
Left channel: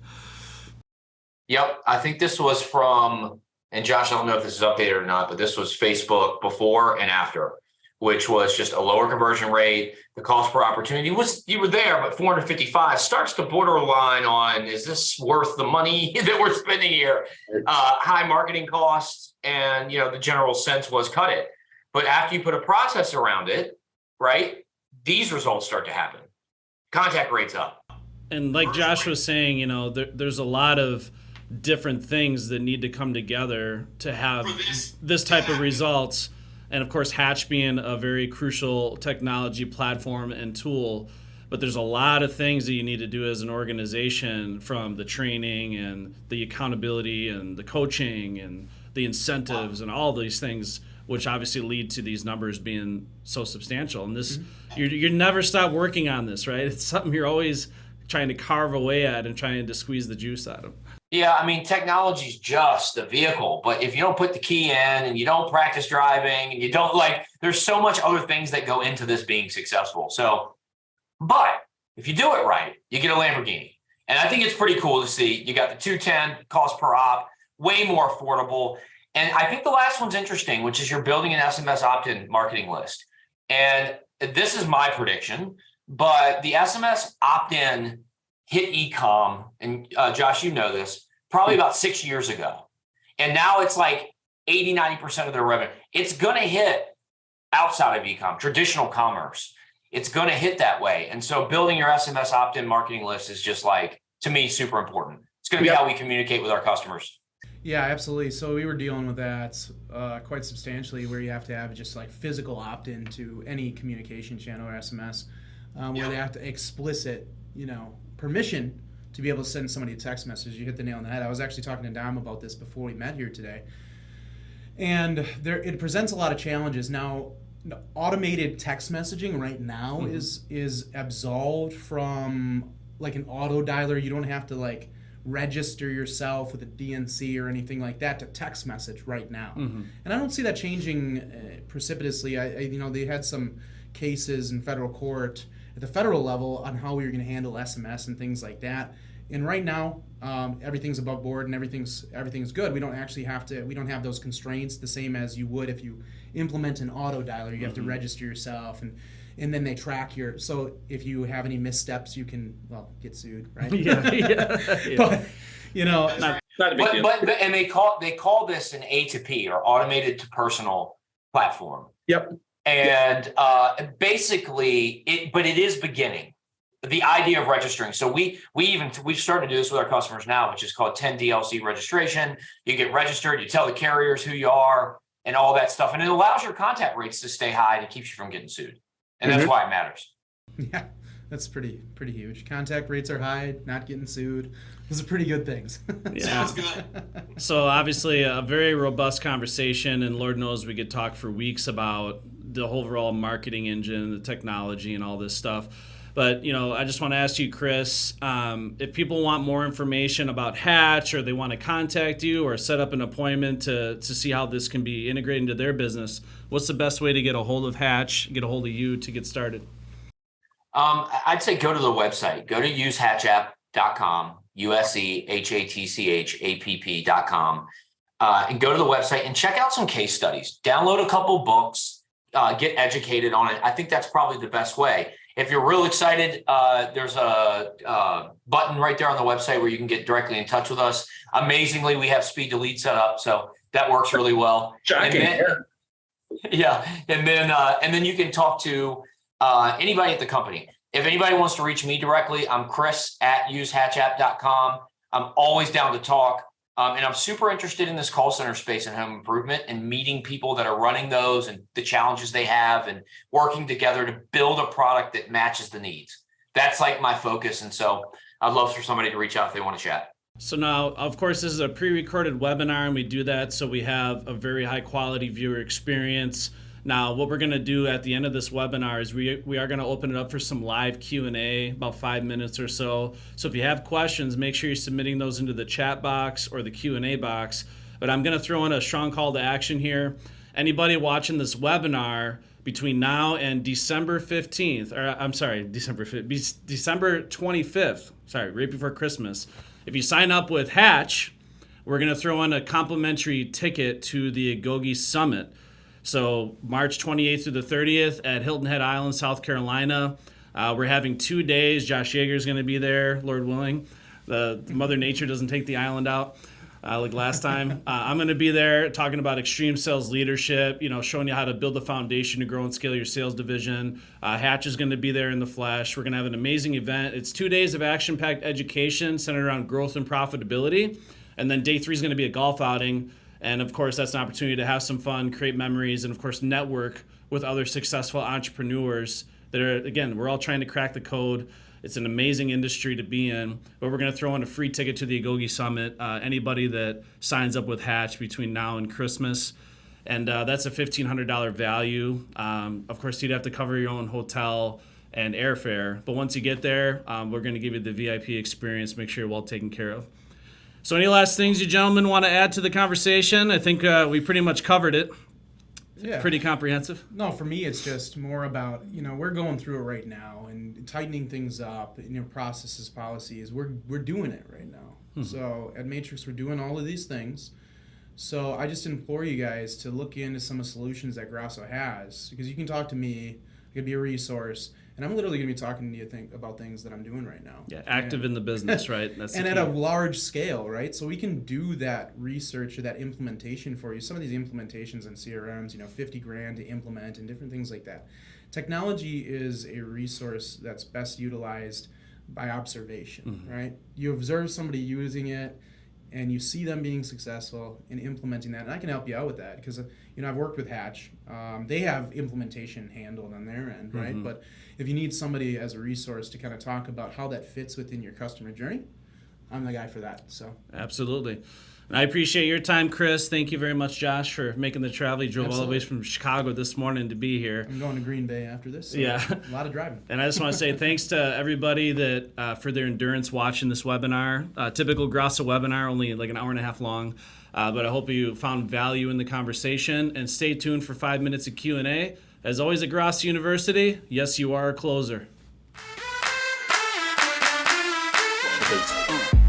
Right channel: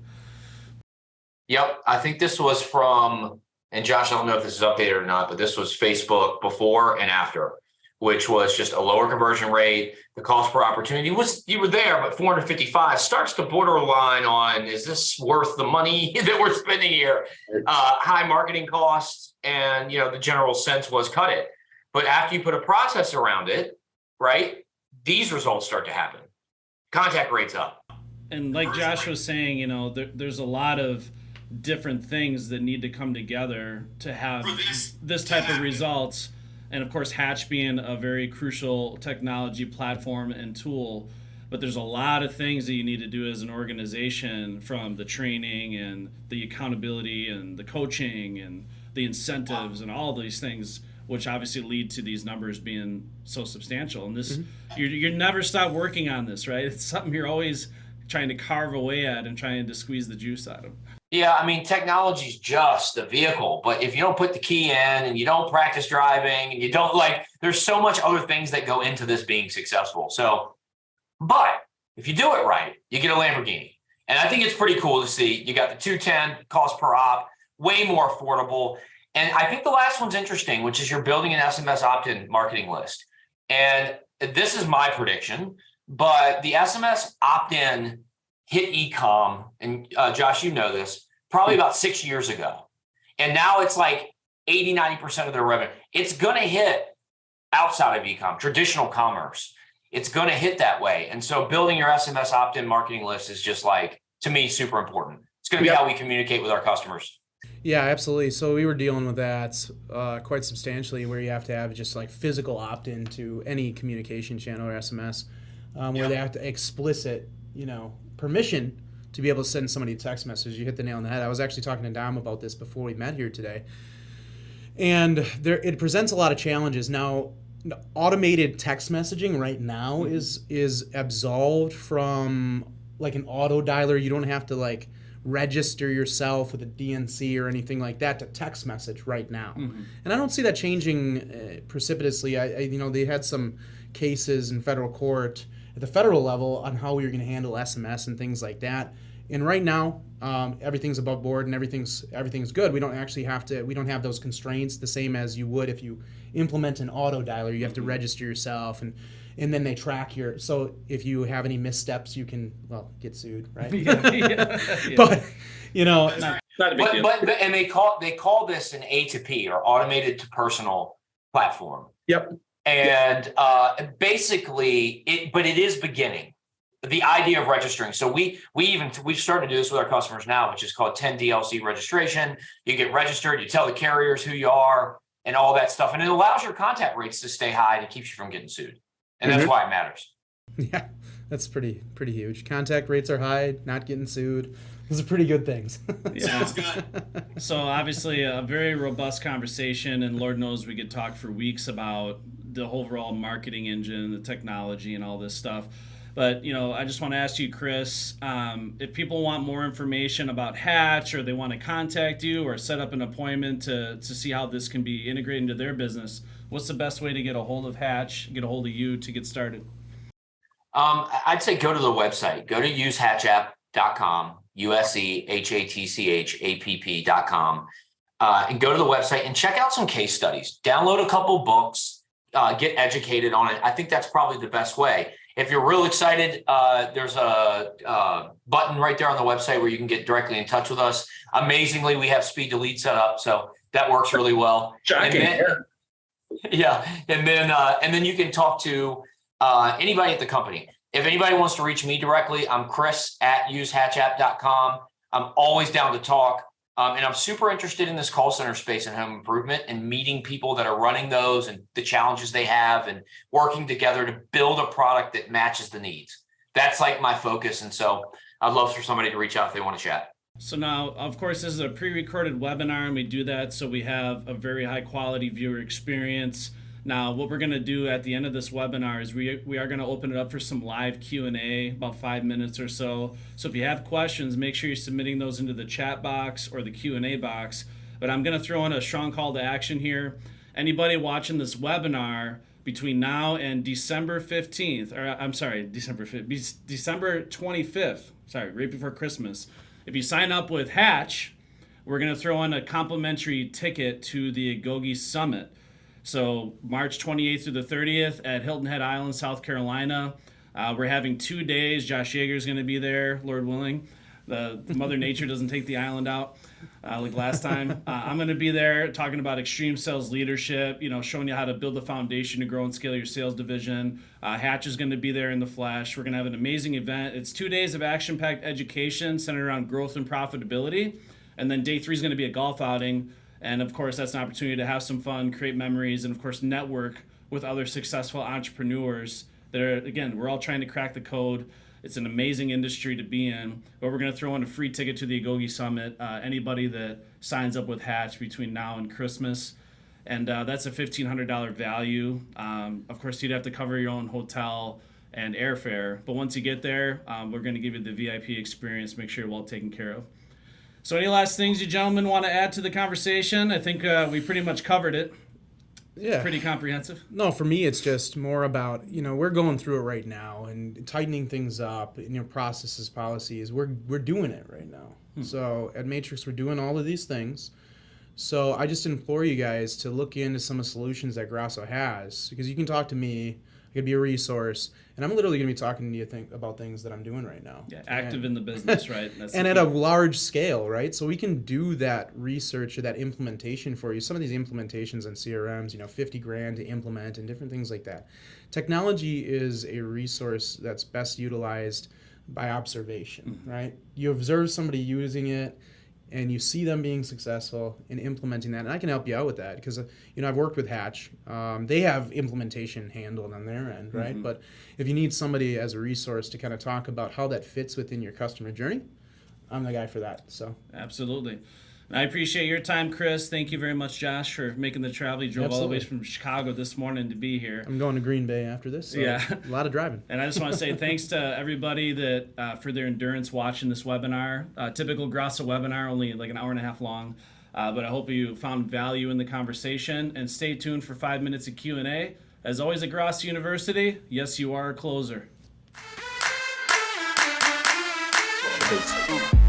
Yep. I think this was from, and Josh, I don't know if this is updated or not, but this was Facebook before and after, which was just a lower conversion rate. The cost per opportunity you were there, but 455 starts to borderline on, is this worth the money that we're spending here? High marketing costs, and the general sense was cut it. But after you put a process around it, right, these results start to happen. Contact rates up. And like Josh was saying, there's a lot of different things that need to come together to have this type of results. And of course, Hatch being a very crucial technology platform and tool, but there's a lot of things that you need to do as an organization, from the training and the accountability and the coaching and the incentives and all these things, which obviously lead to these numbers being so substantial. And this, you never stop working on this, right? It's something you're always trying to carve away at and trying to squeeze the juice out of. Yeah, I mean, technology's just the vehicle, but if you don't put the key in and you don't practice driving and you don't there's so much other things that go into this being successful. So, but if you do it right, you get a Lamborghini. And I think it's pretty cool to see. You got the 210 cost per op, way more affordable. And I think the last one's interesting, which is you're building an SMS opt-in marketing list. And this is my prediction, but the SMS opt-in hit e-com, and Josh, you know this, probably about 6 years ago. And now it's like 80, 90% of their revenue. It's going to hit outside of e-com, traditional commerce. It's going to hit that way. And so building your SMS opt-in marketing list is just to me, super important. It's going to be how we communicate with our customers. Yeah, absolutely. So we were dealing with that quite substantially, where you have to have just physical opt-in to any communication channel or SMS, where they have to explicit, permission to be able to send somebody a text message. You hit the nail on the head. I was actually talking to Dom about this before we met here today. And it presents a lot of challenges. Now, automated text messaging right now is absolved from an auto dialer. You don't have to register yourself with a DNC or anything like that to text message right now. And I don't see that changing precipitously. They had some cases in federal court at the federal level on how we were going to handle SMS and things like that. And right now, everything's above board and everything's good. We don't have those constraints the same as you would if you implement an auto dialer. You have to register yourself, and then they track so if you have any missteps, you can get sued, right? Yeah. But Not a big deal. But and they call this an A2P, or automated to personal platform. Yep. And basically, it is beginning. The idea of registering. So we've started to do this with our customers now, which is called 10 DLC registration. You get registered, you tell the carriers who you are and all that stuff. And it allows your contact rates to stay high and it keeps you from getting sued. And that's why it matters. Yeah, that's pretty huge. Contact rates are high, not getting sued. Those are pretty good things. Sounds good. So obviously a very robust conversation, and Lord knows we could talk for weeks about the overall marketing engine, the technology, and all this stuff. But, I just want to ask you, Chris, if people want more information about Hatch, or they want to contact you or set up an appointment to see how this can be integrated into their business, what's the best way to get a hold of Hatch, get a hold of you to get started? I'd say go to the website. Go to usehatchapp.com, usehatchapp.com, and go to the website and check out some case studies. Download a couple books, get educated on it. I think that's probably the best way. If you're real excited, there's a button right there on the website where you can get directly in touch with us. Amazingly, we have speed to lead set up, so that works really well. Shocking. And then you can talk to anybody at the company. If anybody wants to reach me directly, I'm chris@usehatchapp.com. I'm always down to talk. And I'm super interested in this call center space and home improvement and meeting people that are running those and the challenges they have and working together to build a product that matches the needs. That's like my focus. And so I'd love for somebody to reach out if they want to chat. So now, of course, this is a pre-recorded webinar, and we do that so we have a very high quality viewer experience. Now, what we're going to do at the end of this webinar is we are going to open it up for some live Q&A, about 5 minutes or so. So if you have questions, make sure you're submitting those into the chat box or the Q&A box. But I'm going to throw in a strong call to action here. Anybody watching this webinar between now and December 15th, or I'm sorry, December 25th, right before Christmas. If you sign up with Hatch, we're going to throw in a complimentary ticket to the Agoge Summit. So March 28th through the 30th at Hilton Head Island, South Carolina. We're having 2 days. Josh Yeager is going to be there, Lord willing. The Mother Nature doesn't take the island out like last time. I'm going to be there talking about extreme sales leadership, showing you how to build the foundation to grow and scale your sales division. Hatch is going to be there in the flesh. We're going to have an amazing event. It's 2 days of action-packed education centered around growth and profitability. And then day 3 is going to be a golf outing. And of course, that's an opportunity to have some fun, create memories, and of course, network with other successful entrepreneurs that are, again, we're all trying to crack the code. It's an amazing industry to be in, but we're going to throw in a free ticket to the Agoge Summit. Anybody that signs up with Hatch between now and Christmas, and that's a $1,500 value. Of course, you'd have to cover your own hotel and airfare, but once you get there, we're going to give you the VIP experience, make sure you're well taken care of. So any last things you gentlemen want to add to the conversation? I think we pretty much covered it. Yeah. Pretty comprehensive. No, for me, it's just more about, we're going through it right now and tightening things up, processes, policies. We're doing it right now. So at Matrix, we're doing all of these things. So I just implore you guys to look into some of the solutions that Grasso has, because you can talk to me. I could be a resource. And I'm literally going to be talking to you about things that I'm doing right now. Yeah, active in the business, right? That's and at a large scale, right? So we can do that research or that implementation for you. Some of these implementations on CRMs, $50,000 to implement and different things like that. Technology is a resource that's best utilized by observation, right? You observe somebody using it, and you see them being successful in implementing that. And I can help you out with that because, I've worked with Hatch. They have implementation handled on their end, right? But if you need somebody as a resource to kind of talk about how that fits within your customer journey, I'm the guy for that. So absolutely. I appreciate your time, Chris. Thank you very much, Josh, for making the travel. You drove all the way from Chicago this morning to be here. I'm going to Green Bay after this. So yeah. A lot of driving. And I just want to say thanks to everybody that for their endurance watching this webinar. Typical Grasso webinar, only like an hour and a half long. But I hope you found value in the conversation. And stay tuned for 5 minutes of Q&A. As always at Grasso University, yes, you are a closer. It's